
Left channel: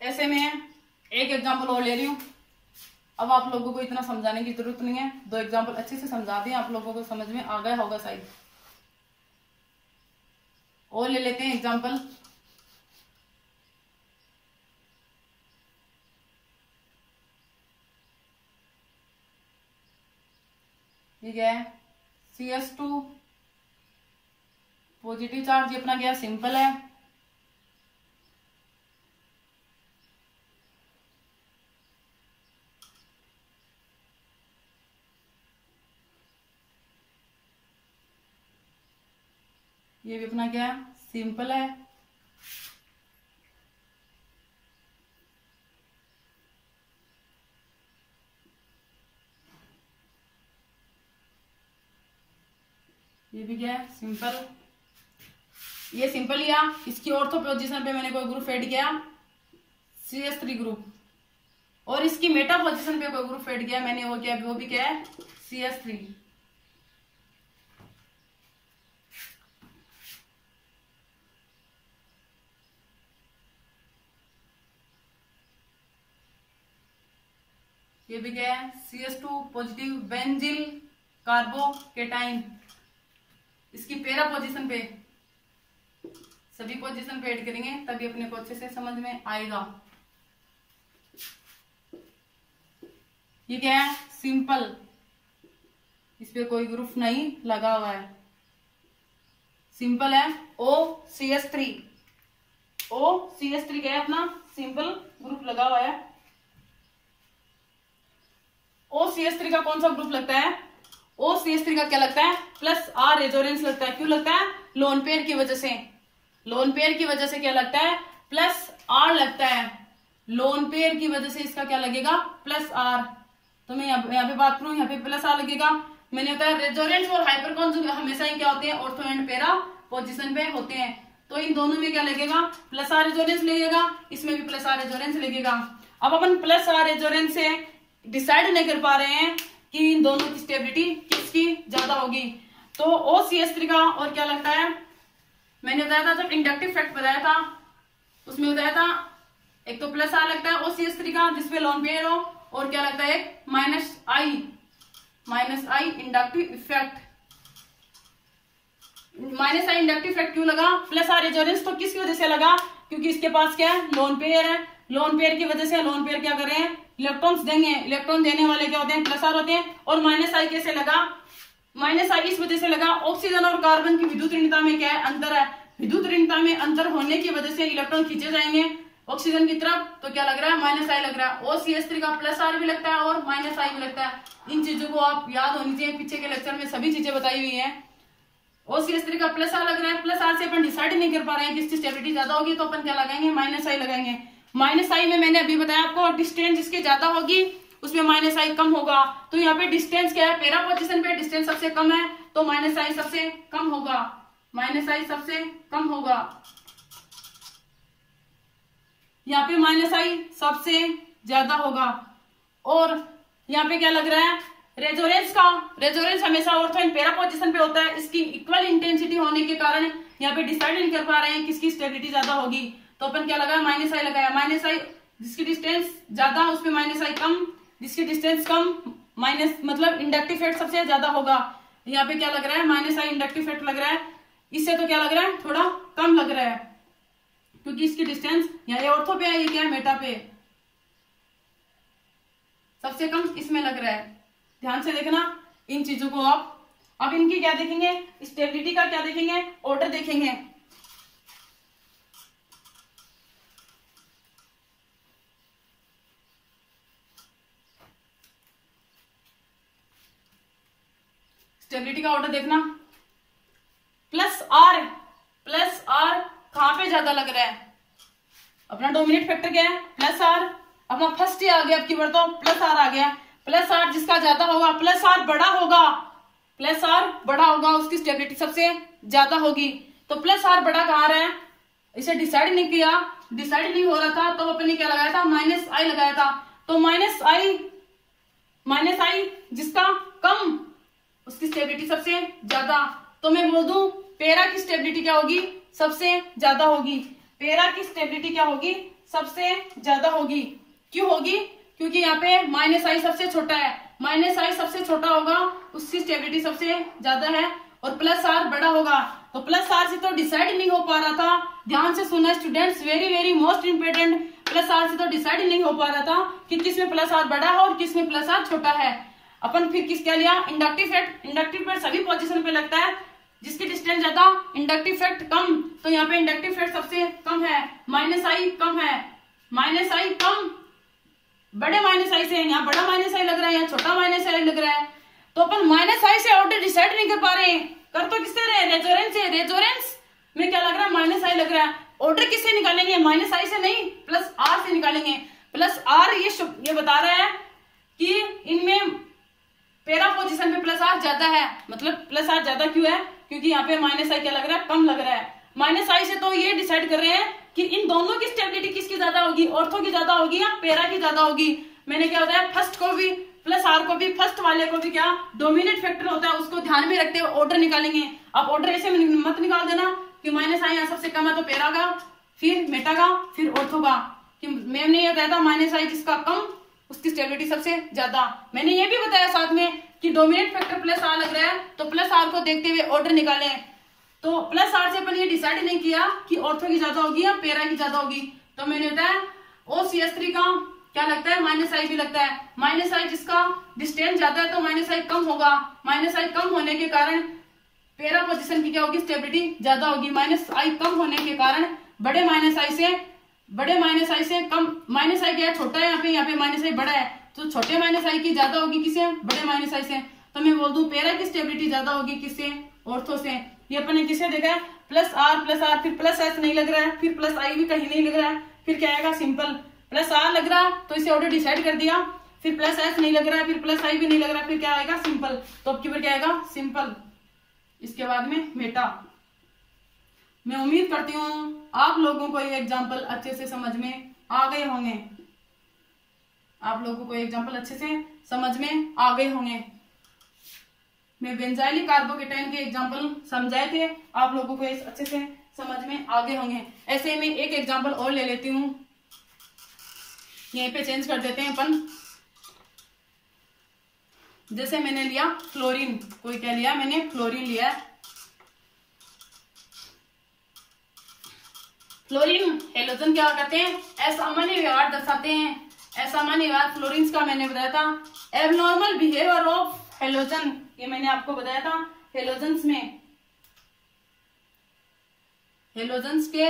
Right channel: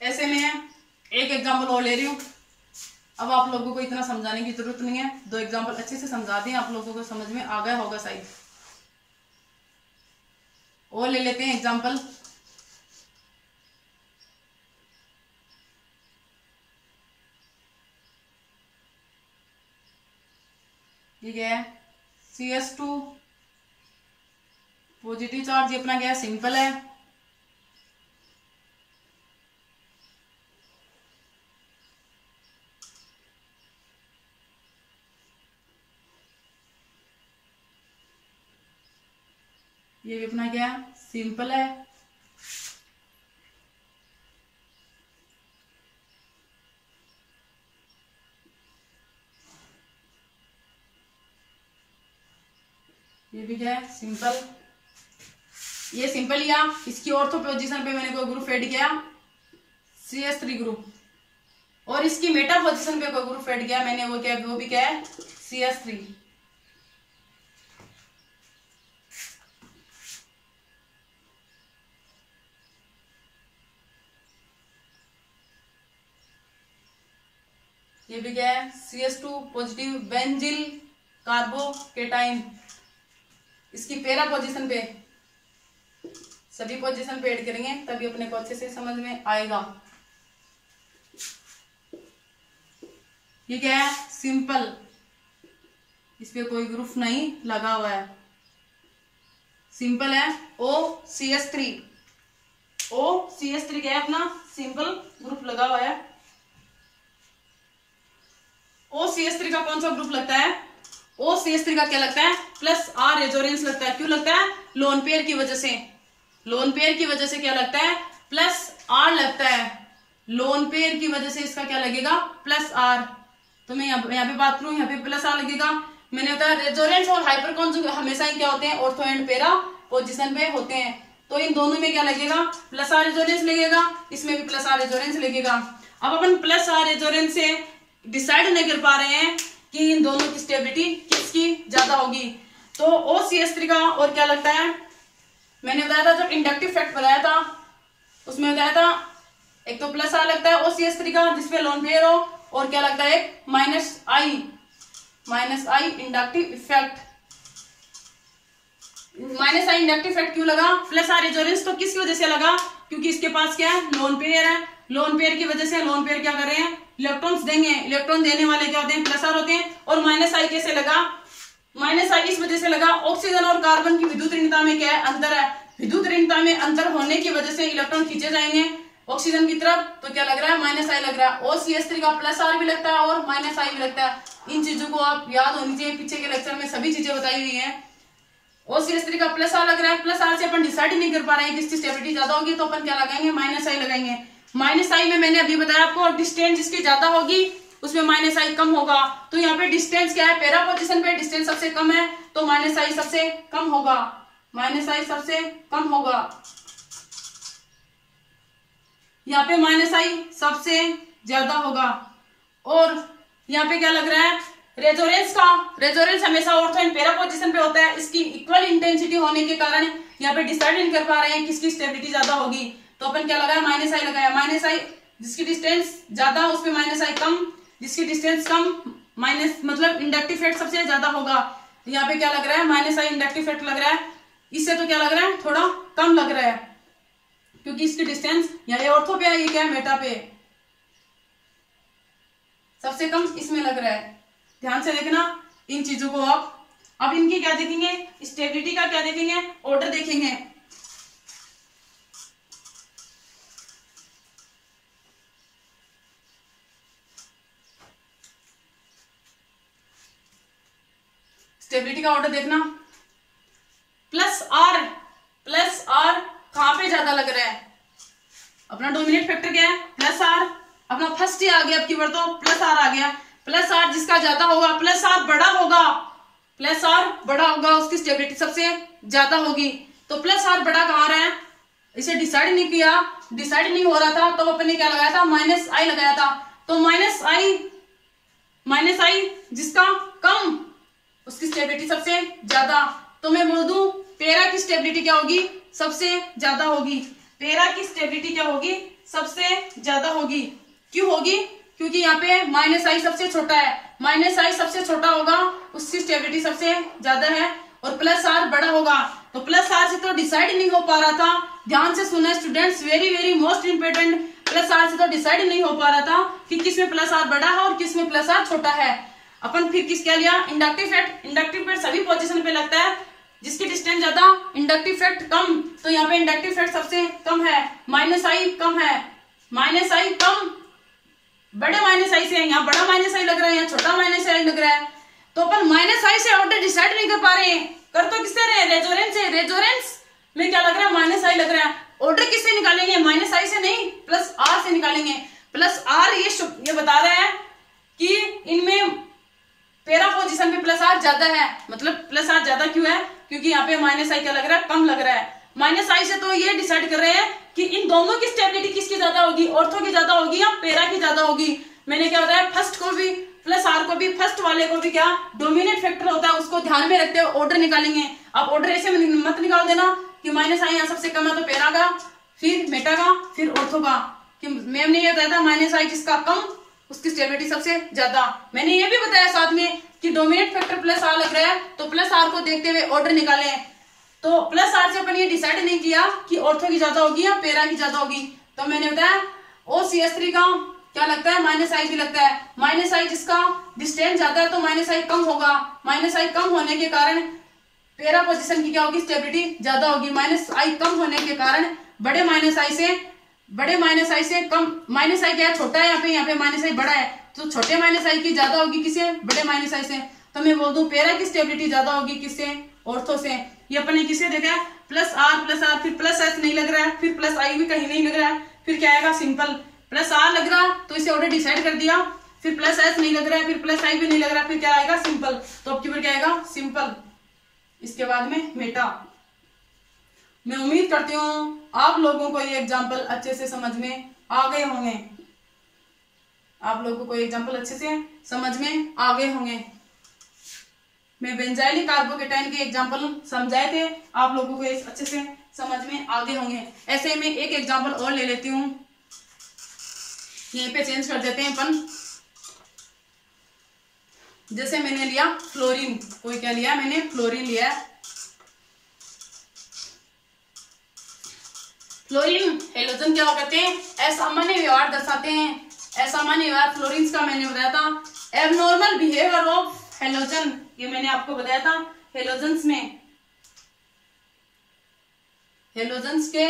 ऐसे में एक एग्जांपल और ले रही हूँ। अब आप लोगों को इतना समझाने की जरूरत नहीं है, दो एग्जांपल अच्छे से समझा दिए, आप लोगों को समझ में आ गया होगा शायद। और ले लेते हैं एग्जांपल। ठीक है, CS2 पॉजिटिव चार्ज, ये अपना क्या है, सिंपल है। ये भी अपना क्या है, सिंपल है। ये भी क्या है, सिंपल। ये सिंपल लिया, इसकी ऑर्थो पोजीशन पे मैंने कोई ग्रुप ऐड किया, CS3 ग्रुप, और इसकी मेटा पोजीशन पे कोई ग्रुप ऐड किया मैंने, वो क्या, वो भी क्या है, CS3। ये भी क्या है, CH2 पॉजिटिव बेंजिल कार्बोकेटाइन। इसकी पैरा पोजीशन पे, सभी पोजीशन पे ऐड करेंगे तभी अपने को अच्छे से समझ में आएगा। ये क्या है, सिंपल, इस पे कोई ग्रुप नहीं लगा हुआ है, सिंपल है। OCH3, OCH3 क्या है अपना, सिंपल ग्रुप लगा हुआ है। OCH3 का कौन सा ग्रुप लगता है, OCH3 का क्या लगता है, प्लस R रेजोनेंस लगता है। क्यों लगता है, लोन पेयर की वजह से, लोन पेयर की वजह से क्या लगता है, प्लस R लगता है। लोन पेयर की वजह से इसका क्या लगेगा, प्लस R। तो मैं यहाँ पे बात करूं, यहाँ पे प्लस R लगेगा। मैंने बताया रेजोनेंस और हाइपर कॉन्जुगेट हमेशा ही क्या होते हैं, ऑर्थो एंड पैरा पोजीशन पे होते हैं। तो इन दोनों में क्या लगेगा, प्लस R रेजोनेंस लगेगा, इसमें भी प्लस R रेजोनेंस लगेगा। अब अपन प्लस R रेजोनेंस से डिसाइड नहीं कर पा रहे हैं कि इन दोनों की स्टेबिलिटी किसकी ज्यादा होगी। तो OCH3 का और क्या लगता है, मैंने बताया था जब इंडक्टिव फैक्ट बताया था उसमें बताया था एक तो प्लस R लगता है OCH3 का जिसपे लोन पेयर हो, और क्या लगता है माइनस आई इंडक्टिव इफेक्ट। माइनस आई इंडक्टिव इफेक्ट क्यों लगा, प्लस R रेजोनेंस तो किसकी वजह से लगा, क्योंकि इसके पास क्या है, लोन पेयर है। लोन पेयर की वजह से लोन पेयर क्या कर रहे हैं, इलेक्ट्रॉन्स देंगे, इलेक्ट्रॉन देने वाले क्या होते हैं, प्लस R होते हैं। और माइनस आई कैसे लगा, माइनस आई इस वजह से लगा, ऑक्सीजन और कार्बन की विद्युत ऋणता में क्या है, अंतर है। विद्युत ऋणता में अंतर होने की वजह से इलेक्ट्रॉन खींचे जाएंगे ऑक्सीजन की तरफ, तो क्या लग रहा है, माइनस आई लग रहा है। OCH3 का प्लस R भी लगता है और माइनस आई भी लगता है। इन चीजों को आप याद होनी चाहिए, पीछे के लेक्चर में सभी चीजें बताई हुई है। OCH3 का प्लस R लग रहा है, प्लस R से अपन डिसाइड नहीं कर पा रहे हैं किसकी स्टेबिलिटी ज्यादा होगी, तो अपन क्या लगाएंगे, माइनस आई लगाएंगे। माइनस आई में मैंने अभी बताया आपको, डिस्टेंस जिसकी ज्यादा होगी उसमें माइनस आई कम होगा। तो यहाँ पे डिस्टेंस क्या है, पैरा पोजीशन पे डिस्टेंस सबसे कम है, तो माइनस आई सबसे कम होगा, माइनस आई सबसे कम होगा। यहाँ पे माइनस आई सबसे ज्यादा होगा। और यहाँ पे क्या लग रहा है, रेजोनेंस हमेशा ऑर्थो एंड पैरा पोजीशन पे होता है। इसकी इक्वल इंटेंसिटी होने के कारण यहाँ पे डिसाइड नहीं कर पा रहे हैं किसकी स्टेबिलिटी ज्यादा होगी, तो अपन क्या लगाया, माइनस आई लगाया। माइनस आई जिसकी डिस्टेंस ज्यादा उसपे माइनस आई कम, जिसकी डिस्टेंस कम माइनस मतलब इंडक्टिव इफेक्ट सबसे ज्यादा होगा। यहाँ पे क्या लग रहा है, माइनस आई इंडक्टिव इफेक्ट लग रहा है। इससे तो क्या लग रहा है, थोड़ा कम लग रहा है, क्योंकि इसकी डिस्टेंस यहाँ ऑर्थो पे है, ये क्या है, मेटा पे, सबसे कम इसमें लग रहा है। ध्यान से देखना इन चीजों को आप। अब इनकी क्या देखेंगे, स्टेबिलिटी का क्या देखेंगे, ऑर्डर देखेंगे। स्टेबिलिटी का ऑर्डर देखना, प्लस आर कहां पे ज्यादा लग रहा है, अपना डोमिनेट फैक्टर क्या है, प्लस आर। अपना फर्स्ट ही आ गया, अब की बार तो प्लस आर आ गया। प्लस आर जिसका ज्यादा होगा, प्लस आर बड़ा होगा, प्लस आर बड़ा होगा, उसकी स्टेबिलिटी सबसे ज्यादा होगी। तो प्लस आर बड़ा कहाँ रहा है, इसे डिसाइड नहीं किया, डिसाइड नहीं हो रहा था, तो अपन ने क्या लगाया था, माइनस आई लगाया था। तो माइनस आई जिसका कम उसकी स्टेबिलिटी सबसे ज्यादा। तो मैं बोल दूं पैरा की स्टेबिलिटी क्या होगी, सबसे ज्यादा होगी। पैरा की स्टेबिलिटी क्या होगी, सबसे ज्यादा होगी। क्यों होगी, क्योंकि यहाँ पे माइनस आई सबसे छोटा है, माइनस आई सबसे छोटा होगा, उसकी स्टेबिलिटी सबसे ज्यादा है। और प्लस आर बड़ा होगा, तो प्लस आर से तो डिसाइड नहीं हो पा रहा था। ध्यान से सुना students, very very most important, plus R से तो डिसाइड नहीं हो पा रहा था कि किसमें प्लस आर बड़ा है और किसमें प्लस आर छोटा है। अपन फिर किस क्या लिया, इंडक्टिव फैक्ट। इंडक्टिव फैक्ट सभी पोजीशन पे लगता है, जिसकी डिस्टेंस ज्यादा इंडक्टिव फैक्ट कम, तो यहाँ पे इंडक्टिव फैक्ट सबसे कम है, माइनस आई कम है, माइनस आई कम बड़े माइनस आई से, यहाँ बड़ा माइनस आई लग रहा है, यहाँ छोटा माइनस आई लग रहा है। तो अपन माइनस आई से ऑर्डर डिसाइड नहीं कर पा रहे हैं, कर तो किससे रहे, रेजोनेंस से। रेजोनेंस में क्या लग रहा है, माइनस आई लग रहा है। ऑर्डर किससे निकालेंगे, माइनस आई से नहीं, प्लस आर से निकालेंगे। प्लस आर ये बता रहे हैं कि इनमें पैरा पोजीशन पे प्लस आर ज्यादा है, मतलब प्लस आर ज्यादा क्यों है, क्योंकि यहाँ पे माइनस आई क्या लग रहा है, कम लग रहा है। माइनस आई से तो ये डिसाइड कर रहे हैं कि इन दोनों की स्टेबिलिटी किसकी ज्यादा होगी, ऑर्थो की ज्यादा होगी या पैरा की ज्यादा होगी। मैंने क्या बताया, फर्स्ट को भी प्लस आर को भी, फर्स्ट वाले को भी क्या डोमिनेट फैक्टर होता है, उसको ध्यान में रखते हुए ऑर्डर निकालेंगे। आप ऑर्डर ऐसे मत निकाल देना कि माइनस आई यहाँ सबसे कम है तो पैरा का, फिर मेटा का, फिर ऑर्थो का। कि मैम ने ये बताया था माइनस आई जिसका कम उसकी स्टेबिलिटी सबसे ज्यादा। मैंने ये भी बताया साथ में कि डोमिनेट फैक्टर प्लस आर लग रहा है, तो प्लस आर को देखते हुए ऑर्डर निकालें। तो प्लस आर से अपन ये डिसाइड नहीं किया कि ऑर्थो की ज्यादा होगी या पैरा की ज्यादा होगी। तो मैंने बताया OCH3 का क्या लगता है, माइनस आई भी लगता है। माइनस आई जिसका डिस्टेंस ज्यादा है तो माइनस आई कम होगा। माइनस आई कम होने के कारण पैरा पोजीशन की क्या होगी, स्टेबिलिटी ज्यादा होगी। माइनस आई कम होने के कारण बड़े माइनस आई से कम, माइनस आई क्या छोटा है, यहाँ पे माइनस आई बड़ा है, तो छोटे माइनस आई की ज्यादा होगी किससे, बड़े माइनस आई से। तो मैं बोल दूं पैरा की स्टेबिलिटी ज्यादा होगी किससे, ऑर्थो से। ये अपन ने किसे देखा है, प्लस आर, फिर प्लस एस नहीं लग रहा है, फिर प्लस आई भी कहीं नहीं लग रहा है, फिर क्या आएगा, सिंपल। प्लस आर लग रहा तो इसे ऑर्डर डिसाइड कर दिया, फिर प्लस एस नहीं लग रहा है, फिर प्लस आई भी नहीं लग रहा है, फिर क्या आएगा, सिंपल। तो अब की बार क्या आएगा, सिंपल। इसके बाद में मेटा। मैं उम्मीद करती हूँ आप लोगों को ये एग्जाम्पल अच्छे से समझ में आ गए होंगे। आप लोगों को एग्जाम्पल अच्छे से समझ में आ गए होंगे। मैं बेंजाइलिक कार्बोकेटाइन के एग्जाम्पल समझाए थे, आप लोगों को अच्छे से समझ में आ गए होंगे। ऐसे ही मैं एक एग्जाम्पल और ले लेती हूँ, यहीं पे चेंज कर देते हैं अपन। जैसे मैंने लिया फ्लोरीन, कोई क्या लिया, मैंने फ्लोरीन लिया। फ्लोरीन हेलोजन क्या करते हैं, असामान्य व्यवहार दर्शाते हैं। असामान्य व्यवहार फ्लोरीन का मैंने बताया था। एबनॉर्मल बिहेवियर ऑफ हेलोजन, ये मैंने आपको बताया था। हेलोजन्स में, हेलोजन्स के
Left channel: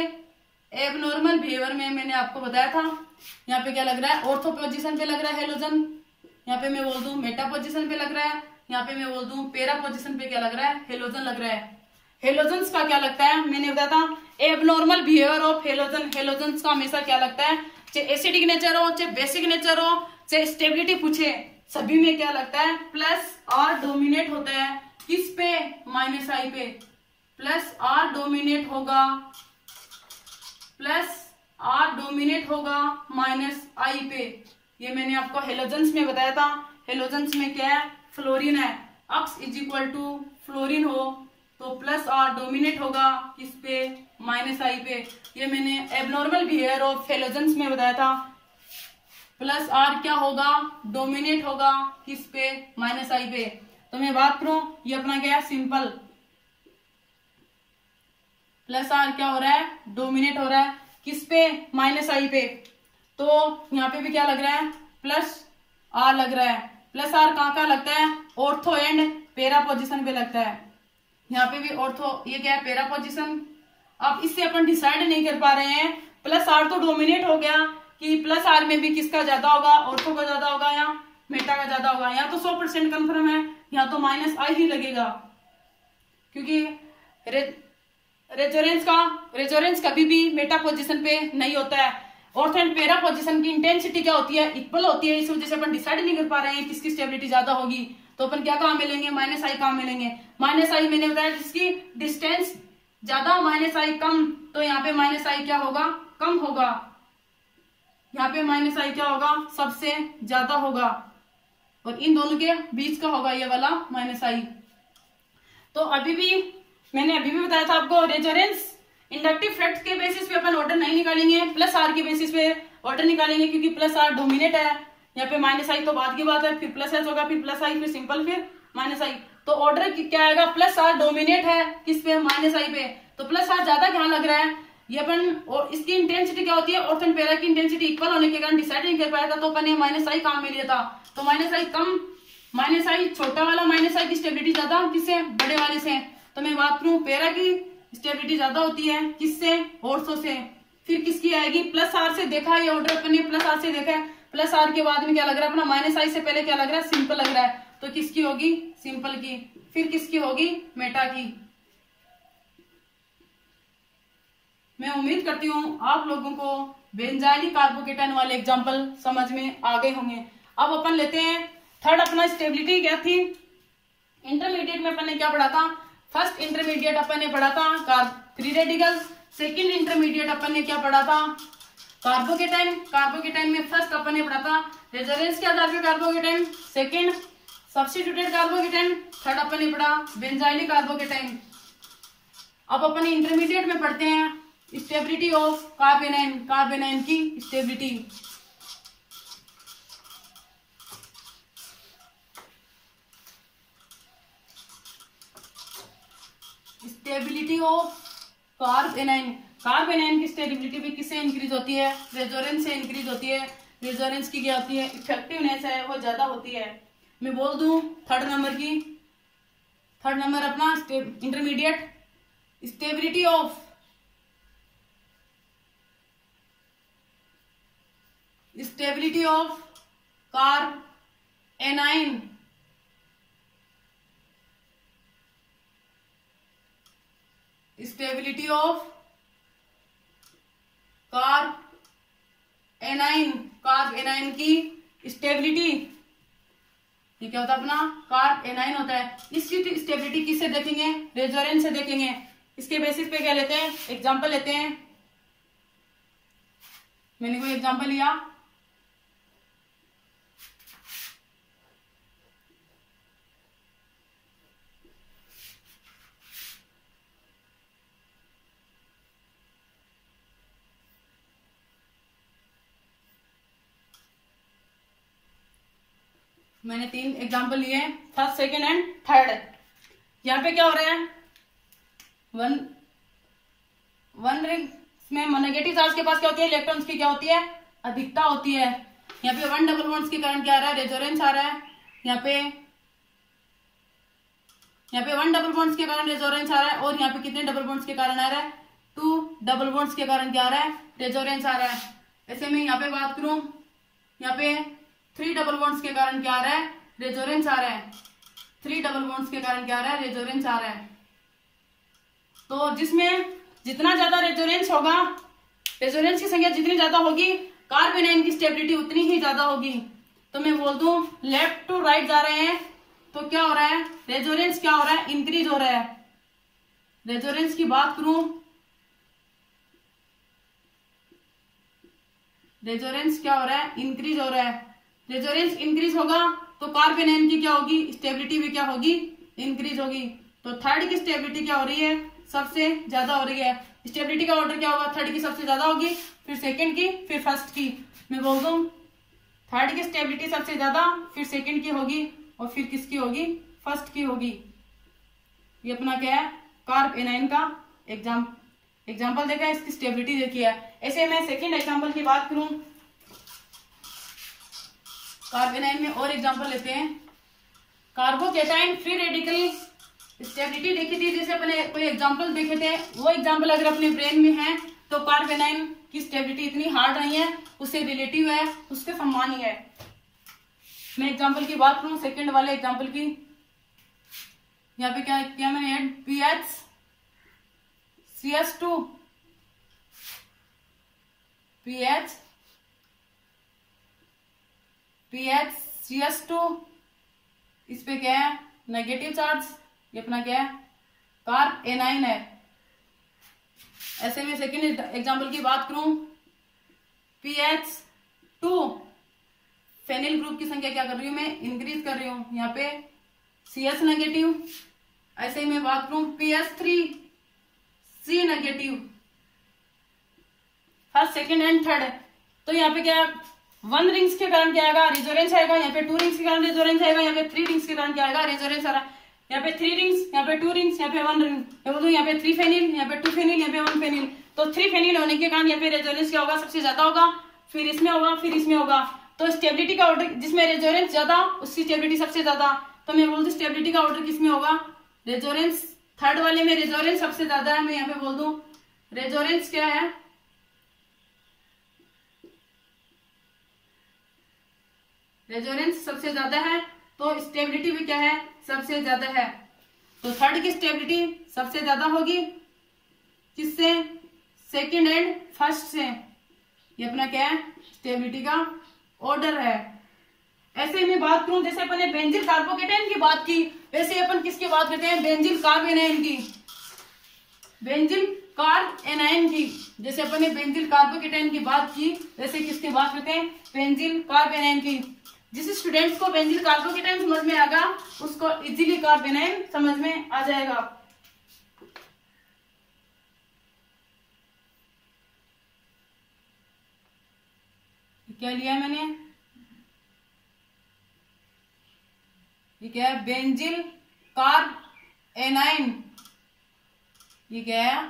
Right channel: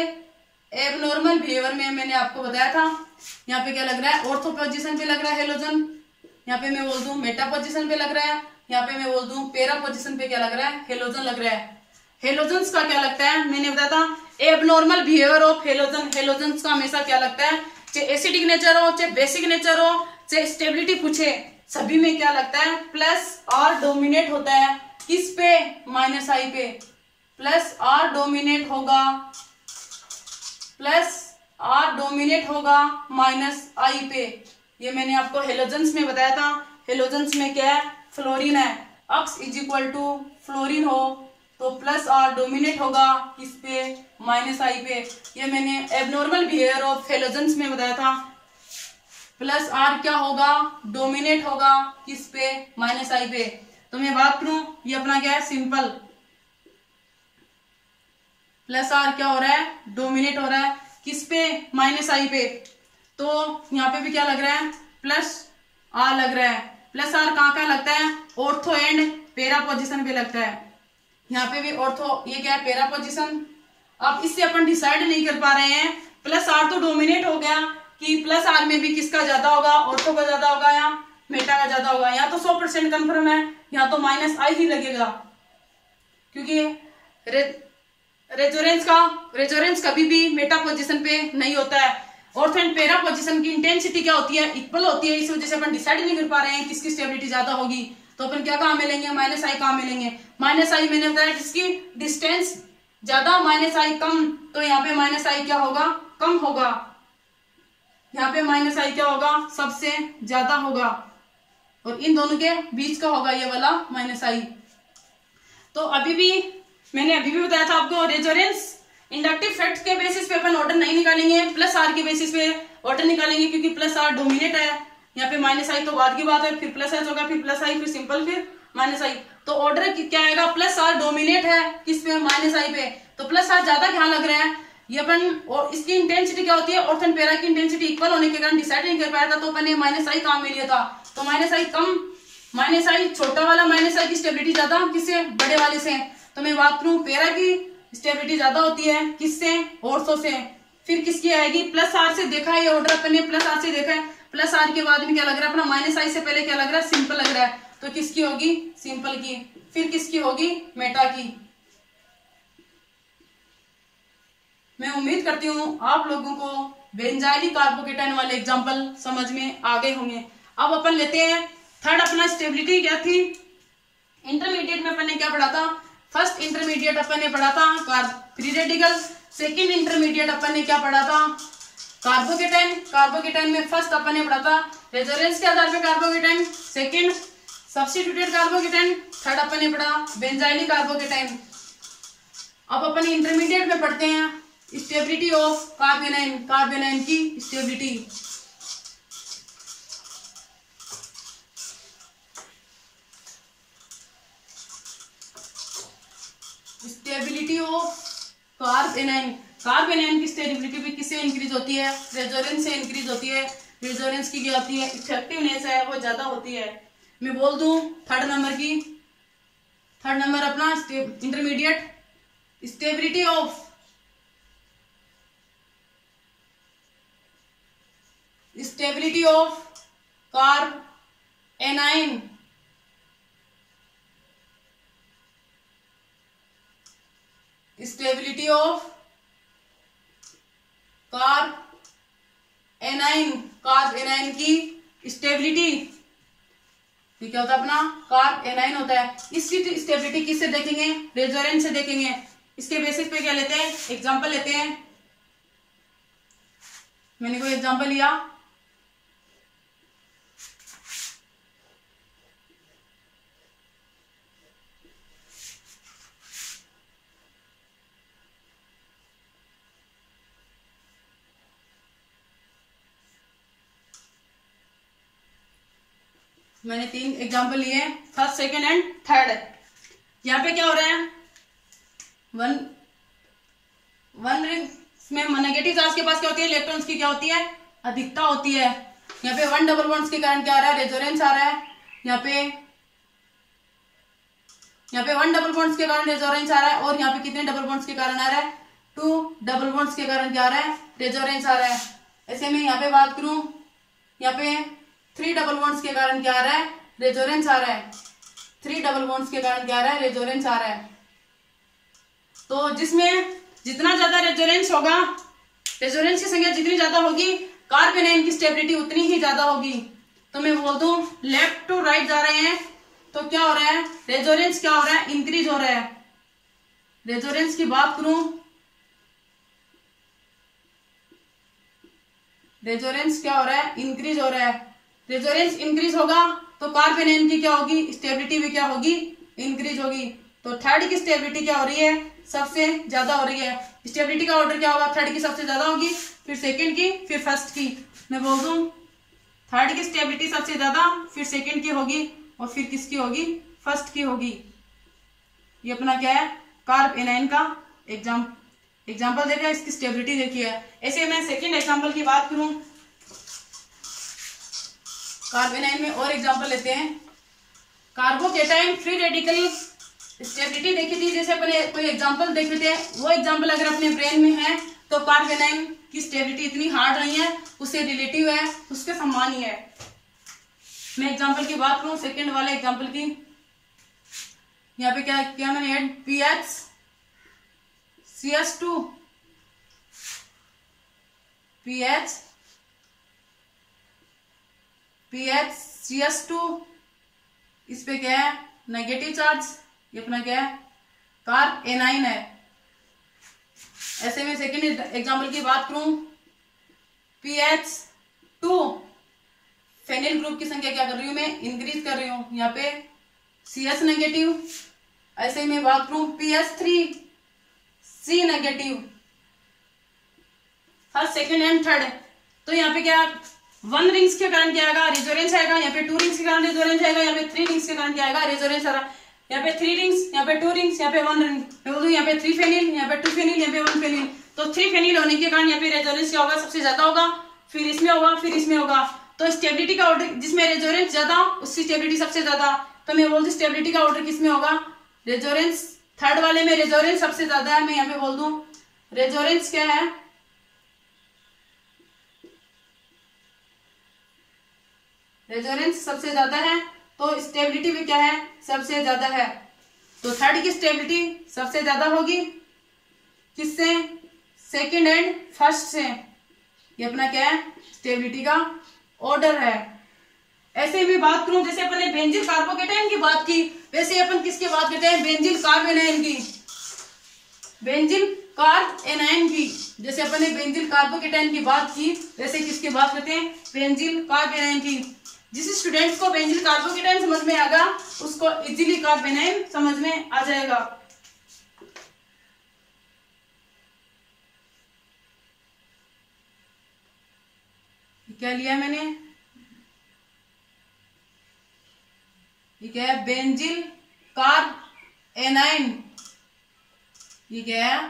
एबनॉर्मल बिहेवियर में मैंने आपको बताया था। यहाँ पे क्या लग रहा है, ऑर्थो पोजीशन पे लग रहा है हेलोजन। यहाँ पे मैं बोल दूं मेटा पोजीशन पे लग रहा है। यहाँ पे मैं बोल दूं पैरा पोजीशन पे क्या लग रहा है, हेलोजन लग रहा है। हेलोजन्स का क्या लगता है, मैंने बताया था abnormal behaviour of halogen. Halogens का हमेशा क्या लगता है, चाहे एसिडिक नेचर हो, चाहे बेसिक नेचर हो, चाहे स्टेबिलिटी पूछे, सभी में क्या लगता है, प्लस आर डोमिनेट होता है। किस पे, माइनस आई पे। प्लस आर डोमिनेट होगा, प्लस आर डोमिनेट होगा माइनस आई पे। ये मैंने आपको हेलोजन्स में बताया था। हेलोजन्स में क्या है, फ्लोरीन है। अक्स इज इक्वल टू फ्लोरीन हो तो प्लस आर डोमिनेट होगा किस पे, माइनस आई पे। ये मैंने एबनॉर्मल बिहेवियर ऑफ हेलोजन्स में बताया था। प्लस आर क्या होगा, डोमिनेट होगा किस पे, माइनस आई पे। तो मैं बात करूं, ये अपना क्या है, सिंपल। प्लस आर क्या हो रहा है, डोमिनेट हो रहा है किस पे, माइनस आई पे। तो यहाँ पे भी क्या लग रहा है, प्लस आर लग रहा है। प्लस आर कहाँ का लगता है, ऑर्थो एंड पैरा पोजीशन पे लगता है। यहाँ पे भी ऑर्थो, ये क्या है, पैरा पोजीशन। अब इससे अपन डिसाइड नहीं कर पा रहे हैं, प्लस आर तो डोमिनेट हो गया कि प्लस आर में भी किसका ज्यादा होगा, ऑर्थो का ज्यादा होगा या मेटा का ज्यादा होगा। यहाँ तो 100% कंफर्म है, यहाँ तो माइनस आई ही लगेगा, क्योंकि रेजोनेंस कभी भी मेटा पोजीशन पे नहीं होता है। ऑर्थो एंड पैरा पोजीशन की इंटेंसिटी क्या होती है, इक्वल होती है। इस वजह से अपन डिसाइड नहीं कर पा रहे हैं किसकी स्टेबिलिटी ज्यादा होगी। तो अपन क्या कहाँ मिलेंगे, माइनस आई कहाँ मिलेंगे। माइनस आई मैंने बताया जिसकी डिस्टेंस ज्यादा, माइनस आई कम, तो यहाँ पे माइनस आई क्या होगा, कम होगा। यहाँ पे माइनस आई क्या होगा, सबसे ज्यादा होगा, और इन दोनों के बीच का होगा ये वाला माइनस आई। तो मैंने अभी भी बताया था आपको, रेजोनेंस इंडक्टिव फैक्ट के बेसिस पे अपन ऑर्डर नहीं निकालेंगे, प्लस आर के बेसिस पे ऑर्डर निकालेंगे, क्योंकि प्लस आर डोमिनेट है। यहाँ पे माइनस आई तो बाद की बात है, फिर प्लस एस होगा, फिर प्लस आई, फिर सिंपल, फिर माइनस आई। तो ऑर्डर क्या आएगा, प्लस आर डोमिनेट है किस पे, माइनस आई पे। तो प्लस आर ज्यादा क्या लग रहा है, ये अपन, और इसकी इंटेंसिटी क्या होती है, ऑर्थो एंड पैरा की इंटेंसिटी इक्वल होने के कारण डिसाइड नहीं कर पाया था। तो अपन ने माइनस आई काम में लिया था। तो माइनस आई कम, माइनस आई छोटा वाला माइनस आई की स्टेबिलिटी ज्यादा किससे, बड़े वाले से। तो मैं बात करूं, पैरा की स्टेबिलिटी ज्यादा होती है किससे, ऑर्थो से। फिर किसकी आएगी, प्लस आर से देखा है ये ऑर्डर अपन ने, प्लस आर से देखा है। प्लस आर के बाद में क्या लग रहा है अपना, माइनस आई से पहले क्या लग रहा है, सिंपल लग रहा है। तो किसकी होगी, सिंपल की। फिर किसकी होगी, मेटा की। मैं उम्मीद करती हूँ आप लोगों को बेंजाइलिक कार्बोकेटाइन वाले एग्जाम्पल समझ में आ गए होंगे। अब अपन लेते हैं थर्ड, अपना स्टेबिलिटी क्या थी। इंटरमीडिएट में अपन ने क्या पढ़ा था, फर्स्ट इंटरमीडिएट अपन ने पढ़ा था फ्री रेडिकल। सेकंड इंटरमीडिएट अपन ने क्या पढ़ा था, कार्बोकेटाइन। कार्बोकेटाइन में फर्स्ट अपन ने पढ़ा था रेजोनेंस के आधार पर carbocation, second substituted carbocation, third अपन ने पढ़ा बेंजाइलिक कार्बोकेटाइन। अब अपन इंटरमीडिएट में पढ़ते हैं स्टेबिलिटी ऑफ कार्बेनाइन, कार्बेनाइन की stability. Stability of carb A9. Carb A9 की स्टेबिलिटी भी किससे इंक्रीज होती है? रेजोनेंस से इंक्रीज होती है। रेजोनेंस की क्या होती है? इफेक्टिवनेस है वो ज्यादा होती है। मैं बोल दूं थर्ड नंबर अपना intermediate stability of carb A9. Stability of carb A9 की स्टेबिलिटी, ये क्या होता है अपना? कार्ब एनाइन होता है। इसकी स्टेबिलिटी किससे देखेंगे? रेजोनेंस से देखेंगे। इसके बेसिस पे क्या लेते हैं? एग्जांपल लेते हैं। मैंने कोई एग्जांपल लिया, मैंने 3 एग्जांपल लिए हैं, फर्स्ट, सेकंड एंड थर्ड। यहाँ पे क्या हो रहा है? वन रिंग में नेगेटिव चार्ज के पास क्या होती है? इलेक्ट्रॉन्स की क्या होती है? अधिकता होती है। यहाँ पे 1 डबल बॉन्ड्स के कारण क्या आ रहा है? रेजोनेंस आ रहा है। यहाँ पे 1 डबल बॉन्ड्स के कारण रेजोनेंस आ रहा है। और यहाँ पे कितने डबल बॉन्ड्स के कारण आ रहा है? 2 डबल बॉन्ड्स के कारण क्या आ रहा है? रेजोनेंस आ रहा है। ऐसे में यहाँ पे बात करूं, यहाँ पे 3 डबल बॉन्ड्स के कारण क्या आ रहा है? रेजोनेंस आ रहा है। 3 डबल बॉन्ड्स के कारण क्या आ रहा है? रेजोनेंस आ रहा है। तो जिसमें जितना ज्यादा रेजोनेंस होगा, रेजोनेंस की संख्या जितनी ज्यादा होगी, कार्ब एनाइन की स्टेबिलिटी उतनी ही ज्यादा होगी। तो मैं बोल दूं लेफ्ट टू राइट जा रहे हैं तो क्या हो रहा है? रेजोनेंस क्या हो रहा है? इंक्रीज हो रहा है। रेजोनेंस की बात करूं, रेजोनेंस क्या हो रहा है? इंक्रीज हो रहा है। रेजोनेंस इंक्रीज होगा तो कार्ब एनाइन की क्या होगी? स्टेबिलिटी भी क्या होगी? इंक्रीज होगी। तो थर्ड की स्टेबिलिटी क्या हो रही है? सबसे ज्यादा हो रही है। स्टेबिलिटी का ऑर्डर क्या होगा? थर्ड की सबसे ज्यादा होगी, फिर सेकंड की, फिर फर्स्ट की। मैं बोल दूं थर्ड की स्टेबिलिटी सबसे ज्यादा, फिर सेकंड की होगी और फिर किसकी होगी? फर्स्ट की होगी। ये अपना क्या है? कार्ब एनाइन का एग्जाम्पल देखा, इसकी स्टेबिलिटी देखी है। ऐसे मैं सेकंड एग्जाम्पल की बात करूं, कार्ब एनाइन में और एग्जाम्पल लेते हैं। कार्बोकेटाइन फ्री रेडिकल स्टेबिलिटी देखी थी, जैसे अपने कोई एग्जाम्पल देखे थे, वो एग्जाम्पल अगर अपने ब्रेन में है तो कार्ब एनाइन की स्टेबिलिटी इतनी हार्ड नहीं है, उससे रिलेटिव है, उसके समान ही है। मैं एग्जाम्पल की बात करूं, सेकंड वाले एग्जाम्पल की, यहाँ पे क्या क्या मैंने ऐड? PHCS2 PHCS2, इस पे क्या है? Negative charge. ये अपना क्या है? कार्ब एनाइन है। ऐसे में सेकंड एग्जांपल की बात करूं, PH2, फेनिल ग्रुप की संख्या क्या कर रही हूं मैं? इंक्रीज कर रही हूं। यहाँ पे CS नेगेटिव। ऐसे ही मैं बात करूं PH3C negative, first, second and third. तो यहाँ पे क्या 1 रिंग्स के कारण क्या आएगा? रेजोनेंस आएगा। यहाँ पे 2 रिंग्स के कारण रेजोनेंस आएगा। यहाँ पे 3 रिंग्स के कारण क्या आएगा? रेजोनेंस आ रहा। यहाँ पे 3 रिंग्स, यहाँ पे 2 रिंग्स, यहाँ पे 1 रिंग। मैं बोलूँ यहाँ पे 3 फेनिल, यहाँ पे 2 फेनिल, यहाँ पे 1 फेनिल। तो 3 फेनिल होने के कारण यहाँ पे रेजोनेंस क्या होगा? सबसे ज्यादा होगा, फिर इसमें होगा, फिर इसमें होगा। तो स्टेबिलिटी का ऑर्डर जिसमें रेजोनेंस ज्यादा, उसकी स्टेबिलिटी सबसे ज्यादा। तो मैं बोलती स्टेबिलिटी का ऑर्डर किसमें होगा? रेजोनेंस, थर्ड वाले में रेजोनेंस सबसे ज्यादा है। मैं यहाँ पे बोल दूं रेजोनेंस क्या है? रेजोनेंस सबसे ज्यादा है, तो स्टेबिलिटी भी क्या है? सबसे ज्यादा है। तो थर्ड की स्टेबिलिटी सबसे ज्यादा होगी, किससे? सेकंड एंड फर्स्ट से। ये अपना क्या है? स्टेबिलिटी का ऑर्डर है। ऐसे ही मैं बात करूं, जैसे अपन ने बेंजील कार्बोकेटाइन की बात की, वैसे अपन किसकी बात करते हैं? बेंजील कार्ब एनाइन की। बेंजील कार्ब एनाइन की, जैसे अपन ने बेंजील कार्बोकेटाइन की बात की, वैसे किसकी बात करते हैं? बेंजील कार्ब एनाइन की। जिस स्टूडेंट्स को बेंजील कार्बोकेटाइन समझ में आएगा, उसको इजीली कार्ब एनाइन समझ में आ जाएगा। क्या लिया मैंने? ये क्या है? बेंजील कार्ब एनाइन। ये क्या है,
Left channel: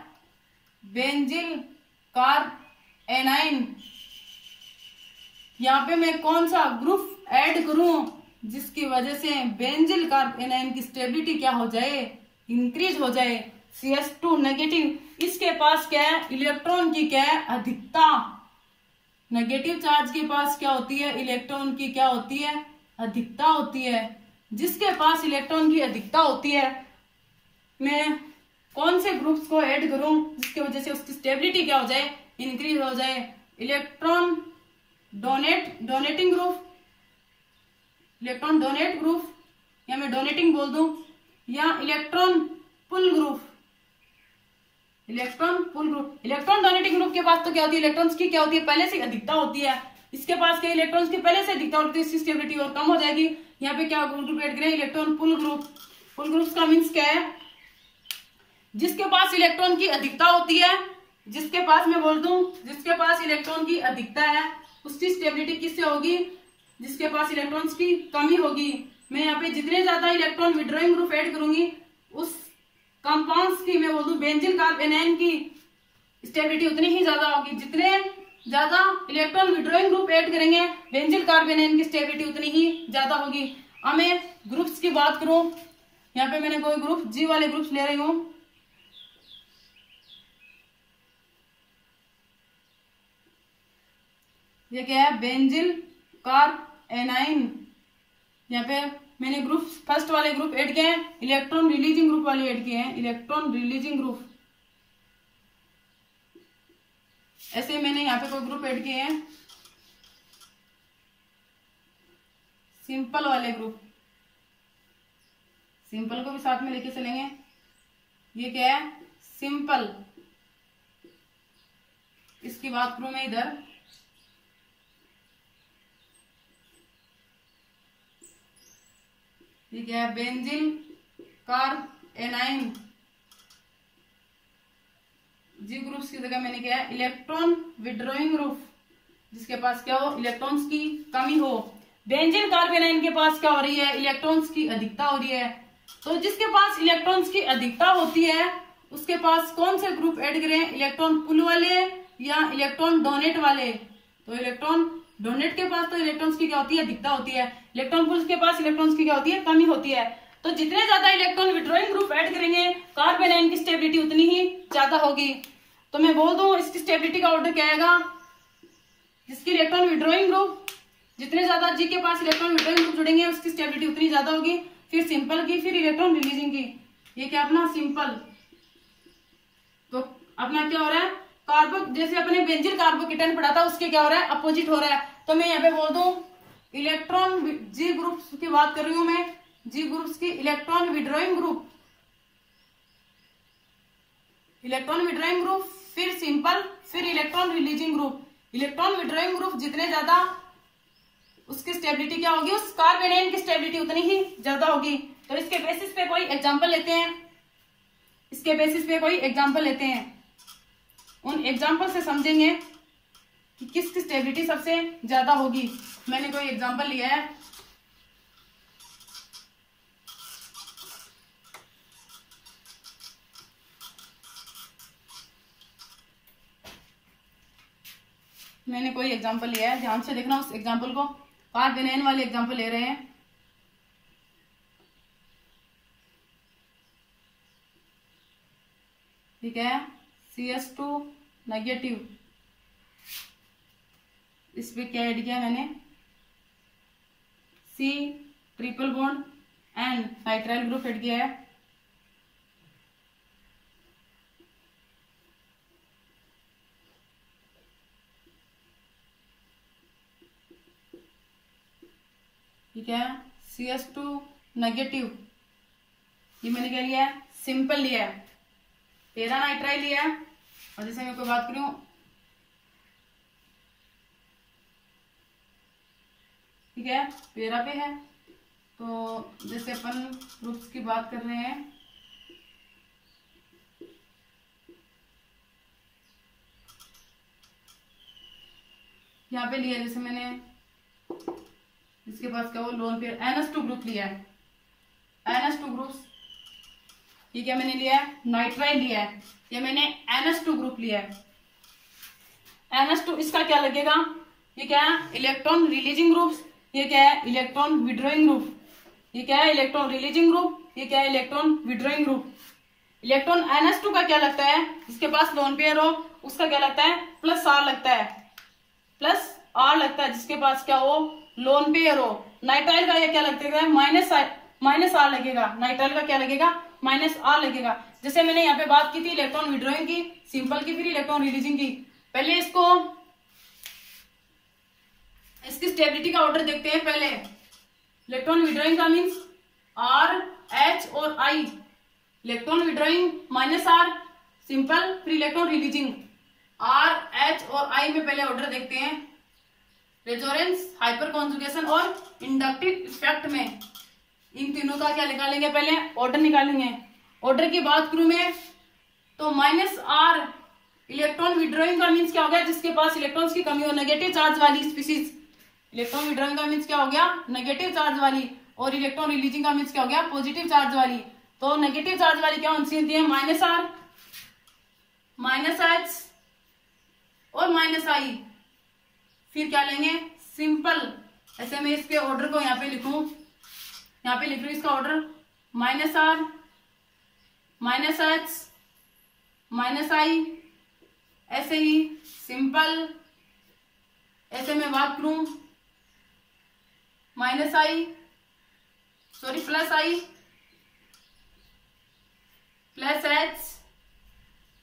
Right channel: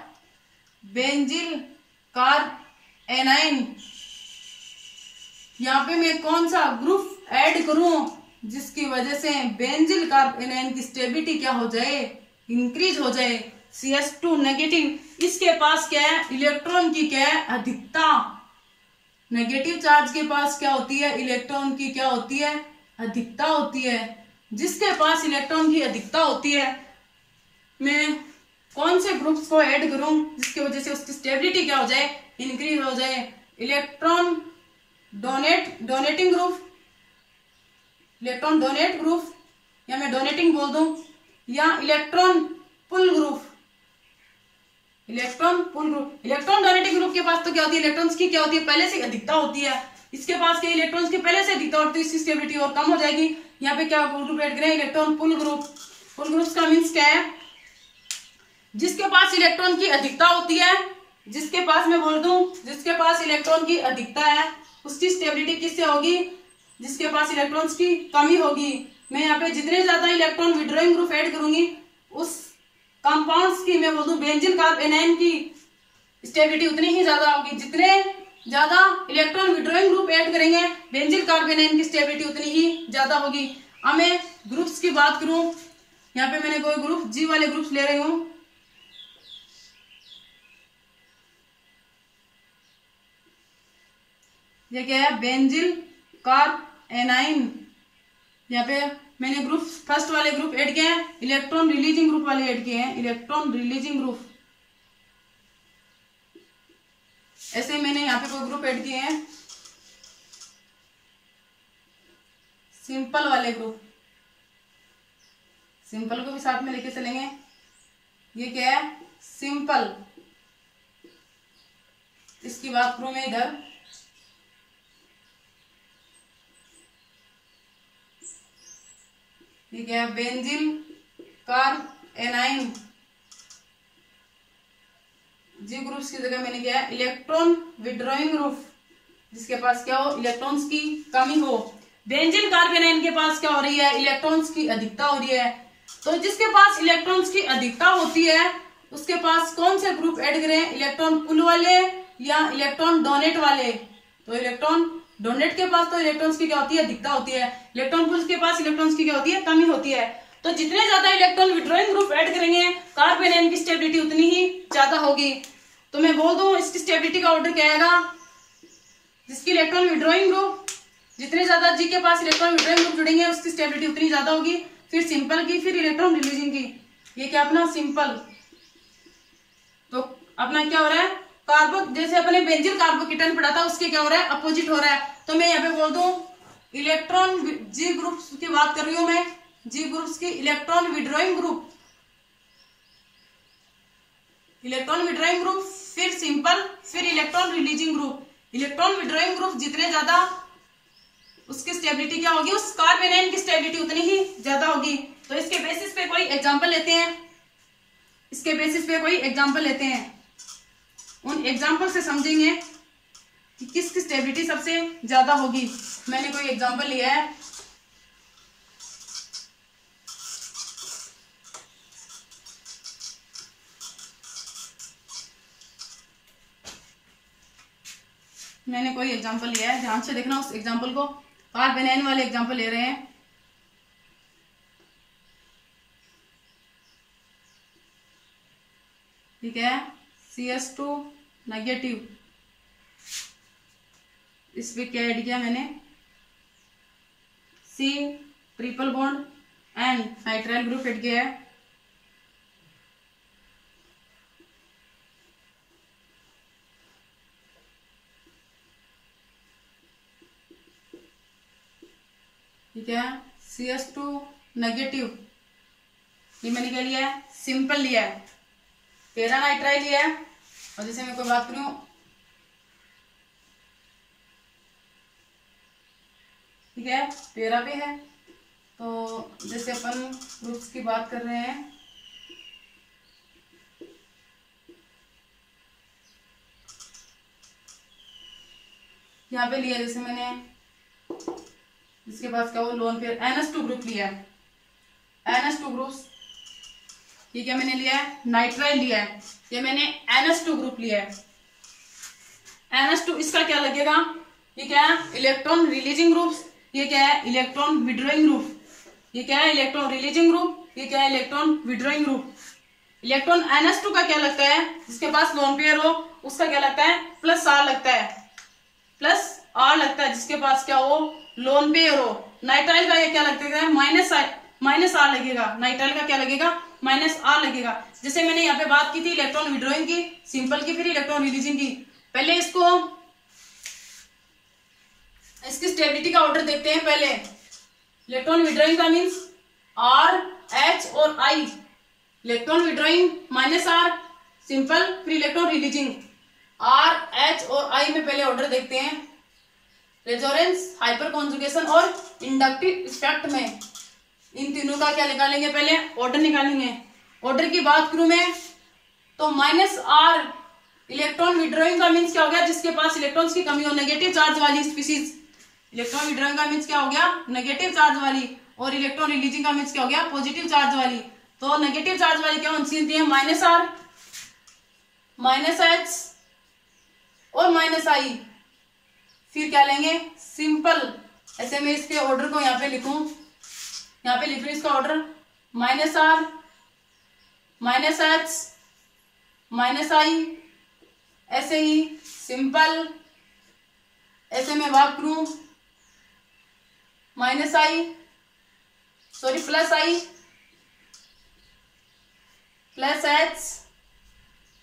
बेंजिल कार्ब एनाइन। यहाँ पे मैं कौन सा ग्रुप ऐड करूं जिसकी वजह से बेंजिल कार्ब एनाइन की स्टेबिलिटी क्या हो जाए, इंक्रीज हो जाए। CS2 नेगेटिव, इसके पास क्या है, इलेक्ट्रॉन की क्या है, अधिकता। नेगेटिव चार्ज के पास क्या होती है, इलेक्ट्रॉन की क्या होती है, अधिकता होती है। जिसके पास इलेक्ट्रॉन की अधिकता होती है, मैं कौन से ग्रुप्स को ऐड करूं जिसकी वजह से उसकी स्टेबिलिटी क्या हो जाए, इंक्रीज हो जाए। Electron donating group, electron donate group, या मैं डोनेटिंग बोल दूं, या इलेक्ट्रॉन पुल ग्रुप, इलेक्ट्रॉन पुल ग्रुप। इलेक्ट्रॉन डोनेटिंग ग्रुप के पास तो क्या होती है, इलेक्ट्रॉन्स की क्या होती है, पहले से अधिकता होती है। इसके पास क्या, इलेक्ट्रॉन्स की पहले से अधिकता होती है, इसकी स्टेबिलिटी और कम हो जाएगी। यहाँ पे क्या ग्रुप ऐड करें, इलेक्ट्रॉन पुल ग्रुप। पुल ग्रुप का मीन्स क्या है, जिसके पास इलेक्ट्रॉन की अधिकता होती है, जिसके पास मैं बोल दूं, जिसके पास इलेक्ट्रॉन की अधिकता है उसकी स्टेबिलिटी किससे होगी, जिसके पास इलेक्ट्रॉन्स की कमी होगी। मैं यहाँ पे जितने ज्यादा इलेक्ट्रॉन विड्रॉइंग ग्रुप ऐड करूंगी उस कंपाउंड्स की, मैं बोल दूं बेंजीन कार्ब एनाइन की स्टेबिलिटी उतनी ही ज्यादा होगी। जितने ज्यादा इलेक्ट्रॉन विड्रॉइंग ग्रुप ऐड करेंगे बेंजीन कार्ब एनाइन की स्टेबिलिटी उतनी ही ज्यादा होगी। अब मैं ग्रुप्स की बात करूं, यहाँ पे मैंने कोई ग्रुप जी वाले ग्रुप्स ले रही हूं। ये क्या है, बेंजिल कार्ब एनाइन। यहाँ पे मैंने ग्रुप फर्स्ट वाले ग्रुप ऐड किए हैं, इलेक्ट्रॉन रिलीजिंग ग्रुप वाले ऐड किए हैं, इलेक्ट्रॉन रिलीजिंग ग्रुप। ऐसे ही मैंने यहाँ पे कोई ग्रुप ऐड किए हैं सिंपल वाले ग्रुप, सिंपल को भी साथ में लेके चलेंगे। ये क्या है, सिंपल। इसकी बात करूं मैं इधर, ये क्या है, बेंजिल कार्ब एनाइन। जी ग्रुप्स की जगह मैंने क्या है, इलेक्ट्रॉन विड्रॉइंग ग्रुप, जिसके पास क्या हो, इलेक्ट्रॉन्स की कमी हो। बेंजीन कार्ब एनाइन के पास क्या हो रही है, इलेक्ट्रॉन्स की अधिकता हो रही है। तो जिसके पास इलेक्ट्रॉन्स की अधिकता होती है उसके पास कौन से ग्रुप ऐड करें, इलेक्ट्रॉन पुल वाले या इलेक्ट्रॉन डोनेट वाले। तो इलेक्ट्रॉन डोनेट के पास तो इलेक्ट्रॉन्स की क्या होती है, अधिकता होती है। इलेक्ट्रॉन पुल के पास इलेक्ट्रॉन्स की क्या होती है, कमी होती है। तो जितने ज्यादा इलेक्ट्रॉन विड्रॉइंग ग्रुप ऐड करेंगे कार्ब एनाइन की स्टेबिलिटी उतनी ही ज्यादा होगी। तो मैं बोल दूं इसकी स्टेबिलिटी का ऑर्डर क्या आएगा, जिसकी इलेक्ट्रॉन विड्रॉइंग ग्रुप, जितने ज्यादा जी के पास इलेक्ट्रॉन विड्रॉइंग ग्रुप जुड़ेंगे उसकी स्टेबिलिटी उतनी ज्यादा होगी। फिर सिंपल की, फिर इलेक्ट्रॉन रिलीजिंग की। ये क्या अपना सिंपल। तो अपना क्या हो रहा है, कार्बो, जैसे अपने बेंजील कार्बोकेटन पढ़ा था उसके क्या हो रहा है, अपोजिट हो रहा है। तो मैं यहाँ पे बोल दूं इलेक्ट्रॉन जी ग्रुप्स की बात कर रही हूं मैं, जी ग्रुप्स की electron withdrawing group, electron withdrawing group, फिर सिंपल, फिर electron releasing group. Electron withdrawing group जितने ज्यादा उसकी स्टेबिलिटी क्या होगी, उस कार्ब एनाइन की स्टेबिलिटी उतनी ही ज्यादा होगी। तो इसके बेसिस पे कोई एग्जांपल लेते हैं, इसके बेसिस पे कोई एग्जांपल लेते हैं, उन एग्जांपल से समझेंगे कि किसकी स्टेबिलिटी सबसे ज्यादा होगी। मैंने कोई एग्जांपल लिया है, मैंने कोई एग्जांपल लिया है, ध्यान से देखना उस एग्जांपल को। कार्ब एनाइन वाले एग्जांपल ले रहे हैं। ठीक है, CS2 नेगेटिव, इस पे क्या ऐड किया मैंने, C triple bond and nitrile group add किया है। ठीक है, CS2 नेगेटिव, ये मैंने क्या लिया है, सिंपल लिया है, पैरा नाइट्राइल लिया है। और जैसे मैं कोई बात करूं, ठीक है, पैरा पे है, तो जैसे अपन ग्रुप्स की बात कर रहे हैं, यहाँ पे लिया, जैसे मैंने जिसके पास क्या हो लोन पेयर NH2 ग्रुप लिया है, NH2 ग्रुप्स, ये क्या मैंने लिया है, नाइट्राइल लिया है, ये मैंने NH2 ग्रुप लिया है। NH2 इसका क्या लगेगा, ये क्या है, इलेक्ट्रॉन रिलीजिंग ग्रुप, ये क्या है, इलेक्ट्रॉन विड्रॉइंग ग्रुप, ये क्या है, इलेक्ट्रॉन रिलीजिंग ग्रुप, ये क्या है, electron withdrawing group. Electron NH2 का क्या लगता है, जिसके पास लोन पेयर हो उसका क्या लगता है, प्लस आर लगता है, प्लस आर लगता है जिसके पास क्या हो, लोन पेयर हो। नाइट्राइल का ये क्या लगता है, माइनस आर लगेगा, नाइट्राइल का क्या लगेगा, माइनस आर लगेगा। जैसे मैंने यहाँ पे बात की थी इलेक्ट्रॉन विड्रॉइंग की, सिंपल की, फिर इलेक्ट्रॉन रिलीजिंग की। पहले इसको इसकी स्टेबिलिटी का ऑर्डर देखते हैं। पहले इलेक्ट्रॉन विड्रॉइंग का मीन्स आर, एच और I. Electron withdrawing minus R simple, फिर इलेक्ट्रॉन रिलीजिंग आर, एच और आई में पहले ऑर्डर देखते हैं। रेजोनेंस, हाइपर कॉन्जुगेशन और इंडक्टिव इफेक्ट में इन तीनों का क्या निकालेंगे, पहले ऑर्डर निकालेंगे। ऑर्डर की बात करूं मैं तो माइनस आर इलेक्ट्रॉन विड्रॉइंग का मीन्स क्या हो गया, जिसके पास इलेक्ट्रॉन्स की कमी हो, नेगेटिव चार्ज वाली स्पीसीज। इलेक्ट्रॉन विड्रॉइंग का मीन्स क्या हो गया, नेगेटिव चार्ज वाली, और इलेक्ट्रॉन रिलीजिंग का मीन्स क्या हो गया, पॉजिटिव चार्ज वाली। तो नेगेटिव चार्ज वाली क्या होती है, माइनस आर, माइनस एच और माइनस आई। फिर क्या लेंगे, सिंपल। ऐसे मैं इसके ऑर्डर को यहाँ पे लिखूं, यहाँ पे लिख रही हूं इसका order, minus R, minus H, minus I, ऐसे ही सिंपल। ऐसे मैं बात करूं, minus I, sorry plus I, plus H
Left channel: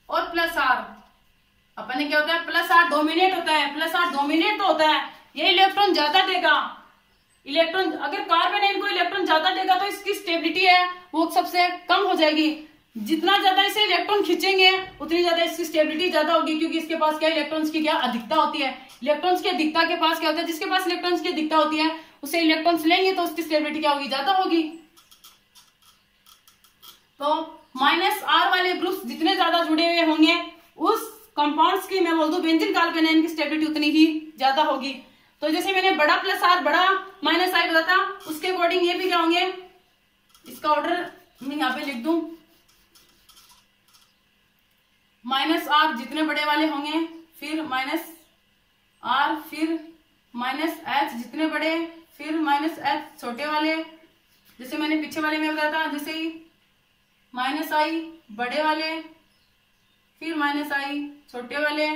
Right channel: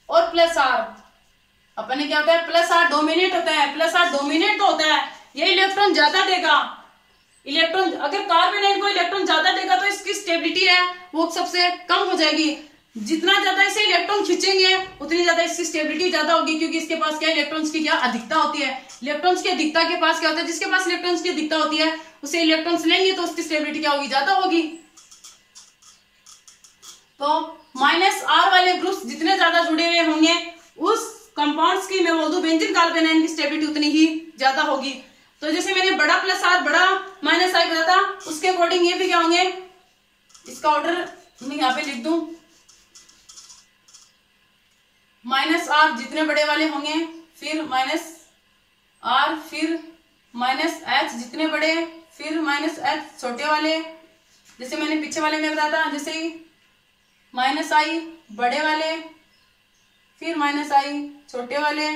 और प्लस आर। अपन ने क्या होता है, प्लस आर डोमिनेट होता है, प्लस आर डोमिनेट तो होता है, ये इलेक्ट्रॉन ज्यादा देगा। इलेक्ट्रॉन अगर कार्बन है, इनको इलेक्ट्रॉन ज्यादा देगा तो इसकी स्टेबिलिटी है वो सबसे कम हो जाएगी। जितना ज्यादा इसे इलेक्ट्रॉन खींचेंगे उतनी ज्यादा इसकी स्टेबिलिटी ज्यादा होगी, क्योंकि इसके पास क्या, इलेक्ट्रॉन्स की क्या अधिकता होती है। इलेक्ट्रॉन्स की अधिकता के पास क्या होता है, जिसके पास इलेक्ट्रॉन्स की अधिकता होती है उसे इलेक्ट्रॉन्स लेंगे तो उसकी स्टेबिलिटी क्या होगी, ज्यादा होगी। तो माइनस आर वाले ग्रुप्स जितने ज्यादा जुड़े हुए होंगे उस कंपाउंड्स की, मैं बोल दूं बेंजीन कार्बोनाइन की स्टेबिलिटी उतनी ही ज्यादा होगी। तो जैसे मैंने बड़ा प्लस आर, बड़ा माइनस आई बताया, उसके अकॉर्डिंग ये भी क्या होंगे, इसका ऑर्डर मैं यहाँ पे लिख दूं, माइनस आर जितने बड़े वाले होंगे, फिर माइनस आर, फिर माइनस एच जितने बड़े, फिर माइनस एच छोटे वाले। जैसे मैंने पीछे वाले में बताया था, जैसे ही माइनस आई बड़े वाले, फिर माइनस आई छोटे वाले,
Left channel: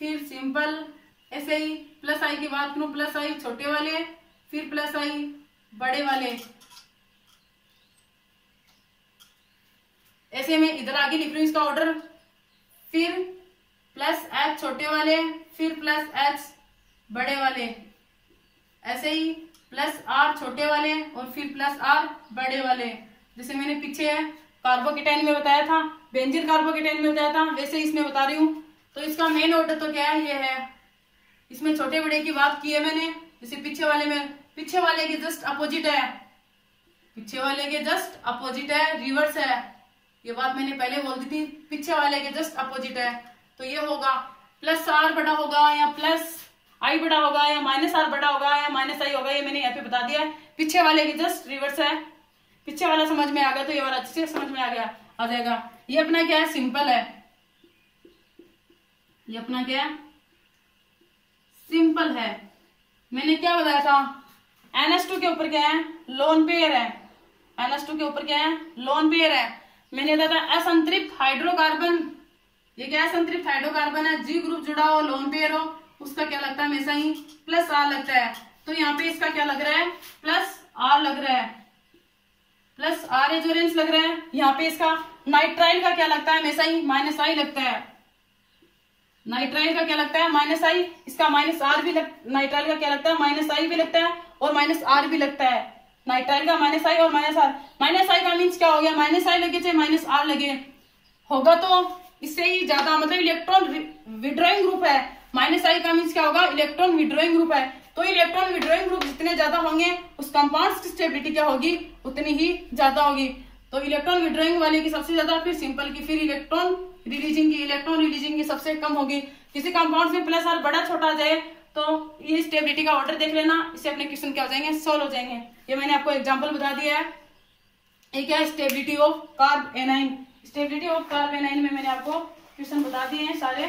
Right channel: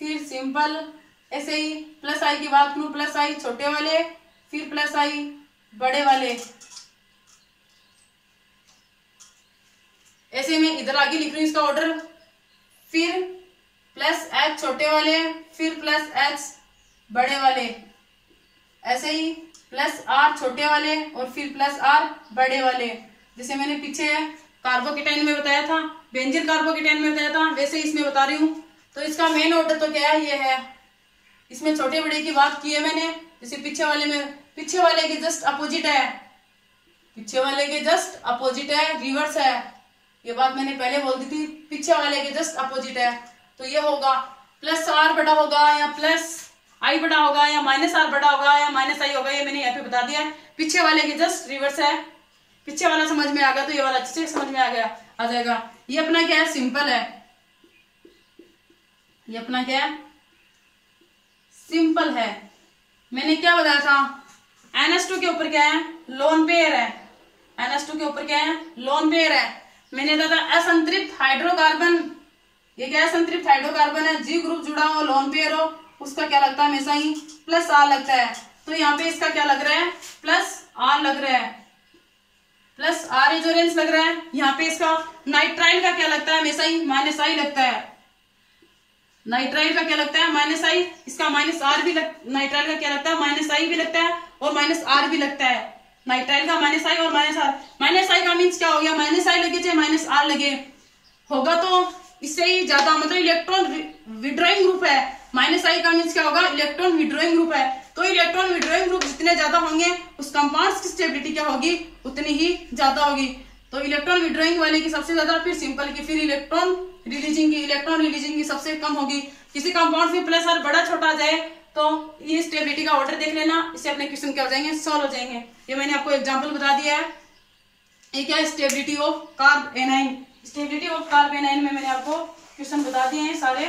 फिर सिंपल। ऐसे ही प्लस आई की बात करूं, प्लस आई छोटे वाले, फिर प्लस आई बड़े वाले। ऐसे में इधर आगे लिख रही हूं इसका ऑर्डर, फिर प्लस एच छोटे वाले, फिर प्लस एच बड़े वाले। ऐसे ही प्लस आर छोटे वाले और फिर प्लस आर बड़े वाले। जैसे मैंने पीछे कार्बोकेटाइन में बताया था, बेंजीन कार्बोकेटाइन में बताया था, वैसे इसमें बता रही हूँ। तो इसका मेन ऑर्डर तो क्या है, ये है। इसमें छोटे बड़े की बात की है मैंने। जैसे पीछे वाले में, पीछे वाले के जस्ट अपोजिट है, पीछे वाले के जस्ट अपोजिट है, रिवर्स है। ये बात मैंने पहले बोल दी थी, पीछे वाले के जस्ट अपोजिट है। तो ये होगा प्लस आर बड़ा होगा या प्लस आई बड़ा होगा या माइनस आर बड़ा होगा या माइनस आई होगा, ये मैंने यहाँ पे बता दिया है। पीछे वाले के जस्ट रिवर्स है। पीछे वाला समझ में आ गया तो ये वाला अच्छे से समझ में आ जाएगा। ये अपना क्या है, सिंपल है। ये अपना क्या है, सिंपल है। मैंने क्या बताया था, NH2 के ऊपर क्या है, लोन पेयर है। NH2 के ऊपर क्या है, लोन पेयर है। मैंने बताया था असंतृप्त हाइड्रोकार्बन, ये क्या है, संतृप्त हाइड्रोकार्बन है। जी ग्रुप जुड़ा हो, लोन पेयर हो, उसका क्या लगता है, हमेशा ही प्लस आर लगता है। तो यहाँ पे इसका क्या लग रहा है, प्लस आर लग रहा है, प्लस आर रेजोनेंस लग रहा है। यहाँ पे इसका नाइट्राइल का क्या लगता है, हमेशा ही माइनस आई लगता है। नाइट्राइल का क्या लगता है, माइनस आई। इसका माइनस आर भी नाइट्राइल का क्या लगता है, माइनस आई भी लगता है और माइनस आर भी लगता है। नाइट्राइल का माइनस आई और माइनस आर। माइनस आई का मीन्स क्या हो गया, माइनस आई लगे चाहे माइनस आर लगे, होगा तो इससे ही ज्यादा, मतलब इलेक्ट्रॉन विड्रॉइंग ग्रुप है। माइनस आई का मीन्स क्या होगा, इलेक्ट्रॉन विड्रॉइंग ग्रुप है। तो इलेक्ट्रॉन विड्रॉइंग ग्रुप जितने ज्यादा होंगे उस कंपाउंड्स की स्टेबिलिटी क्या होगी, उतनी ही ज्यादा होगी। तो इलेक्ट्रॉन विड्रॉइंग वाले की सबसे ज्यादा, फिर सिंपल की, फिर इलेक्ट्रॉन रिलीजिंग की सबसे कम होगी। किसी कंपाउंड में प्लस आर बड़ा छोटा जाए तो ये स्टेबिलिटी का ऑर्डर देख लेना, इससे अपने क्वेश्चन क्या हो जाएंगे, सॉल्व हो जाएंगे। ये मैंने आपको एग्जांपल बता दिया है। एक है stability of carb A9. Stability of carb A9 में मैंने आपको क्वेश्चन बता दिए हैं सारे।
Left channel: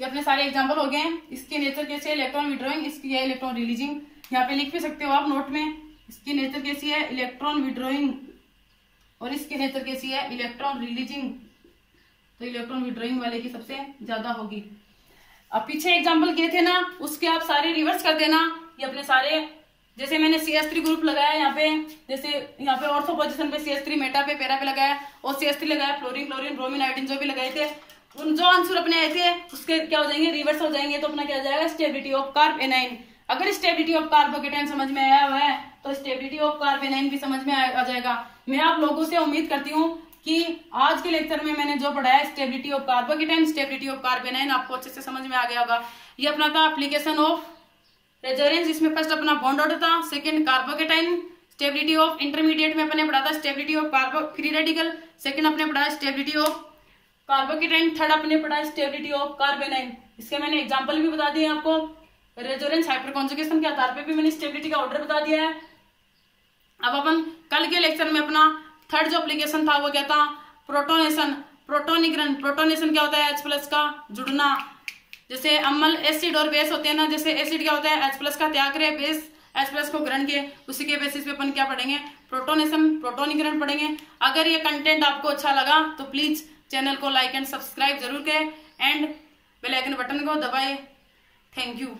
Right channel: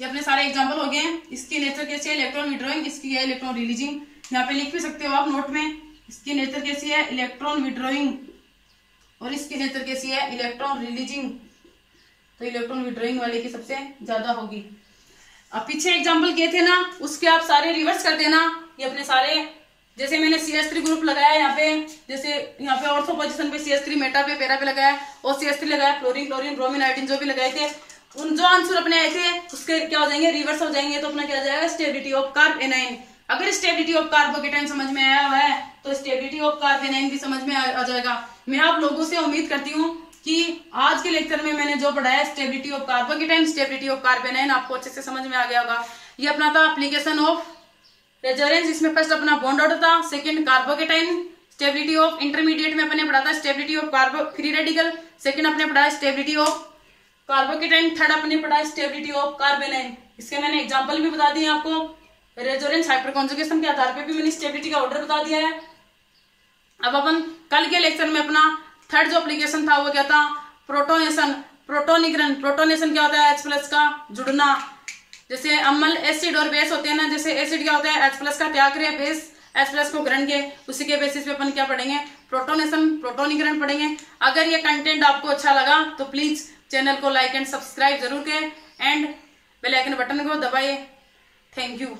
ये अपने सारे एग्जांपल हो गए हैं। इसकी नेचर कैसी है, इलेक्ट्रॉन विड्रॉइंग, इसकी है इलेक्ट्रॉन रिलीजिंग। यहाँ पे लिख भी सकते हो आप नोट में, इसकी नेचर कैसी है, इलेक्ट्रॉन विड्रॉइंग, और इसकी नेचर कैसी है, इलेक्ट्रॉन रिलीजिंग। तो इलेक्ट्रॉन विड्रॉइंग वाले की सबसे ज्यादा होगी। अब पीछे एग्जाम्पल किए थे ना, उसके आप सारे रिवर्स कर देना। ये अपने सारे, जैसे मैंने CH3 ग्रुप लगाया यहाँ पे, जैसे यहाँ पे ऑर्थो पोजीशन पे CH3, मेटा पे, पैरा पे लगाया, और CH3 लगाया, फ्लोरीन, क्लोरीन, ब्रोमीन, आयोडीन जो भी लगाए थे, उन जो आंसर अपने आए थे उसके क्या हो जाएंगे, रिवर्स हो जाएंगे। तो अपना क्या हो जाएगा, स्टेबिलिटी ऑफ कार्ब एनाइन। अगर स्टेबिलिटी ऑफ कार्बोकेटाइन समझ में आया हुआ है तो स्टेबिलिटी ऑफ कार्ब एनाइन भी समझ में आ जाएगा। मैं आप लोगों से उम्मीद करती हूँ कि आज के लेक्चर में मैंने जो पढ़ाया stability of carbocation, stability of carb A9, आपको अच्छे से समझ में आ गया होगा। ये अपना था एप्लीकेशन ऑफ रेजोनेंस। इसमें फर्स्ट अपना बॉन्ड ऑर्डर था, second carbocation. Stability of intermediate में अपने पढ़ा था stability of कार्बो free radical. Second अपने पढ़ा स्टेबिलिटी ऑफ कार्बोकेटाइन। थर्ड अपने पढ़ा स्टेबिलिटी ऑफ कार्ब एनाइन। इसके मैंने एग्जांपल भी बता दिए आपको। रेजोनेंस हाइपर कॉन्जुगेशन के आधार पे भी मैंने स्टेबिलिटी का ऑर्डर बता दिया है। अब अपन कल के लेक्चर में अपना थर्ड जो एप्लीकेशन था वो क्या था, प्रोटोनेशन, प्रोटोनिग्रहण। प्रोटोनेशन क्या होता है, H+ का जुड़ना। जैसे अम्ल एसिड और बेस होते हैं ना, जैसे एसिड क्या होता है, H+ का त्याग करे, बेस H+ को ग्रहण के, उसी के बेसिस पे अपन क्या पढ़ेंगे, प्रोटोनेशन, प्रोटोनिग्रहण पढ़ेंगे। अगर ये कंटेंट आपको अच्छा लगा तो प्लीज चैनल को लाइक एंड सब्सक्राइब जरूर करें एंड बेल आइकन बटन को दबाइए। Thank you.